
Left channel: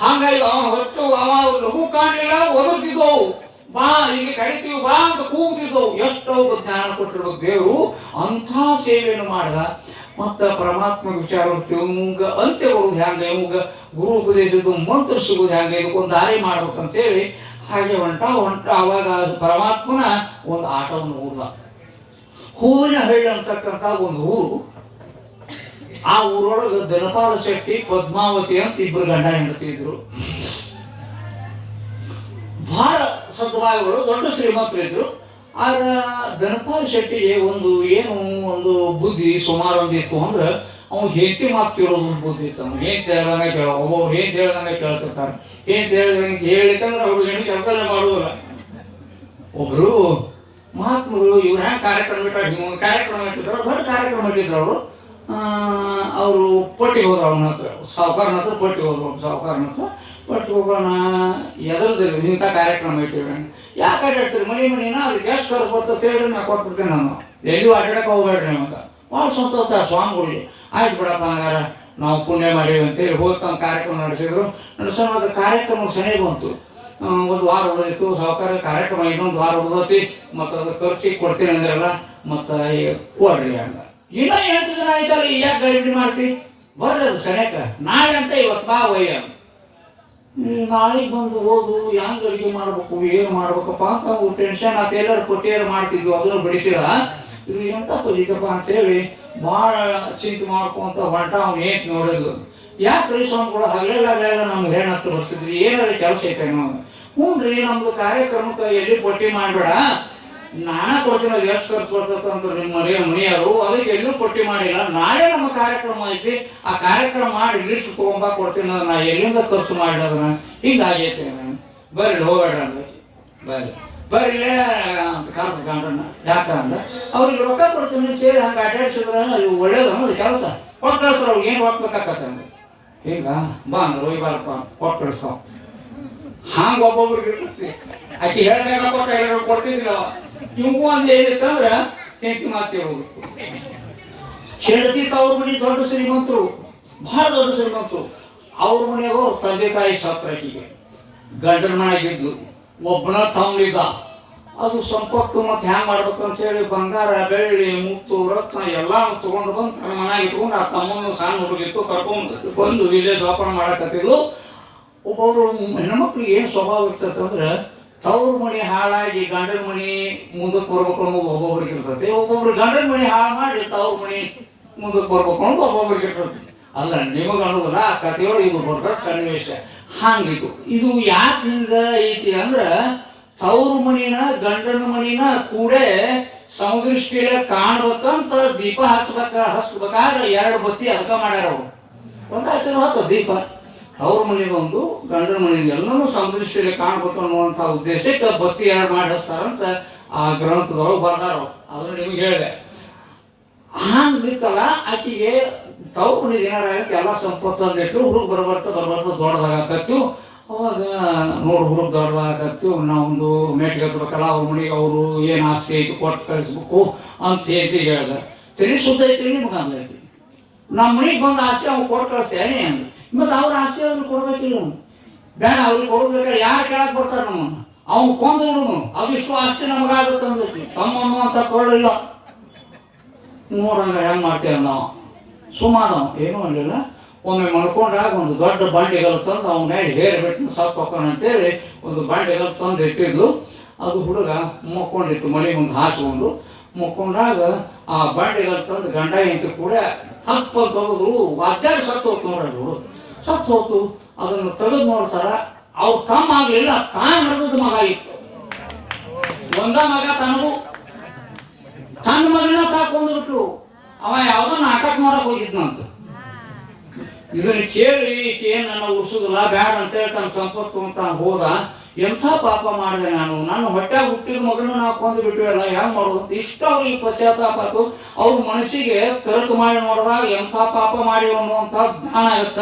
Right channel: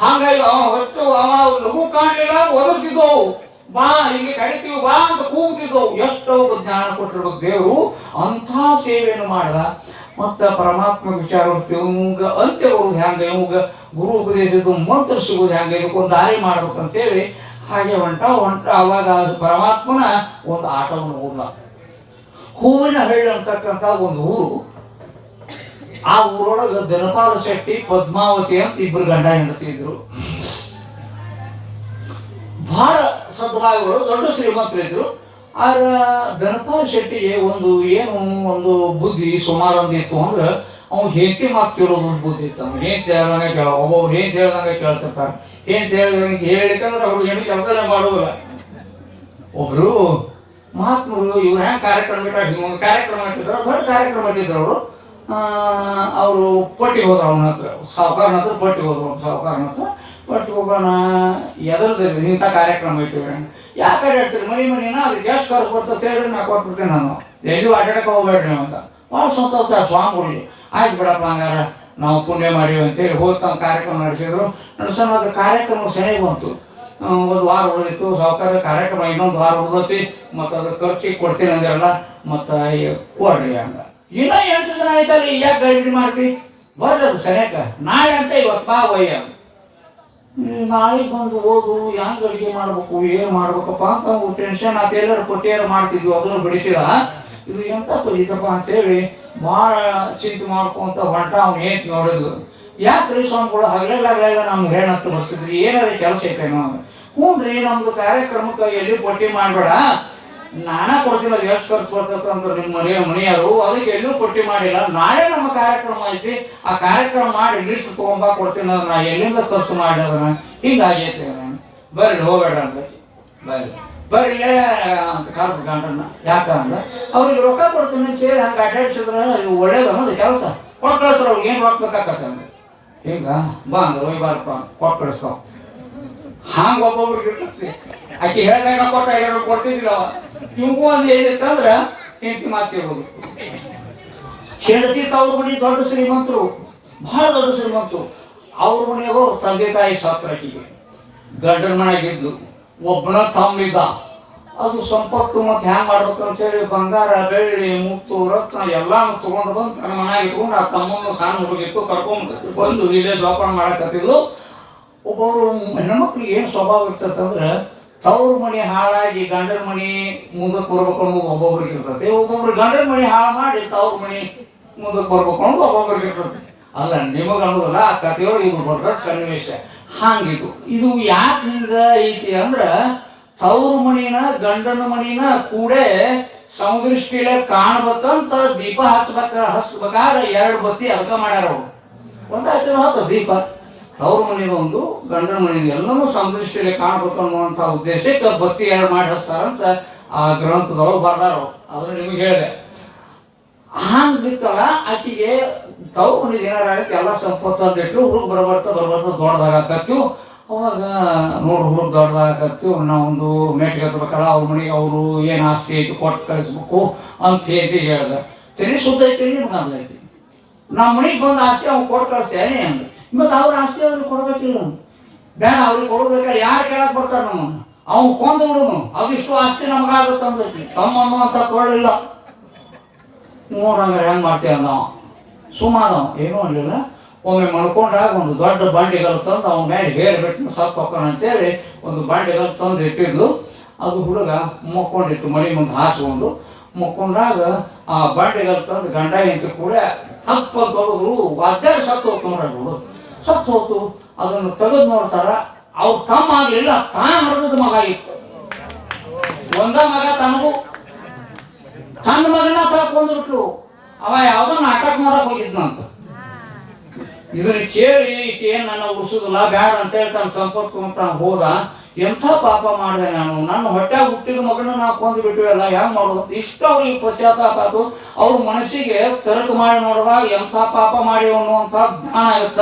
ಹಾಗಾಗಿ ಅವ ಹೊತ್ತು ಅವ ಲಘು ಕಾಣಲಿಲ್ಲ, ಒದರ್ತಿದ್ದವು, ಬಾ ಇಲ್ಲಿ ಕರಿತೀವಿ ಬಾ ಅಂತ ಕೂಗ್ತಿದ್ದವು. ಎಷ್ಟೋ ಜ್ಞಾನ ಕೊಟ್ಟಿರ್ಬೇಕು ದೇವರು, ಅಂಥ ಸೇವೆಯನ್ನು ಮಾಡ್ದ. ಮತ್ತು ಪರಮಾತ್ಮ ವಿಚಾರ ಇವಂಗ ಅಂತ್ಯ ಬರುವುದು ಹೆಂಗೆ, ಇವಾಗ ಗುರು ಉಪದೇಶದ್ದು ಮಂತ್ರ ಸಿಗೋದು ಹೆಂಗೆ, ಇದಕ್ಕೊಂದು ದಾರಿ ಮಾಡ್ಬೇಕಂತೇಳಿ ಹಾಗೆ ಹೊಂಟ ಅವಾಗ ಪರಮಾತ್ಮನ ಒಂದು ಆಟವನ್ನು ಊರ್ಲ. ಹೂವಿನ ಹಳ್ಳಿ ಅಂತಕ್ಕಂಥ ಒಂದು ಊರು. ಆ ಊರೊಳಗೆ ಧನಪಾಲ ಶೆಟ್ಟಿ, ಪದ್ಮಾವತಿ ಅಂತ ಇಬ್ಬರು ಗಂಡ ಹೆಂಡತಿ ಇದ್ರು. ಬಹಳ ಸದ್ಭಾವಗಳು, ದೊಡ್ಡ ಶ್ರೀಮಂತರಿದ್ರು. ಆದ್ರೆ ಧನಪಾಲ ಶೆಟ್ಟಿಗೆ ಒಂದು ಬುದ್ಧಿ ಸುಮಾರು ಒಂದಿತ್ತು ಅಂದ್ರೆ, ಅವ್ನು ಹೆಂಡತಿ ಮಾತು ಕೇಳೋದು ಒಂದು ಬುದ್ಧಿ ಇತ್ತು. ಅವ್ನು ಹೆಂಡತಿ ಹೇಳ್ದಂಗೆ ಕೇಳೋ, ಒಬ್ಬೊಬ್ರು ಹೆಂಡತಿ ಹೇಳ್ದಂಗೆ ಕೇಳ್ತಿರ್ತಾರೆ. ಹೆಂಡತಿ ಹೇಳಿಕಂದ್ರೆ ಅವ್ರು ಹೆಂಡತಿ ಕೆಲಸ ಮಾಡೋದಿಲ್ಲ. ಒಬ್ರು ಮಹಾತ್ಮರು ಇವ್ರು ಹೆಂಗೆ ಕಾರ್ಯಕ್ರಮ ಮಾಡ್ತಿದ್ರು, ದೊಡ್ಡ ಕಾರ್ಯಕ್ರಮ ಇಟ್ಟಿದ್ರು ಅವರು. ಅವರು ಪಟ್ಟಿಗೆ ಹೋದ್ರು, ಅವನ ಹತ್ರ ಸಾಹುಕಾರನ ಹತ್ರ ಪಟ್ಟಿಗೆ ಹೋದ್ರು. ಪಟ್ಟಿಗೆ ಹೋಗೋಣ ಎದರ್ದಿಲ್ಲ, ಇಂಥ ಕಾರ್ಯಕ್ರಮ ಇಟ್ಟಿವ್ರಿ, ಯಾಕೆ ಹೇಳ್ತೀರಿ ಮಣಿನ ಅದಕ್ಕೆ ಎಷ್ಟು ಖರ್ಚು ಬರ್ತದೆ ಹೇಳಿ ನಾ ಕೊಟ್ಬಿಡ್ತೇನೆ, ನಾನು ಎಲ್ಲಿಯೂ ಅಡ್ಡಾಡಕ್ಕೆ ಹೋಗ್ಬೇಡ್ರಿ ಅಂತ. ಭಾಳ ಸಂತೋಷ ಸ್ವಾಮಿಗಳಿಗೆ. ಆಯ್ತು ಬಿಡಪ್ಪ, ಹಂಗಾರ ನಾವು ಪುಣ್ಯ ಮಾಡೀವಿ ಅಂತೇಳಿ ಹೋಗಿ ತಮ್ಮ ಕಾರ್ಯಕ್ರಮ ನಡೆಸಿದ್ರು. ನಡೆಸೋಣ ಅದು ಕಾರ್ಯಕ್ರಮ ಸರಿ ಬಂತು. ಒಂದು ವಾರ ಉಳಿದಿತ್ತು. ಸಾಹುಕಾರ ಕಾರ್ಯಕ್ರಮ ಇನ್ನೊಂದು ವಾರ ಉಳಿದತಿ, ಮತ್ತು ಅದ್ರ ಖರ್ಚಿಗೆ ಕೊಡ್ತೀನಿ ಅಂದಿರಲ್ಲ, ಮತ್ತು ಕೊಡ್ರಿ ಹಂಗ. ಇನ್ನೂ 8 ದಿನ ಆಯ್ತಲ್ಲ, ಯಾಕೆ ಗಡಿಬಿಡಿ ಮಾಡ್ತಿ, ಬರ್ರಿ ಅದು ಸರಿಯಾಕ, ನಾಳೆ ಅಂತ ಇವತ್ತು ಬಾ ವಯ್ಯ. ನಾಳೆಗೆ ಬಂದು ಹೋದು ಹೆಂಗೆ ಅಡುಗೆ ಮಾಡ್ಬೇಕು, ಏನು ಮಾಡ್ಬೇಕಪ್ಪ ಅಂತ ಟೆನ್ಷನ್ ಆತ. ಎಲ್ಲರೂ ಕೊಟ್ಟಿಯಾರು ಮಾಡ್ತಿದ್ವಿ, ಅದನ್ನು ಬಿಡಿಸಿದ. ಇದು ಎಂತ ಪಜಿತಪ್ಪ ಅಂತೇಳಿ ಭಾಳ ಚಿಂತೆ ಮಾಡ್ಕೊಂತ ಹೊಂಟ. ಅವ್ನು ಏನ್ ನೋಡಿದ್ಲು, ಯಾಕ್ರಿ ಸ್ವಾಮಿಗಳು ಹಗಲೆಲ್ಲ ನಮ್ಗೆ ಹೇಳಂತ ಬರ್ತಿದ್ರಿ, ಏನಾರ ಕೆಲಸ ಐತೇನೋ? ಹ್ಞೂ ರೀ, ನಮ್ದು ಕಾರ್ಯಕ್ರಮಕ್ಕೆ ಎಲ್ಲಿ ಪಟ್ಟಿ ಮಾಡಬೇಡ, ನಾನೇ ಕೊಡ್ತೀನಿ, ಅದು ಎಷ್ಟು ಖರ್ಚು ಬರ್ತದೆ ಅಂತ ನಿಮ್ಮ ಮನೆಯವರು, ಅದಕ್ಕೆ ಎಲ್ಲೂ ಪಟ್ಟಿ ಮಾಡಿಲ್ಲ. ನಾಳೆ ನಮ್ಮ ಕಾರ್ಯಕ್ರಮ ಐತಿ, ಆ ಕಾರ್ಯಕ್ರಮ ಮಾಡಿ ಲಿಸ್ಟ್ ತೊಗೊಂಬ ಕೊಡ್ತೀನಿ, ನಾ ಎಲ್ಲಿಂದ ಖರ್ಚು ಮಾಡಿದವನ ಹಿಂಗಾಗೈತಿ. ಬರ್ರಿ ಹೋಗಬೇಡ ಅಂದ್ರೆ ಬರ್ರಿಲ್ಲೇ ಅಂತ ಕಾಲ್ದ ಗಂಡನ್ನ. ಯಾಕಂದ್ರೆ ಅವ್ರಿಗೆ ರೊಕ್ಕ ಕೊಡ್ತೀನಿ ಸೇರಿ ಹಂಗೆ ಅಡ್ಡಾಡಿಸಿದ್ರೆ ಇವು ಒಳ್ಳೇದು ಅನ್ನೋದು ಕೆಲಸ. ಕೊಟ್ಟು ಕಳಿಸ್ರು, ಅವ್ರಿಗೆ ಏನು ರೊಕ್ಕ ಬೇಕಾಕತ್ತಂದ್ರೆ ಹಿಂಗ ಬಾ ಅಂದ್ರೆ ಹೋಗಿ ಬಾರಪ್ಪ ಕೊಟ್ಟು ಕಳಿಸ್ತಾವ. ಹಂಗೆ ಒಬ್ಬೊಬ್ರಿಗೆ ಇರ್ತೈತಿ. ಆಕೆ ಹೇಳಿದಾಗ ಕೊಟ್ಟಿದ್ದಿಲ್ಲ. ಇವು ಒಂದು ಏನಿತ್ತಂದ್ರೆ ಹೆಂಡತಿ ಮಾತಿರೋದು. ಹೆಂಡತಿ ತವ್ರ ಮನೆ ದೊಡ್ಡ ಶ್ರೀಮಂತರು, ಬಹಳ ದೊಡ್ಡ ಶ್ರೀಮಂತರು. ಅವ್ರ ಮನೆಯವರು ಅವ್ರ ತಂದೆ ತಾಯಿ ಸಾತ್ರಾಕಿಗೆ ಗಂಡನ ಮನೆಯಾಗಿದ್ದು, ಒಬ್ಬನ ತಮ್ಮಿದ್ದ. ಅದು ಸಂಪತ್ತು ಮತ್ತು ಹ್ಯಾಂಗೆ ಮಾಡ್ಬೇಕು ಅಂತೇಳಿ ಬಂಗಾರ, ಬೆಳ್ಳಿ, ಮುತ್ತು, ರತ್ನ ಎಲ್ಲ ತೊಗೊಂಡು ಬಂದು ತನ್ನ ಮನೆಯಾಗ ಇಟ್ಕೊಂಡು, ಆ ತಮ್ಮನ್ನು ಸಣ್ಣ ಹುಡುಗಿತ್ತು ಕರ್ಕೊಂಡು ಬಂದು ಇಲ್ಲೇ ಜೋಪಾನ ಮಾಡಕತ್ತಿದ್ಲು. ಒಬ್ಬೊಬ್ರು ಹೆಣ್ಮಕ್ಳಿಗೆ ಏನು ಸ್ವಭಾವ ಇರ್ತೈತಂದ್ರೆ, ತವ್ರ ಮನೆ ಹಾಳಾಗಿ ಗಂಡನ ಮನೆ ಮುಂದಕ್ಕೆ ಬರ್ಬೇಕು ಅನ್ನೋದು ಒಬ್ಬೊಬ್ರಿಗೆ ಇರ್ತೈತಿ. ಒಬ್ಬೊಬ್ರು ಗಂಡನ ಮನೆ ಹಾಳು ಮಾಡಿ ತವ್ರ ಮನೆ ಮುಂದಕ್ಕೆ ಬರ್ಬೇಕು ಅನ್ನೋದು ಒಬ್ಬೊಬ್ರಿಗೆ ಇರ್ತೈತಿ. ಅಲ್ಲ ನಿಮಗೆ ಅನ್ನೋದಲ್ಲ, ಆ ಕಥೆಯೊಳಗೆ ಇದು ಬರ್ತದೆ ಸನ್ನಿವೇಶ. ಹಂಗಿತ್ತು. ಇದು ಯಾಕೆ ಹಿಂಗೆ ಐತಿ ಅಂದ್ರೆ, ತವ್ರ ಮನಿನ ಗಂಡನ ಮನಿನ ಕೂಡೇ ಸಮದೃಷ್ಟಿಲೆ ಕಾಣ್ಬೇಕಂತ ದೀಪ ಹಚ್ಬೇಕಾದ್ರೆ 2 ಬತ್ತಿ ಅರ್ಕ ಮಾಡ್ಯಾರ ಅವರು. ಒಂದಾಯ್ತು ದೀಪ, ಅವ್ರ ಮನೆಯದೊಂದು ಗಂಡನ ಮನೆಯಿಂದ ಎಲ್ಲನೂ ಸಮದೃಷ್ಟಿಲೆ ಕಾಣ್ಬೇಕು ಅನ್ನುವಂಥ ಉದ್ದೇಶಕ್ಕೆ ಬತ್ತಿ 2 ಮಾಡಿ ಹಚ್ತಾರಂತ ಆ ಗ್ರಂಥದೊಳಗೆ ಬರ್ದಾರ. ಅದನ್ನು ನಿಮಗೆ ಹೇಳಿದೆ. ಹಂಗಿತ್ತಲ್ಲ ಆಕಿಗೆ ತವ್ರು ಏನಾರಾಗಕ್ಕೆ ಎಲ್ಲ ಸಂಪತ್ತು ಅಂದಿಟ್ಟು ಹುಡುಗ ಬರ್ಬರ್ತ ದೊಡ್ಡದಾಗತ್ತು. ಅವಾಗ ನೋಡು ಹುಡುಗ ದೊಡ್ಡದಾಗತ್ತು, ನಾವೊಂದು ಮೇಟಿಗೆ ಹತ್ಬೇಕಲ್ಲ, ಅವ್ರ ಮನೆಗೆ ಅವರು ಏನು ಆಸ್ತಿ ಐತಿ ಕೊಟ್ಟು ಕಳಿಸ್ಬೇಕು ಅಂತ ಹೇಳ್ದೆ. ತಲೆ ಸುದ್ದ ಐತಿ ನಿಮ್ಗೆ ಅಂದೈತಿ. ನಮ್ಮ ಮನೆಗೆ ಬಂದು ಆಸ್ತಿ ಅವ್ನು ಕೊಟ್ಟು ಕಳಿಸ್ತೇನೆ ಅಂದ. ಮತ್ತು ಅವ್ರ ಆಸ್ತಿ ಅವ್ರಿಗೆ ಕೊಡ್ಬೇಕಿಲ್ಲ, ಬೇಡ ಅವ್ರಿಗೆ ಕೊಡ್ಬೇಕಾದ್ರೆ ಯಾರು ಕೇಳಕ್ಕೆ ಬರ್ತಾರೆ ನಮ್ಮನ್ನು, ಅವ್ನು ಕೊಂದು ಬಿಡುನು, ಅದಿಷ್ಟು ಆಸ್ತಿ ನಮಗಾಗುತ್ತೆ ಅಂದೈತಿ. ತಮ್ಮನ್ನು ಅಂತ ಕೊಳ್ಳಿಲ್ಲ. ನೋಡಂಗಾರೆ ಹೆಂಗೆ ಮಾಡ್ತೀವಿ ನಾವು ಸುಮಾರು ಏನೂ ಅನ್ನಲಿಲ್ಲ. ಒಮ್ಮೆ ಮಲ್ಕೊಂಡಾಗ ಒಂದು ದೊಡ್ಡ ಬಂಡಿಗಲ್ ತಂದು ಅವನ ಮೇಲೆ ಹೇರ್ ಬಿಟ್ಟು ಸತ್ತು ಹೋಗೋಣ ಅಂತೇಳಿ ಒಂದು ಬಂಡಿಗಲ್ ತಂದು ಇಟ್ಟಿದ್ಲು. ಅದು ಹುಡುಗ ಮಕ್ಕೊಂಡಿತ್ತು, ಮಡಿ ಮುಂದೆ ಹಾಸ್ಕೊಂಡು ಮಕ್ಕೊಂಡಾಗ ಆ ಬಂಡಿಗಲ್ ತಂದು ಗಂಡ ಹೆಂಡತಿ ಕೂಡ ತಪ್ಪು ಅಂತ ಹೋದ್ರು, ಅಜ್ಜಾಗ ಸತ್ತು ಹೋಗ್ತು ನೋಡ್ರಿ. ಸತ್ತು ಹೋಗ್ತು. ಅದನ್ನು ತೆಗೆದು ನೋಡ್ತಾರ, ಅವ್ರು ತಮ್ಮ ಆಗಲಿಲ್ಲ, ತಾನು ಹರಿದ ಮಗ ಇತ್ತು. ಒಂದ ಮಗ ತನಗೂ ತನ್ನ ಮಗನ ತಾಕೊಂಡ್ಬಿಟ್ರು. ಅವ ಯಾವುದೋ ನಾಟಕ ಮಾಡಕ್ ಹೋಗಿದ್ನಂತ. ಇದನ್ನ ಕೇಳಿ ನನ್ನ ಉಳಿಸೋದಿಲ್ಲ ಬ್ಯಾಡ ಅಂತೇಳಿ ತನ್ನ ಸಂಪತ್ತು ಅಂತ ಹೋದ. ಎಂಥ ಪಾಪ ಮಾಡಿದೆ ನಾನು, ನನ್ನ ಹೊಟ್ಟೆ ಹುಟ್ಟಿದ ಮಗನ ನಾವು ಕೊಂದು ಬಿಟ್ಟಿವಲ್ಲ, ಹೆಂಗೆ ಮಾಡೋದು ಇಷ್ಟ ಅವ್ರಿಗೆ ಪಶ್ಚಾತ್ತಾಪ ಆಯ್ತು. ಅವ್ರ ಮನಸ್ಸಿಗೆ ತರಕು ಮಾಡಿ ನೋಡಿದಾಗ ಎಂಥ ಪಾಪ ಮಾಡಿ ಅನ್ನುವಂಥ ಜ್ಞಾನ ಆಗುತ್ತ.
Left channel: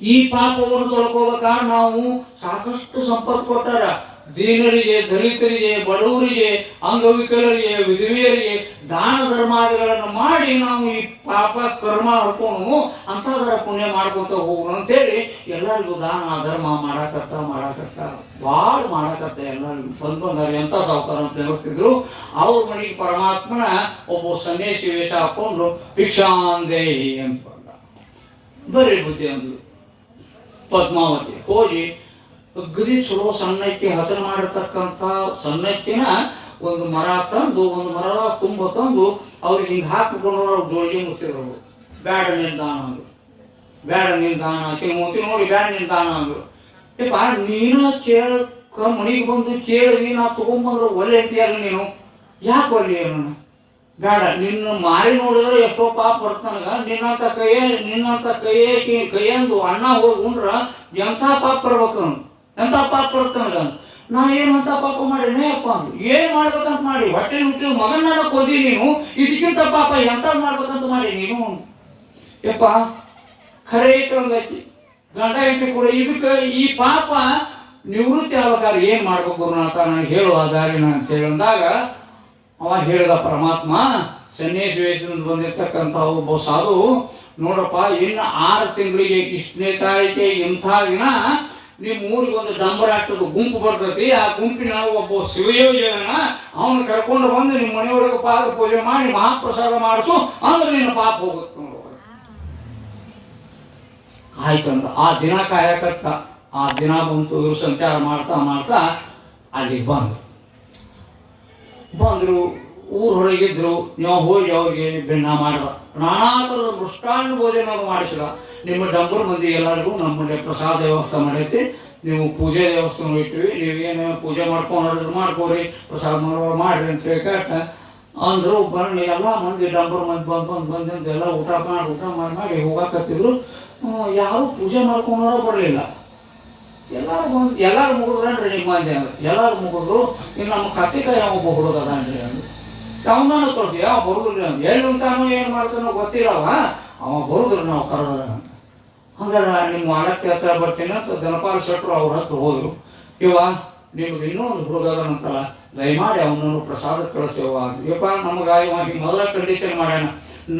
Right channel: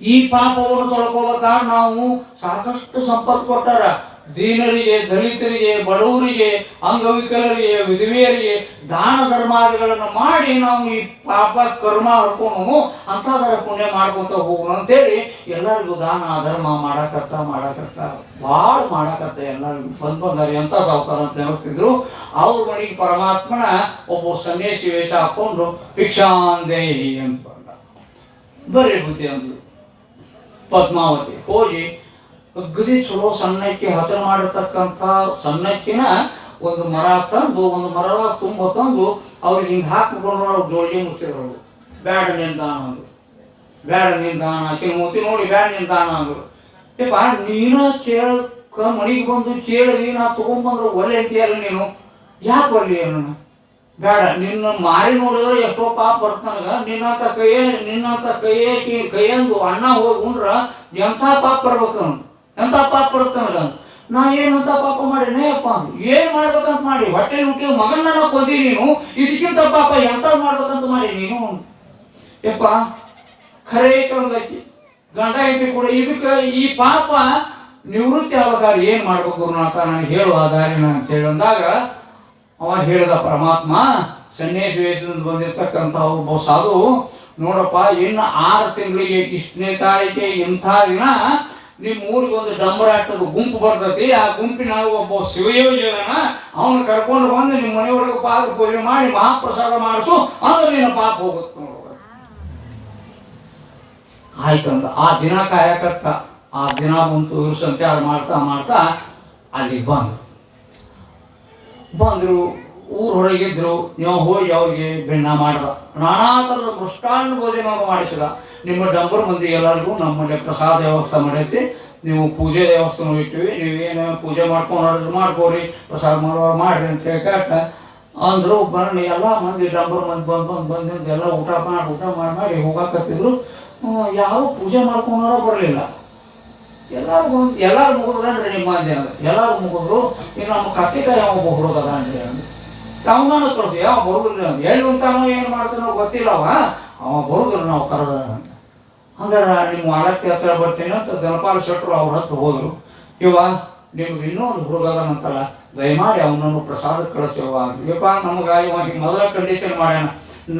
ಈ ಪಾಪವನ್ನು ತೊಳ್ಕೋಬೇಕಾದ್ರೆ ನಾವು ಸಾಕಷ್ಟು ಸಂಪತ್ತು ಕೊಟ್ಟಾರ. ದೀನರಿಗೆ, ದಲಿತರಿಗೆ, ಬಡವರಿಗೆ, ಅಂಗವಿಕಲರಿಗೆ, ವಿಧವೆಯರಿಗೆ ದಾನ ಧರ್ಮಾದಿಗಳನ್ನು ಮಾಡಿ ನಾವು ಈ ಪಾಪ ಕರ್ಮ ಹಡ್ಕೊಂಡು ಅಂಥದರ ಪುಣ್ಯ ಮಾಡ್ಕೊತ ಹೋಗೋಣ ಅಂತೇಳಿ ಎಲ್ಲರಿಗೂ ದಾನ ಧರ್ಮ ಮಾಡಾಕತ್ತ ಭಾಳ ಮಾಡಾಕತ್ತ. ಎಲ್ಲರಿಗೂ ಬಂದಾರ ಎಂಥ ಸಾವುಕಾರ ಅಂತ ನೆನೆಸ್ತಿದ್ರು. ಅವ್ರ ಮನೆಗೆ ಪರಮಾತ್ಮನ ಒಬ್ಬ ಸನ್ಯಾಸಿ ವೇಷ ಹಾಕೊಂಡು ಭಿಕ್ಷಾಂದೇಹಿ ಅಂತ ಬರೀ ಬುದ್ಧಿ ಅಂದ್ಲು. ಪದ್ಮಾವತಿ ಹೋಗಿ ಅಗ್ದಿ ಚಲೋ ಸಣ್ಣಕ್ಕಿ ಹಸರು ಮಾಡಿರ್ತಕ್ಕಂಥ ಸಣ್ಣಕ್ಕಿನ ಒಂದು ಮರ ತಂದು, ಒಂದು ಮರದ ತುಂಬ ತಂದು ಅವ್ರಿಗೆ ಹಿಂಗೆ ಹಾಕಿಕೊಂಡು ಅವ್ರು ಜೋಳಿಗೆ ಮುಚ್ಚಿದ್ರು. ಬ್ಯಾಡ ನಿಲ್ದಾಣ ಅಂದ್ರು. ಬ್ಯಾಡ ನಿಲ್ದಾಣ ಆಕೆ ಮೂತಿ ನೋಡಿ ಬ್ಯಾಡ ನಿಲ್ದಾಣ ಅಂದ್ರು. ಯಪ್ಪ ನೀನ ಕೇಳಕ್ಕ ಮನೆಗೆ ಬಂದು ಕೇಳಿ ನಾ ತೊಗೊಂಡ್ಬಂದ್ರೆ ಒಲೆ ಅಂತೀಯಲ್ಲ ನೀನು, ಯಾಕೆ ಒಲೆ ನಾನು ಬೇಡ. ನಿನ್ನ ಮಾರಿ ನೋಡಿದ್ರೆ ಎಷ್ಟೋ ಪಾಪ ಬರ್ತಾನಗ. ನಿನ್ನಂತ ಕೈಯಂದು ಅಣ್ಣ ಹೋಗಿ ಉಂಡ್ರ ಎಂಥ ಪಾಪ ಬರ್ಬೇಕು, ಎಂಥ ಪಾಪ ಬರ್ತನಗ. ನಾ ಏನಂತ ಪಾಪ ಮಾಡೀನಿ ಅಪ್ಪ ಅಂದು. ಏನ್ ಮಾಡ್ಬೇಕಂತ ಮಾಡಿ ಹೊಟ್ಟೆ ಹುಟ್ಟಿ ಮಗನ ಕೊಂದಿ ನೀನು, ಇದಕ್ಕಿಂತ ಪಾಪ ಎಂತ ಮಾಡ್ಬೇಕಂತ ಮಾಡಿ ನೀನು. ಯಪ್ಪ ಖರೆ ಐತಿ ಗಂಡ ಐತಿ ಕೂಡ. ಇದಕ್ಕೆ ಈ ಪಾಪ ನಿವೃತ್ತಿ ಆಗಾರ ಏನ್ ಮಾಡ್ಬೇಕು ಗುರುನಾಥ ನನಗೆ ಹೇಳುವ ದಾರಿನ ಅಂತ ಹೇಳಿ ಅಂದಾಗ ಅವ ಹೇಳಿದ ಪರಮಾತ್ಮ, ಸನ್ಯಾಸಿ ವೇಷದಿಂದ ಬಂದಿರ್ತಕ್ಕಂಥ ಒಬ್ಬ ಸಾಧು, ನೋಡಪ್ಪ ಇನ್ನು 6 ತಿಂಗಳಿಗೆ ಇಷ್ಟನೇ ತಾರೀಕೆ ಇಂಥ ದಿನ ನಿಮ್ಮ ಊರಿಗೆ ಒಂದು ಡಂಬರಾಟದ ಗುಂಪು ಬರ್ತೈತಿ. ಆ ಗುಂಪಿನಾಗ ಒಬ್ಬ ಶಿವಯೋಗಿನ ಅವನು ಕರ್ಕೊಂಡು ಬಂದು ನಿಮ್ಮ ಮನೆಯೊಳಗೆ ಪಾದ ಪೂಜೆ ಮಾಡಿ ಮಹಾಪ್ರಸಾದ ಮಾಡಿಸು, ಅಂದ್ರೆ ನಿನ್ನ ಪಾಪ ಹೋಗುತ್ತೆ ನೋಡುವ. ಆಯ್ತಂತ ಆ ದಿನ ಕಾಯಕತ್ತ. ಆ ದಿನ ಬಂತು. ಇವರು ಸಂಚಾರ ಮಾಡ್ತಾ ಅಲ್ಲಿಗೆ ಬಂದರು. ಊರು ಹೊರಗಿದ್ರು. ನೀವು ಹೋಗಿ ಅವ್ರಿಗೆ ಭಿನ್ನ ಮಾಡ್ದ. ನಾನಾ ಥರದ ಮೃಷ್ಟಾನ್ನ ಭೋಜನವನ್ನು ಮಾಡಿಸಿದ. ನಿಮ್ಮ ಡಂಬರ್ ಮಂದಿ ಎಲ್ಲರಿಗೂ ನಮ್ಮಲ್ಲಿ ಪ್ರಸಾದ ವ್ಯವಸ್ಥೆ ಮಾಡೈತಿ, ನೀವು ಪೂಜೆ ವ್ಯವಸ್ಥೆ ಇಟ್ಟಿವಿ, ನೀವೇನು ಪೂಜೆ ಮಾಡ್ಕೊಡ್ರಿ, ಪ್ರಸಾದ ಮಾಡೋರು ಮಾಡ್ರಿ ಅಂತ ಹೇಳಿ ಅಂದರು. ಬನ್ನಿ ಎಲ್ಲ ಮಂದಿ ಡಂಬರ್ ಮಂದಿ ಬಂದು ಎಲ್ಲ ಊಟ ಮಾಡಿ ಹೋಗಾಕತ್ತಿದ್ರು. ಯಾರು ಪೂಜೆ ಮಾಡ್ಕೊಂಡಾರೋ ಬರಲಿಲ್ಲ. ಎಲ್ಲರೂ ಮುಗಿದ್ರನ್ರಿ ನಿಮ್ಮ ಮಂದಿ ಅಂದ್ರೆ. ಎಲ್ಲರೂ ಮುಗಿದ್ರು. ಇನ್ನು ನಮ್ಮ ಕತ್ತಿಕಾಯಿ ಒಬ್ಬ ಹುಡುಗ ಅದಾನ್ರಿ ಅಂದ್ರು. ಅವನಾನು ಕಳಿಸಿ ಯಾವ ಬರುದಿಲ್ಲ, ಎಲ್ಲಿ ಉಂಟಾನೋ ಏನು ಮಾಡ್ತಾನೋ ಗೊತ್ತಿಲ್ಲ. ಅವ ಬರುದಿಲ್ಲ ನಾವು ಕರೆದ. ಹಂಗಾರ ನಿಮ್ಮ ಆಲಕ್ಕೆ ಹತ್ರ ಬರ್ತೀನಿ ಅಂತ ಗಣಪಾಲ ಶೆಟ್ಟರು ಅವ್ರ ಹತ್ರ ಹೋದ್ರು. ಇವ ನಿಮ್ಗೆ ಇನ್ನೂ ಒಂದು ಹುಡುಗ ಅದಾನಂತಲ್ಲ, ದಯಮಾಡಿ ಅವನನ್ನು ಪ್ರಸಾದ ಕಳಿಸ್ಯವ ಅಂತ. ಯಪ್ಪ ನಮ್ಗೆ ಇವಾಗ ಮೊದಲ ಕಂಡೀಷನ್ ಮಾಡ್ಯಾನ,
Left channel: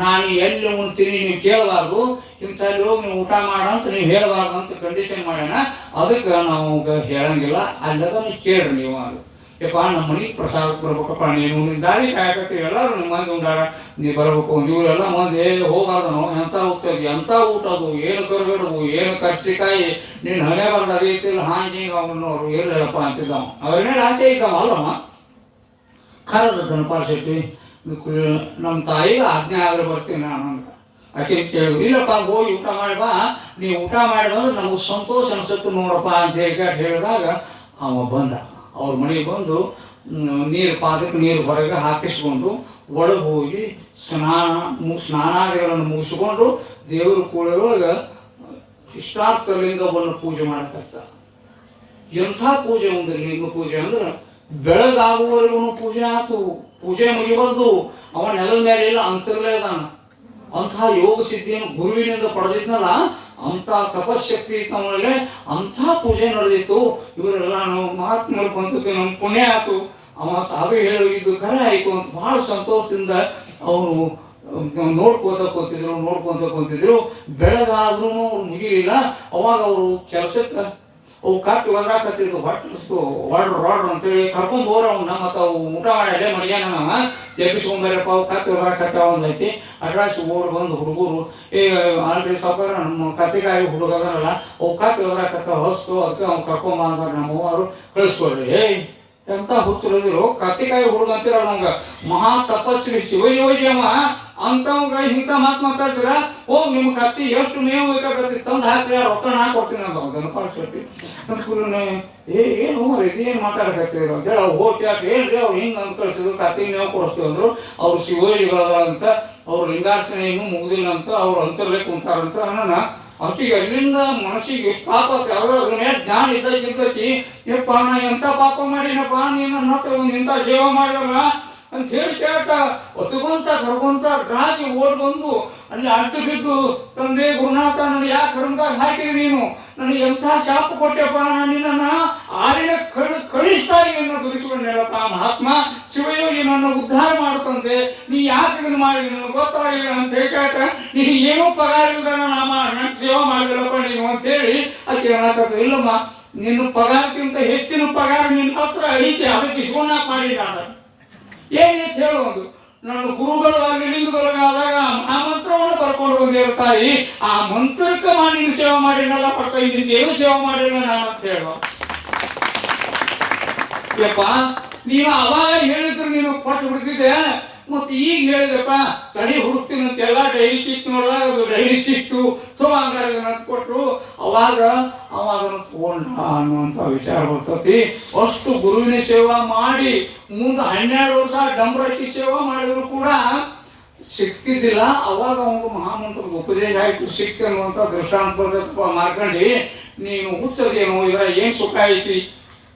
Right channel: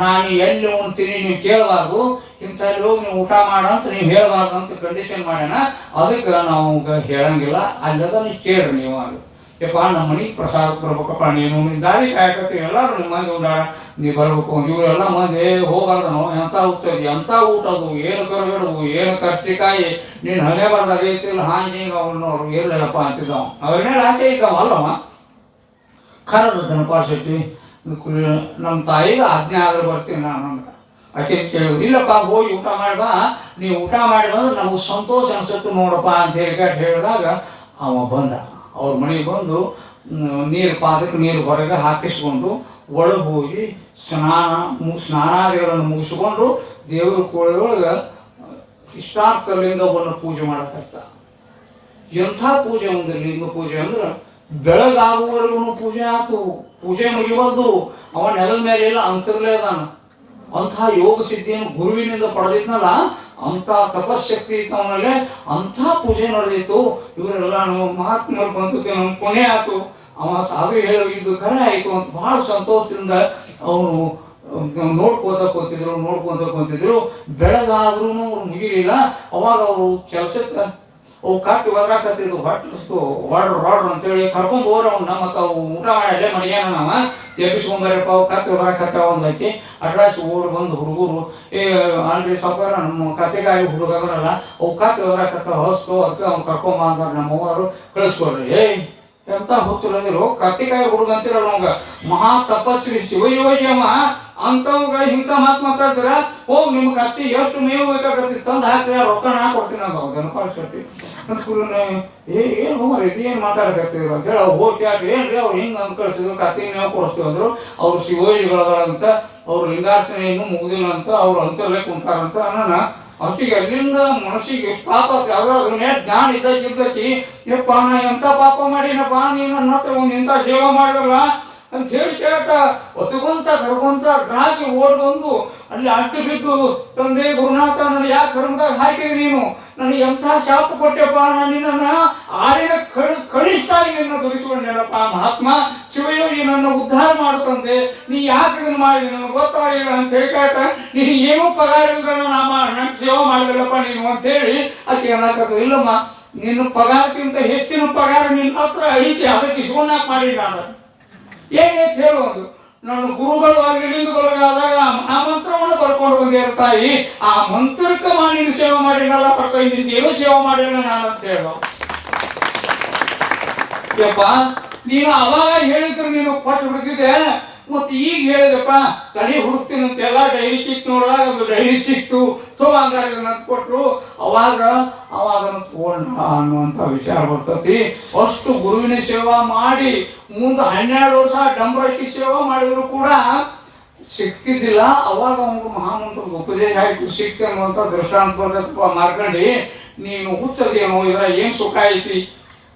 ನಾನು ಎಲ್ಲಿ ಉಣ್ತೀನಿ ನೀವು ಕೇಳಬಾರ್ದು, ಇಂಥಲ್ಲಿ ಹೋಗಿ ನೀವು ಊಟ ಮಾಡಂತ ನೀವು ಹೇಳಬಾರ್ದು ಅಂತ ಕಂಡೀಷನ್ ಮಾಡ್ಯಾನ. ಅದಕ್ಕೆ ನಾವು ಹೇಳಂಗಿಲ್ಲ, ಅಲ್ಲದ ನೀವು ಕೇಳ್ರಿ ನೀವು. ಅದು ಯಪ್ಪ ನಮ್ಮ ಮನೆಗೆ ಪ್ರಸಾದ ಬರ್ಬೇಕಪ್ಪ, ನೀನು ದಾರಿ ಕಾಯಕತ್ತೀವಿ, ಎಲ್ಲರೂ ನಿಮ್ಮ ಮಂದಿ ಉಂಡಾರ, ನೀವು ಬರ್ಬೇಕು. ಇವರೆಲ್ಲ ಮಂದಿ ಹೋಗಲ್ಲ ನಾವು ಎಂಥ ಹೋಗ್ತೇವೆ, ಎಂಥ ಊಟ ಅದು, ಏನು ಕರ್ಬೇಡು, ಏನು ಕರ್ಚಿಕಾಯಿ, ನೀನು ಹಣೆ ಬಂದಾಗ ಐತಿಲ್ಲ ಹಾಂಗೆ ಅವನು ಅವ್ರು ಇರಲಿಲ್ಲಪ್ಪ ಅಂತಿದ್ದವ. ಅವ್ರನ್ನೇನು ಆಸೆ ಇದ್ದವ ಅಲ್ಲಮ್ಮ. ಕರೆದ ಗಣಪಾಲ ಶೆಟ್ಟಿ, ನಮ್ಮ ತಾಯಿಗೆ ಆಜ್ಞೆ ಆದ್ರೆ ಬರ್ತೀನಿ ನಾನು ಅಂತ. ಆಕೆ ಕೇಳಿದ್ರು. ಇಲ್ಲಪ್ಪ ಹೋಗಿ ಊಟ ಮಾಡಿ ಬಾ, ನೀವು ಊಟ ಮಾಡಿ ಬಂದ್ರೆ ನಮಗೆ ಸಂತೋಷ ಅನ್ಸುತ್ತೆ ನೋಡಪ್ಪ ಅಂತ ಹೇಳಿದಾಗ ಅವ ಬಂದ. ಅವ್ರ ಮನೆಗೆ ಬಂದು ಪಾದಕ್ಕೆ ನೀರು ಹೊರಗೆ ಹಾಕಿಸ್ಕೊಂಡು ಒಳಗೆ ಹೋಗಿ ಸ್ನಾನಾದಿಗಳನ್ನು ಮುಗಿಸ್ಕೊಂಡು ದೇವ್ರ ಕೋಳೊಳಗೆ ಇಷ್ಟಾರ್ಥ ಲಿಂಗವನ್ನು ಪೂಜೆ ಮಾಡಕತ್ತ. ಎಂಥ ಪೂಜೆ ಒಂದು ಲಿಂಗ ಪೂಜೆ ಅಂದ್ರೆ ಬೆಳಗಾಗುವವರೆಗೂ ಪೂಜೆ ಆತು. ಪೂಜೆ ಮುಗಿಬಂದು ಅವ ನೆಲದ ಮೇಲೆ ಇಲ್ಲ ಅಂತರ್ಲೇ ಅದಾನ. ಅಂಥ ಯೋಗ ಸಿದ್ಧಿಯನ್ನು ಗುರುವಿನಿಂದ ಪಡೆದಿದ್ನಲ್ಲ, ಅಂಥ ತಪಶಕ್ತಿ ಇತ್ತು ಅವನಲ್ಲಿ, ಅಂಥ ಪೂಜೆ ನಡೆದಿತ್ತು. ಇವರೆಲ್ಲ ನಮ್ಮ ಮಹಾತ್ಮರು ಬಂತು, ನಮ್ಮ ಪುಣ್ಯ ಆಯ್ತು, ಅವ ಸಾಧು ಇದು ಕರೆ ಆಯಿತು ಅಂತ ಬಹಳ ಸಂತೋಷದಿಂದ ಅವನು ನೋಡ್ಕೋತ ಕೂತಿದ್ರು. ಬೆಳಗಾದ್ರೂ ಅವ್ರು ಮುಗಿಲಿಲ್ಲ. ಅವಾಗ ಅವರು ಕೆಲಸಕ್ಕೆ ಅವು ಕತ್ತಿ ಒದರಾಕತ್ತಿದ್ವು, ಹೊಟ್ಟಿಸ್ತು ಹೊಡ್ರು ಅಂತೇಳಿ ಕರ್ಕೊಂಡು ಹೋರ ಅವ್ನ. ಮತ್ತು ಅವು ಊಟ ಮಾಡಿ ಅಲ್ಲೇ ಮಡಿಯಾನ ನಾವ ಎಬ್ಬಿಸ್ಕೊಂಬರಪ್ಪ, ಅವು ಕತ್ತಿ ಒದರಾಕತ್ತ ಒಂದೈತಿ. ಅಡ್ರಾಸ್ ಓಡಿ ಬಂದು ಹುಡುಗರು, ಆಲ್ರೆಡಿ ಸಾವುಕಾರ ನಮ್ಮ ಕತ್ತೆಗಾಗಿ ಹುಡುಗ ಅದನಲ್ಲ, ಅವು ಕತ್ತಿ ಒದರಾಕತ್ತ ಹೊಸ್ತು, ಅದಕ್ಕೆ ಅವ್ನು ಕರ್ಕೊಂಬ ಅಂತಾರೆ ನಮ್ಮವರು. ಕಳಿಸ್ಕೊಡ್ರಿ. ಎಂತ ಹುಚ್ಚರು ಕತ್ತಿಕಾಯಿ ಹುಡುಗ ಅಂತೀರ ನಮ್ಗ. ಮಹಾ ತಪಸ್ವಿ ಶಿವಯೋಜಮ ಅಂತವಾಗ ಇಂಥ ಮಾತು ಮಾತಾಡ್ತೀರ. ಹೋಗಿ ನಿಮ್ಮ ಕತ್ತಿ ಎಷ್ಟು ಮೇವು ಬೇಕಾಗತ್ತಿ ತಂದು ಹಾಕ್ರಿ, ರೊಕ್ಕ ನಾ ಕೊಡ್ತೀನಿ ಅಂತ ಗಣಪಾಡ್ಸತಿ ಅಂತ. ಏನು ಏನು ಮಾತಾಡಕತ್ತೀರ ಅಂತ ಹೇಳಿ ಅವ್ರು ಹೋಗಿ ಯಾಕೆ ಏನ್ರಿ ಅವ್ರು ಹಿಂಗೆ ಅಂದ್ ಕಳಿಸಿದ್ರು, ಕತ್ತಿ ಮೇವು ಕೊಡಿಸ್ತೀವಿ ಅಂದ್ರು. ಅವ್ರು ಶಿವಯೋಜಿಗಳದ ಅಂತ, ಅವ್ರು ಲಿಂಗಾರ್ಚನೆ ಇನ್ನೂ ಮುಗುದಿಲ್ಲ ಅಂತ, ಅವ್ರು ಅಂತರಲ್ಲೇ ಕುಂತಾರಂತ ಅನ್ನೋಣ. ಅಷ್ಟಿಗೆ ಅಲ್ಲಿಂದ ಮನಸ್ಸಿಗೆ ಸ್ಥಾಪತ್ತೆ. ಅದನ್ನೇ ಜ್ಞಾನ ಇದ್ದೈತಿ. ಯಪ್ಪ ನಾ ಎಂಥ ಪಾಪ ಮಾಡಿನಪ್ಪ, ನೀನು ನನ್ನ ಹತ್ರ ಒಂದು ಇಂಥ ಸೇವೆ ಮಾಡಲ್ಲ ಅಂತ ಹೇಳಿ ಕೇಳ್ತ ಒತ್ತುಕೊಂತ ಕರ್ಕೊಂತ ರಾಜಿ ಓಡ್ ಬಂದು ಅಲ್ಲಿ ಅಡ್ಡು ಬಿದ್ದು, ತಂದೆ ಗುರುನಾಥ ನನಗೆ ಯಾಕೆ ಕರ್ಮದಾಗ ಹಾಕಿದ್ರಿ ನೀನು, ನನಗೆ ಎಂಥ ಶಾಪ ಕೊಟ್ಟೆಪ್ಪ, ನಾನು ನಿನ್ನನ್ನು ಆರಿನ ಕಳಿಸ್ತಾ ಇದನ್ನು ದುರಿಸ್ಕೊಂಡೇನಪ್ಪ. ಮಹಾತ್ಮ ಶಿವಯೋಗಿ ನನ್ನ ಉದ್ಧಾರ ಮಾಡುತ್ತಂತೆ, ನೀ ಯಾಕೆ ಇದನ್ನು ಮಾಡಿದ್ರಿ ನನಗೆ ಗೊತ್ತಾಗಿಲ್ಲ ಅಂತ ಹೇಳಿ ಕೇಳ್ತ, ನೀನು ಏನೂ ಪಗಾರ ಇಲ್ಲದನ್ನು ನಂಗೆ ಸೇವೆ ಮಾಡಿದಲ್ಲಪ್ಪ ನೀನು ಅಂತೇಳಿ ಅದಕ್ಕೆ ಏನಾಗ್ತದೆ. ಇಲ್ಲಮ್ಮ, ನಿನ್ನ ಪಗಾರಕ್ಕಿಂತ ಹೆಚ್ಚಿನ ಪಗಾರ ನಿನ್ನ ಹತ್ರ ಐತಿ, ಅದಕ್ಕೆ ಇಸ್ಕೊಂಡಾಕ ಮಾಡಿ ನಾನು ಏನೈತೆ ಹೇಳುವುದು. ನನ್ನ ಗುರುಗಳು ಆಗಲಿ ಲಿಂಗಗಳಾದಾಗ ಆ ಮಂತ್ರವನ್ನು ಬರ್ಕೊಂಡು ಬಂದಿರೋ ತಾಯಿ, ಆ ಮಂತ್ರಕ್ಕೆ ನೀನು ಸೇವೆ ಮಾಡಿರಲ್ಲ, ಏನು ಸೇವೆ ಮಾಡಿಲ್ಲ ನಾನು ಅಂತ ಹೇಳೋ. ಯಪ್ಪ ನೀನು ಅವಾಗ ಹೇಳಿದ್ರು ನೀನು ಕೊಟ್ಟು ಬಿಡ್ತಿದ್ದೆ, ಮತ್ತು ಈಗ ಹೇಳಿದಪ್ಪ ತಲೆ ಹುಡುಕ್ತೀನಂತ ಎಲ್ಲ ಡೈರಿ ಸಿಕ್ತು ನೋಡಾಗ ಅದು ಡೈರಿ ಸಿಕ್ತು ಹಂಗಾರೆ ಅಂತ ಕೊಟ್ಟರು. ಅವಾಗ ತಗೊಂಡ ಅನ್ನುವಂಥ ವಿಚಾರ ಬರ್ತತಿ. ಅಷ್ಟು ಗುರುವಿನ ಸೇವಾ ಮಾಡಿ ಮುಂದೆ 12 ವರ್ಷ ಡಂಬರಕ್ಕಿ ಸೇವಾ ಮಾಡಿದ್ರು ಕೂಡ ಸಿಕ್ತಿದ್ದಿಲ್ಲ. ಅವಾಗ ಅವನಿಗೆ ಮಹಾಮಂತ್ರದ ಉಪದೇಶ ಆಯಿತು, ಸಿಕ್ತಿ ಅನ್ನುವಂಥ ದೃಷ್ಟಾಂತ ಬರ್ತಪ್ಪ. ಮಾರ್ಕಂಡಿ ನೀನು ಹುಚ್ಚದೇನೋ, ಇದರ ಏನು ಸುಖ ಐತಿ,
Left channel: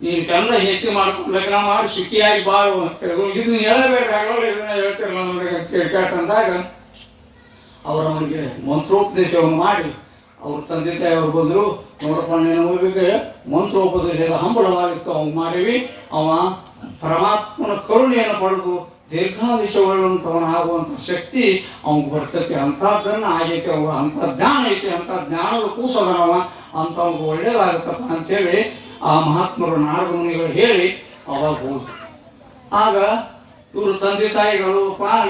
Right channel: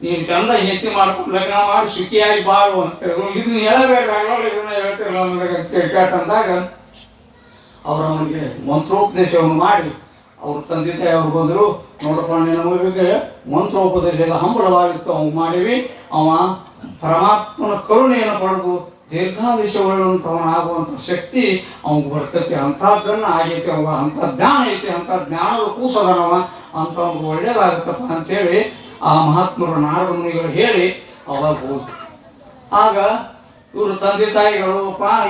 ನೀನು ಚಂದ ಹೆತ್ತಿ ಮಾಡ್ಕೊಂಡು ಲಗ್ನ ಮಾಡಿ ಸುಖಿಯಾಗಿ ಬಾಳು ಅಂತ ಇದನ್ನ ಹೇಳಬೇಕಾಗಲ್ಲ, ಇದನ್ನ ಹೇಳ್ತಿರಲ್ಲ ಅಂತ ಕೇಳ್ಕೊಂಡಾಗ ಅವರು ಅವನಿಗೆ ಮಂತ್ರೋಪದೇಶವನ್ನು ಮಾಡಿ ಅವ್ರ ತಂದೆ ತಾಯಿ ಅವ್ರು ಬಂದರು. ನೋಡಪ್ಪ ನಮಗೆ ಮಂತ್ರೋಪದೇಶದ ಹಂಬಲವಾಗಿತ್ತು, ಅವ್ನು ಮಾಡಿವಿ. ಅವ ಪರಮಾತ್ಮನ ಕರುಣೆಯನ್ನು ಪಡೆದು ದೀರ್ಘಾಯುಷ್ಯವುಳ್ಳಂಥವನ ಆಗುವಂಥ ಶಕ್ತಿ ಅವ್ನಿಗೆ ಬರ್ತೈತಿ. ಅಂಥದ್ದನ್ನು ಆಗೈತೆ ಅವಾಗ, ಅಂಥ ಜ್ಞಾನ ಐತಿ, ಅಂಥ ಜ್ಞಾನದ ಕೂಸದನವ, ಅಂತ ಅವ್ನಿಗೆ ಒಳ್ಳೇದಾಗುತ್ತಪ್ಪ ಅಂಥೇಳಿ ಆ ಮಹಾತ್ಮರು ನಾರದ ಮುನಿಗಳು ಹೇಳಿ ಅವಾಗ ಹೋದ್ರು. ಆಗ ಇವರು ತಂದೆ ತಾಯಿಗಳು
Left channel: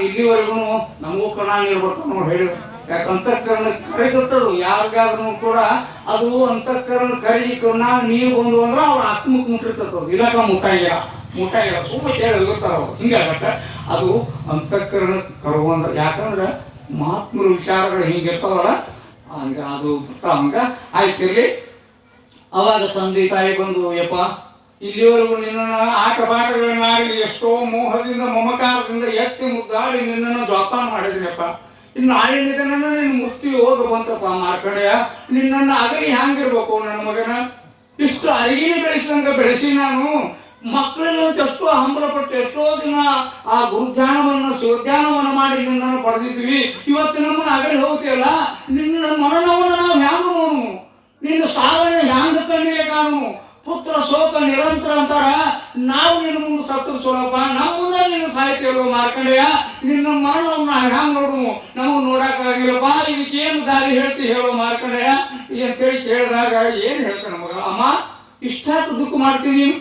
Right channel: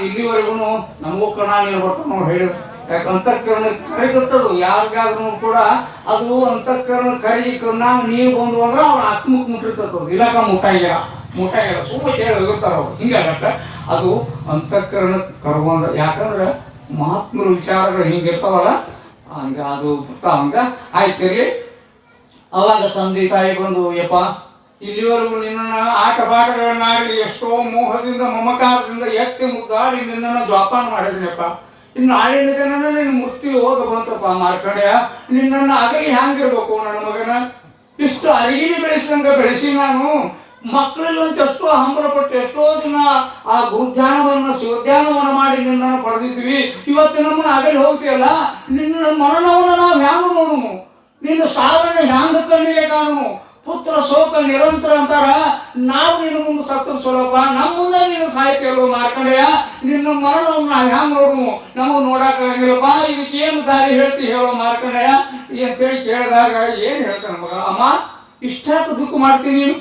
ಇಲ್ಲಿವರೆಗೂ ನಮಗೂ ಕಣಾಗಿರ್ಬೇಕು ನೋಡಿ ಹೇಳಿದ್ರು. ಯಾಕೆ ಅಂತಃಕರಣ ಕರಿಗತ್ತದು ಯಾರಿಗಾದ್ರೂ ಕೂಡ ಅದು ಅಂತಃಕರಣ ನಾವು ನೀರು ಬಂದು ಅಂದ್ರೆ ಅವ್ರ ಆತ್ಮಕ್ಕೆ ಮುಟ್ಟಿರ್ತದ, ಇಲಾಖ ಮುಟ್ಟಾಗಿಲ್ಲ ಸುಮ್ಮನೆ ಕೇಳಿರ್ತಾರ ಅವ್ರು. ಹಿಂಗಾಗತ್ತೆ ಅದು ಅಂತಃಕರಣ ಕರುವಂದ. ಯಾಕಂದ್ರೆ ಮಹಾತ್ಮರ ವಿಚಾರಗಳು ಹಿಂಗಿರ್ತಾವಲ್ಲ, ಹಂಗೆ ಅದು ಹಂಗ ಆಯ್ತಿರ್ಲಿ. ಅವಾಗ ತಂದೆ ತಾಯಿ ಬಂದು, ಯಪ್ಪ ಇಲ್ಲಿವರೆಗೂ ನಿನ್ನ ಆಟ ಪಾಠಗಳನ್ನಾಗಲಿ ಎಷ್ಟೋ ಮೋಹದಿಂದ ಮಮಕಾರದಿಂದ ಎತ್ತಿ ಮುದ್ದಾಡಿ ನಿನ್ನನ್ನು ಜೋಪಾನ ಮಾಡಿದ್ನಪ್ಪ. ಇನ್ನು ನಾಳಿನ ದಿನ ನಿನ್ನ ಮುಸ್ತಿ ಹೋಗ ಬಂತಪ್ಪ ಮಾರ್ಕಂಡ್ಯ, ನಿನ್ನನ್ನು ಅಗಲಿ ಹ್ಯಾಂಗಿರ್ಬೇಕು ನನ್ನ ಮಗನ, ಇಷ್ಟು ಅರಿಗಿನ ಬೆಳೆಸಿ ನಾನು ಮಕ್ಕಳಲ್ಲಂತ ಎಷ್ಟೋ ಹಂಬಲಪಟ್ಟು ಎಷ್ಟೋ ದಿನ ಆ ಗುರುಧ್ಯಾನವನ್ನು ಶಿವಧ್ಯಾನವನ್ನು ಮಾಡಿ ನಿನ್ನನ್ನು ಪಡೆದಿದ್ವಿ. ಇವತ್ತು ನಮ್ಮನ್ನು ಅಗಲಿ ಹೋಗ್ತೀಯಲ್ಲ, ನಿನ್ನ ಮರಣವನ್ನು ನಾವು ಹ್ಯಾಂಗ ನೋಡುನು, ನಿನ್ನ ಸಾವನ್ನ ಹ್ಯಾಂಗ ಕಣ್ಣಿಗೆ ಕಾಣು, ಪುತ್ರ ಶೋಕ ನಿರಂತರ ಅಂತಾರ. ನಾವು ನಿನ್ನ ಮುಂದೆ ಸತ್ತು ಚಲೋಪ್ಪ, ನಮ್ಮ ಮುಂದೆ ನೀನು ಸಾಯ್ತೀಯಲ್ವ ಮಾರ್ಕಂಡೆಯ, ನಿನ್ನ ಮರಣವನ್ನು ನಾವು ಹ್ಯಾಂಗ ನೋಡುನು, ನಾವು ನೋಡಕ್ಕಾಗಿಲ್ಲಪ್ಪ. ಇದಕ್ಕೇನು ದಾರಿ ಹೇಳ್ತಿ ಹೇಳೋ ಮಾರ್ಕಂಡೆಯ ಅಂತೇಳಿ ಕೇಳಿದಾಗ ಏನು ಹೇಳ್ತಾನೆ ಮಗ, ಅಮ್ಮ ಇಷ್ಟಾಕು ದುಃಖ ಮಾಡ್ತೀನಿ, ನೀನು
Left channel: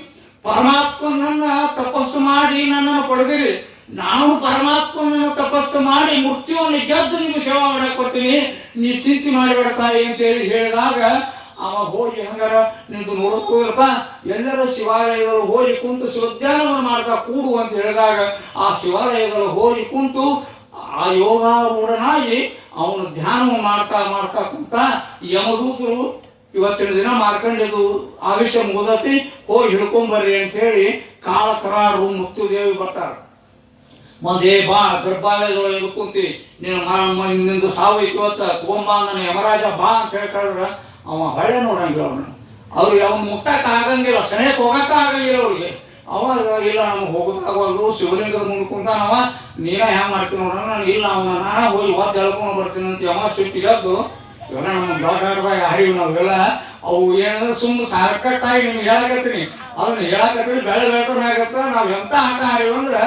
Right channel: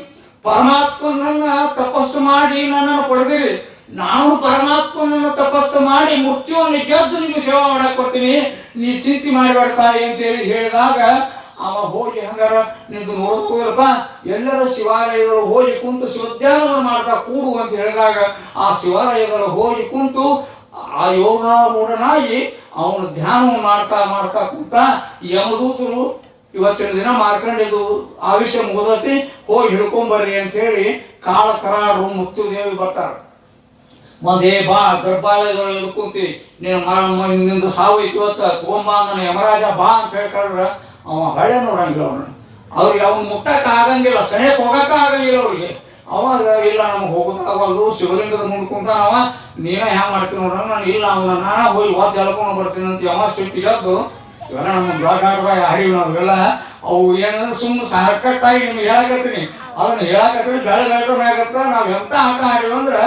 ಪರಮಾತ್ಮನನ್ನ ತಪಸ್ಸು ಮಾಡಿ ನನ್ನನ್ನು ಪಡೆದಿರಿ, ನಾನು ಪರಮಾತ್ಮನನ್ನು ತಪಸ್ಸು ಮಾಡಿ ಮೃತ್ಯುವನ್ನು ಗೆದ್ದು ನಿಮ್ಗೆ ಸೇವೆ ಮಾಡಕ್ ಬರ್ತೀನಿ, ನೀ ಚಿಂತೆ ಮಾಡಬೇಡಪ್ಪ ಅಂತೇಳಿ ಹೇಳಿದಾಗ ಅವ ಹೋಗಿ ಹಂಗಾರ ನಿಂತು ನೋಡ್ಕೋಲ್ಲಪ್ಪ, ಎಲ್ಲರೂ ಶಿವಾಲಯಗಳು ಹೋಗಿ ಕುಂತು ಶಿವಧ್ಯಾನವನ್ನು ಮಾಡ್ತಾ ಕೂಡು ಅಂತ ಹೇಳಿದಾಗ ಆ ಶಿವಾಲಯಗಳು ಹೋಗಿ ಕುಂತು ಆ ಯೋಗಾರೂಢನಾಗಿ ಅವನು ಧ್ಯಾನವನ್ನು ಮಾಡ್ತಾ ಕುಂತ ಯಮದೂತರು ಇವತ್ತಿನ ದಿನ ಮಾರ್ಕಂಡಿದ್ದು ಆವಿಷ್ಯ ಮುಗಿದತಿ, ಹೋಗಿ ಹಿಡ್ಕೊಂಬರ್ರಿ ಅಂತ ಹೇಳಿ ಕಾಳಕರಾರು ಮುಕ್ತಿದೇವಿ ಬರ್ತಾರೆ. ಒಂದೇ ಬಾ ಗರ್ಭಾಲಯಗಳು ಹಿಡ್ಕೊಂತಿ, ನಿಂದು ಸಾವು ಇವತ್ತ ತಗೊಂಬಾ ನನ್ನ ಯಮರಾಜ ಬಾ ಅಂತ ಹೇಳ್ಕೊಂಡ್ರೆ ಅವ ಹಳೆ ನೋಡಂಗಿಲ್ಲ ಅವ್ರಿಗೆ ಅವ್ನು ಮುಟ್ಟಕ್ಕೆ ಆಗಂಗಿಲ್ಲ, ಸೆನೆಗೆ ಹೋಗಕ್ಕೆ ಆಗಂಗಿಲ್ಲ ಅವ್ರಿಗೆ. ಅವಾಗ ಇಲ್ಲ ನಮ್ಗೆ ಹೋಗೋದಾಗದು ಶಿವಲಿಂಗದ ಮುಂದೆ ಕುಂತಾನವ ನೀನ ಹ್ಯಾಂಗ ಮಾಡ್ತೀನಿ ನೋಡ್ರ ನಾನು ಇಲ್ಲ ಅವನ ನಾನ ಹೋಗಿ ವಾದ ಎಳ್ಕೊಂಡು ಬರ್ತೀನಿ ಅಂತ ಯಾವ ಸಿಟ್ಟಿಗದ್ದು ಇವೆಲ್ಲ ನಮ್ಗೆ ದೊಡ್ಡ ಹರಿವು ನಾವೆಲ್ಲ ಅವು ಏನಂದ್ರೆ ಸುಮ್ಮನೆ ಸಾಕಟ್ಟಾಗಿ ನಿಮ್ಗೆ ಹೇಳಕತ್ತೀನಿ ಅದನ್ನ ಹೇಳಕತ್ತೀನಿ ಬೆಳಗಟ್ಟ ನಾವು ಎಂತ ಆಟ ಆಡಿವಿ ಅಂದ್ರೆ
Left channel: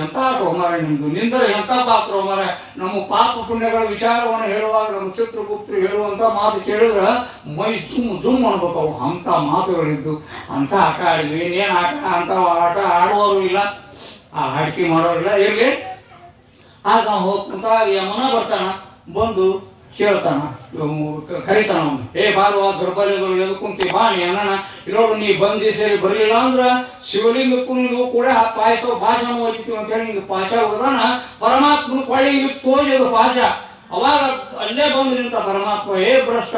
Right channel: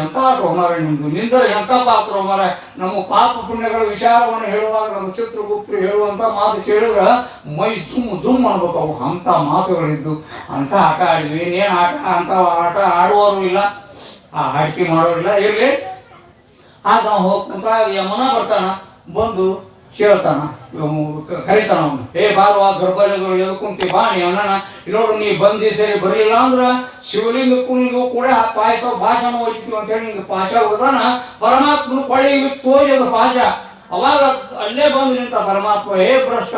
ಎಂತ ಆಟ ಮಾರ ನಿಮ್ದು ನಿಂದ ಎಂತ ಪಾತ್ರ ಮಾರ ನಮ್ಮ ಪಾಪ ಪುಣ್ಯಗಳ ವಿಚಾರವನ್ನು ಹೇಳುವಾಗ ನಮ್ಮ ಚಿತ್ರಗುಪ್ತರು ಹೇಳುವಂತ ಮಾತು ಕೇಳಿದ್ರೆ ಮೈ ಜುಮ್ ಅನ್ಬೇಕು ಅವು ಅಂತ ಮಾತುಗಳಿದ್ದು ಅಂತ ಆಟ ಆಡಿದ್ವಿ ಇನ್ನೇನು ಆಟ ಅಂತ ಆಟ ಆಡುವವರು ಇಲ್ಲ ಆ ಆಯ್ಕೆ ಮಾಡೋರಿಲ್ಲ ಇರಲಿ ಆಗ ಹೋಗ್ಕೊಂತ ಯಮನ ಬರ್ತಾನ ಬಂದು ಕೇಳ್ತಾನ ಕರಿತಾನ ಅವನು ಬಾರುವ ಗರ್ಭಗಳು ಎದ್ಕೊಂತಿ ಬಾ ನೀ ಅಣ್ಣ ಇಲ್ಲೋಡು ನೀ ಬಂದಿ ಸರಿ ಬರಲಿಲ್ಲ ಅಂದ್ರೆ ಶಿವಲಿಂಗಕ್ಕೂ ನೀವು ಕೂಡ ಆ ಪಾಯಸ ಭಾಷಣ ಹೋಗ್ತೀವಿ ಅಂತ ಹೇಳಿ ನಿಂಗೆ ಪಾಶ ಹೋಗದಾನ ಪರಮಾತ್ಮನ ಕೊಳ್ಳಿ ತೋರಿದ ಪಾಶ ಅವಾಗ ಅಲ್ಲೇ ಬಂದು ನಿಂತ ಪರಮಾತ್ಮ ಭ್ರಷ್ಟ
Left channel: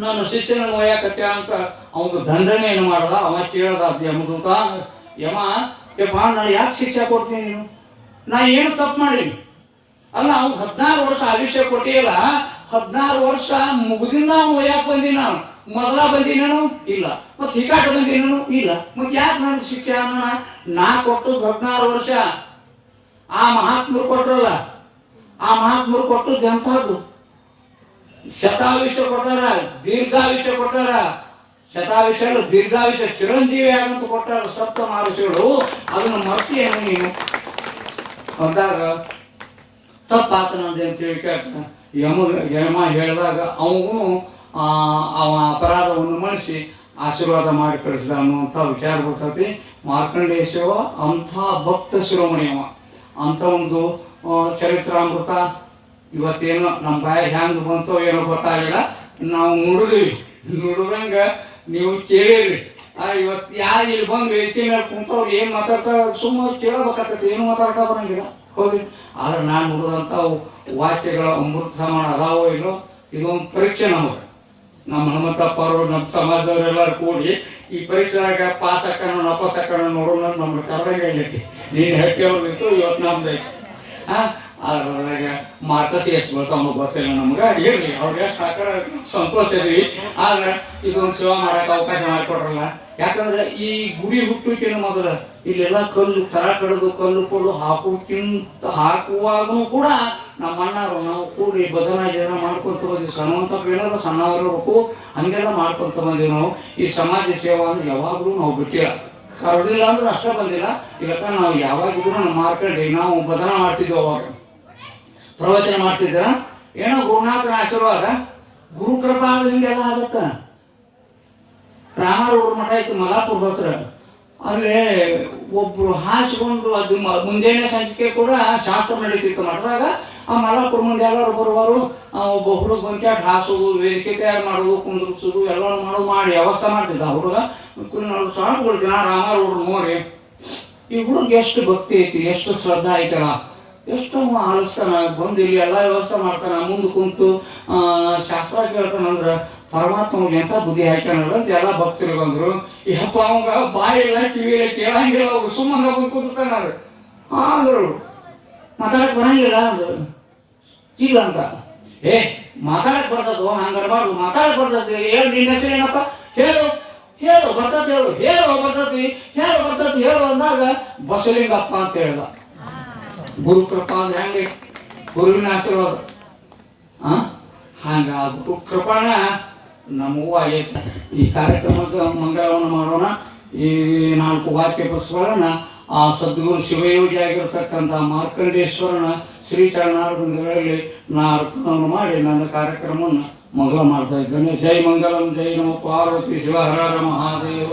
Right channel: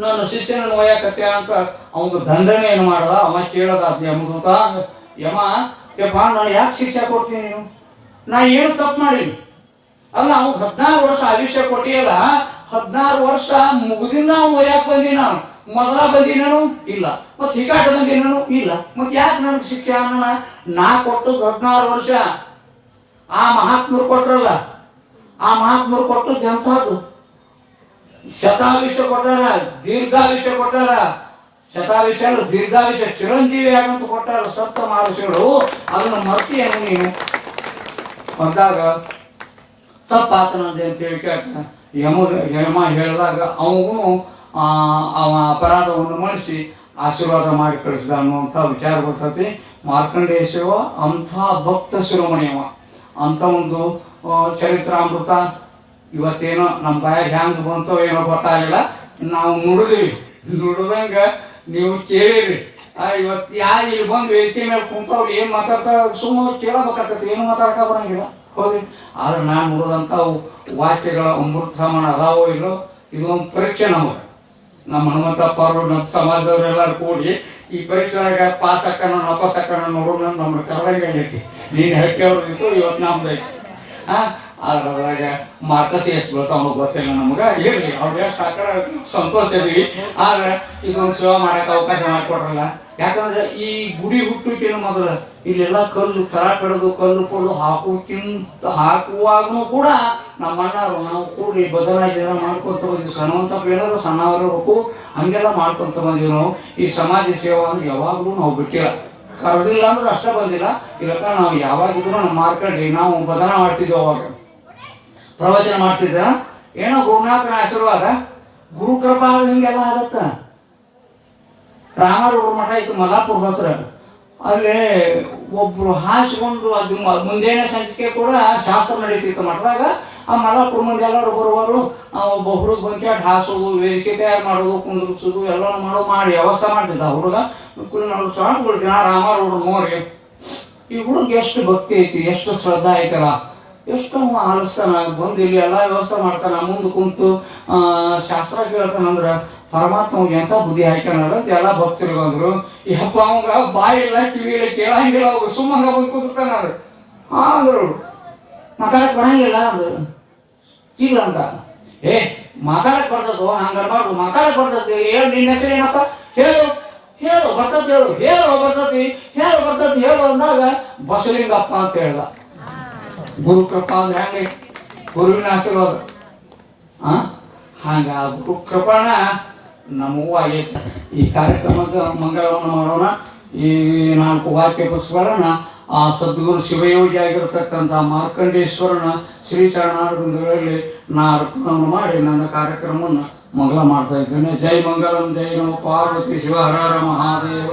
ನನ್ನ ಶಿಷ್ಯನನ್ನು ಒಯ್ಯಾಕತ್ತೆ ಅಂತ ಅವನು ದಂಡನೆ ಏನು ಮಾಡದ ಅವ ಕೇಳದ ಯಮದೂತ ಯಮ ಯಪ್ಪ ನಾನು ಯಾಕೆ ಶಿಕ್ಷೆ ಕೊಡ್ತೀನಿ ನೀನು ನಾ ಏನು ತಪ್ಪು ಮಾಡೀನಿ ಅಲ್ಲ ಅವ್ನು 16 ವರ್ಷ ಆಯುಷ್ಯ ಕೊಟ್ಟಿಯಲ್ಲ 16 ವರ್ಷ ಮುಗಿದಿಂದ ಅವ್ನು ಒಯ್ಯಾಕೆ ಬಂದಿ ನಾನು ಮೊದಲ ಬಂದಿನೇನು ಇಲ್ಲ ಮತ್ತೆ ಹಿಕಾಟ ಬಂದಿನೇನು ಇಲ್ಲ ಮತ್ತೆ ಯಾಕೆ ನನಗೆ ಶಿಕ್ಷೆ ಅನ್ನ ನಾ ಕೊಟ್ಟದ್ದು 16 ವರ್ಷ ಆ ಮಹಾತ್ಮರು ಕೊಟ್ರಲ್ಲ ಆ ಮಹಾತ್ಮರು ಕೊಟ್ಟದ್ದು ಎಂಥದ್ದು ಶತಾಯುಷ್ಯ ಕೊಟ್ಟಾರ ದೀರ್ಘಾಯುಷ್ಯ ಕೊಟ್ಟಾರ ಶತಾಯುಷ್ಯ ಅಲ್ಲ ದೀರ್ಘಾಯುಷ್ಯ ಚಿರಂಜೀವಿ ಆಗಂತ ಕೊಟ್ಟಾರ ಸಪ್ತ ಮಹರ್ಷಿಗಳು ಅದನ್ನು ಮರ್ತಿಯೇನು ನೀನು ಅಂದಾಗ ತಪ್ಪಾತನಂತೆ ಅಂತೇಳಿ ಕೇಳ್ತಾನೆ ಯಮ ಹೇಳಿದಾಗ ಅವನು ಅವ ಅಪರಾಧವನ್ನು ಮಣಿಸಿ ಆಶೀರ್ವಾದ ಮಾಡಿ ಕಳಿಸಿದ ಅನ್ನುವಂಥ ವಿಚಾರ ಬರ್ತೈತಿ ಮಾರ್ಕಂಡೇಶ್ವ ಅಂಥ ಭಕ್ತ ಶಿರೋಮಣಿಯವ ಅಂಥ ಒಂದು ಚರಿತ್ರಾಮೃತ ಇವತ್ತೇನೋ ನಮ್ಮ ಬಾಯಾಗ ಹ್ಯಾಂಗ ಬಂತೋ ಏನೋ ಗೊತ್ತಾಗಿಲ್ಲ ನಾವು ನುಡಿದಂಗ ನೀವು ಕೇಳಿರಿ ಇವತ್ತು ಯಾರು ಇಲ್ಲಿ ಬಂದು ವೇದಿಕೆ ಮೇಲೆ ಕುಂತವ್ರು ಏನು ಮಾತಾಡ್ತಾ ಸುಮ್ಮನೆ ಕೇಳಬೇಕಾಗತ್ತೆ ಏನು ಮಾತಾಡ್ತಾ ಬರಂಗಿಲ್ಲ ಹೌದು ಆದ್ರೆ ನಾನು ನೋಡಿದಂಥ ವಾಕ್ಯಗಳ ಅಮೃತ ಸಮಾನ ಅದಾವೋ ಇಲ್ಲೋ ಇದೊಂದು ಪರೀಕ್ಷೆ ನಮಗೆ ನಮ್ಮ ಹನುಮಂತಪ್ಪ ಅವರು ನಮ್ಮ ಸಮಾಜದವರೆಲ್ಲರೂ ಕೂಡಿ ಈ ಪರೀಕ್ಷೆದಾಗ ಪಾಸ್ ಹಾಕೋಣ ನಪಾಸ್ ಹಾಕೋಣ ನೋಡೋಣ ನಮ್ಗೆ ಕರ್ದಂಗೆ ಹೇಳಕ್ಕೆ ನೀನು ಹೇಳ್ತೇವ್ರು ಇತ್ತು ಇವತ್ತು ನಮ್ದು ಐತಿ ಅದ್ರಾಗ ಮಾರ್ಕಸ್ ಎಷ್ಟು ಬರ್ತಾವ ನಮಗೆ ಗೊತ್ತಿಲ್ಲ ನಮ್ಗೆ ಇರಲಿ ಅವ್ರು ಎಷ್ಟು ಹಾಕೋಣ ಸಂತೋಷ ಇದೀವಿ ಆದ್ರೆ ಇದೊಂದು ಸೇವೆ ಮಾಡೋಕೆ ಅವಕಾಶ ಮಾಡಿಕೊಡ್ರಲ್ಲ ಯಾಕಂದ್ರೆ ಈ ಗುಡಿ ಹುಟ್ಟುಕಿನ ಮೊದಲು ಇಲ್ಲೆಲ್ಲ ಕಲ್ಲು ತರ ಕಡದು ಕಲ್ಲು ಕೊಲ್ಲು ಹಾಕುವಾಗೂ ಕೂಡ ನಮ್ಮ ಅಣ್ಣರು ನಾವು ಕೂಡಿ ಬದಲಾಗಿ ಮಾಡ್ಕೊತ ಬಂದಿವಿ ಸಣ್ಣವಂತ ಏನಾದ್ರು ಸಣ್ಣವರಿರ್ಬೇಕು ಹಂಗೆಲ್ಲ ಮಾಡ್ಕೊತ ಬಂದೀವಿ ನಾವು ಈ ಸಮಾಜ ಸೇವಾ ಅಂದ್ರೆ ಯಾವಾಗಲೂ ನಾವು ಬಿಟ್ಟಿಲ್ಲ ಕರೆದಿಲ್ಲ ಅಂದ್ರೆ ಅಷ್ಟೇ ಬಂದಿಲ್ಲ ಇಲ್ಲಪ್ಪ ನಾವು ಯಾವಾಗಿದ್ರು ನಮ್ಮ ಮಾರ್ಕಂಡಿ ನಾವು ಬದಲಾ ಮಾಡ್ತಿದ್ವಿ ಅವಾಗ ಪ್ರವಚನ ಮಾಡ್ತಿದ್ದ ಏನೋ ಗುರುನಾಥನ ಆಶೀರ್ವಾದ ಗುರುಕೃಪಾ ಹಿಂಗೆಲ್ಲ ಆಗತ್ತ ರಾಮರೂಢ ಮಠ ಇತ್ತು ಮಲಾಪುರದ ಹತ್ರ ಅಲ್ಲಿ ಒಬ್ರು ಹಾಸಿಕೊಂಡು ಅದು ಮುಂಜಾನೆ ಸಂಚಿಕೆ ಕೂಡ ಶಾಸ್ತ್ರ ನಡೀತಿತ್ತು ಮಠದಾಗ ಆ ಮಲಾಪುರ ಮುಂದೆ ಎಲ್ಲರೂ ಬರುವರು ಒಬ್ಬ ಹುಡುಗ ಬಂಕ್ಯಾಟ್ ಹಾಸೋದು ವೇದಿಕೆ ತಯಾರು ಮಾಡೋದು ಕುಂದ್ರಿಸೋದು ಎಲ್ಲ ಮಾಡಿ ವ್ಯವಸ್ಥೆ ಮಾಡ್ತಿದ್ದ ಹುಡುಗ ನಾವು ಸ್ವಾಮಿಗಳು ರಾಮರೂಢ ನೋಡಿ ಈ ಹುಡುಗ ಎಷ್ಟು ಭಕ್ತಿ ಐತಿ ಎಷ್ಟು ಶ್ರದ್ಧಾ ಐತಲ್ಲ ಎಷ್ಟು ಆಲಿಸ್ತಾನ ಬಂದು ಇಲ್ಲಿ ಎಲ್ಲ ವ್ಯವಸ್ಥೆ ಮಾಡ್ತಾನ ಮುಂದೆ ಕುಂತು ಶಾಸ್ತ್ರ ಕೇಳ್ತಾನಂದ್ರೆ ಪರಮಾತ್ಮ ಎಂತ ಬುದ್ಧಿ ಹಾಕ್ಯಾನ ಅಂತ ಎಲ್ಲ ಭಕ್ತರು ಬಂದ್ರು ಯಪ್ಪ ಅವಂಗ ಬಾಯಿ ಇಲ್ಲ ಕಿವಿ ಇಲ್ಲ ಕೇಳಂಗಿಲ್ಲ ಅವ್ರು ಸುಮ್ಮನೆ ಬಂದು ಕೂತಾನ ಅಂದ್ರು ಮಾತಾಡಕ್ ಬರಂಗಿಲ್ಲ ಅಂದ್ರು ಇಲ್ಲ ಅಂತ ಮಾತಾಡಕ್ ಬರ್ತದ ಹಂಗರ್ಬಾರ್ದು ಮಾತಾಡಕ್ ಬರ್ತದೆ ಹೇಳು ನಿನ್ನ ಹೆಸರು ಏನಪ್ಪ ಹೇಳು ಹೇಳು ಬರ್ತತಿ ಹೇಳು ಅಂದಾಗ ಬಸಲಿಂಗಪ್ಪ ಅಂತ ಹೇಳ್ದ ಗುರುಕೃಪಾ ಅಂದ್ರೆ ಹೆಂಗೆ ಗುರುವಿನ ಆಶೀರ್ವಾದ ಹಂಗ ಗುರುಕೃಪಣ ನಮಗೂ ಆಗೈತೆ ಈ ಕಾರ್ಯಕ್ರಮದ ಮಂಗಳವನ್ನು ಮಾಡೋಣ ಈ 4 ವಾಕ್ಯ ಪುಸ್ತಕಗಳನ್ನ ಆ ಸದ್ಗುರು ಶಿವಯೋಗಿ ಆಗಿರ್ತಕ್ಕಂಥ ಮಾರ್ಕಂಡೇಶ್ವರನ ಶ್ರೀ ಚರಣಾರವಿಂದಗಳಲ್ಲಿ ನಾ ಅರ್ಪಣೆ ಮಾಡಿ ನನ್ನ ಕಾರ್ಯಕ್ರಮವನ್ನು ಮಂಗಲ ಮಾಡ್ತಾ ಇದ್ದೇನೆ. ಜೈ ಮಂಗಲಂ ಜೈ ನಮೋ ಪಾರ್ವತಿ ಶಿವ ಹರ ಹರ ಮಹಾದೇವ.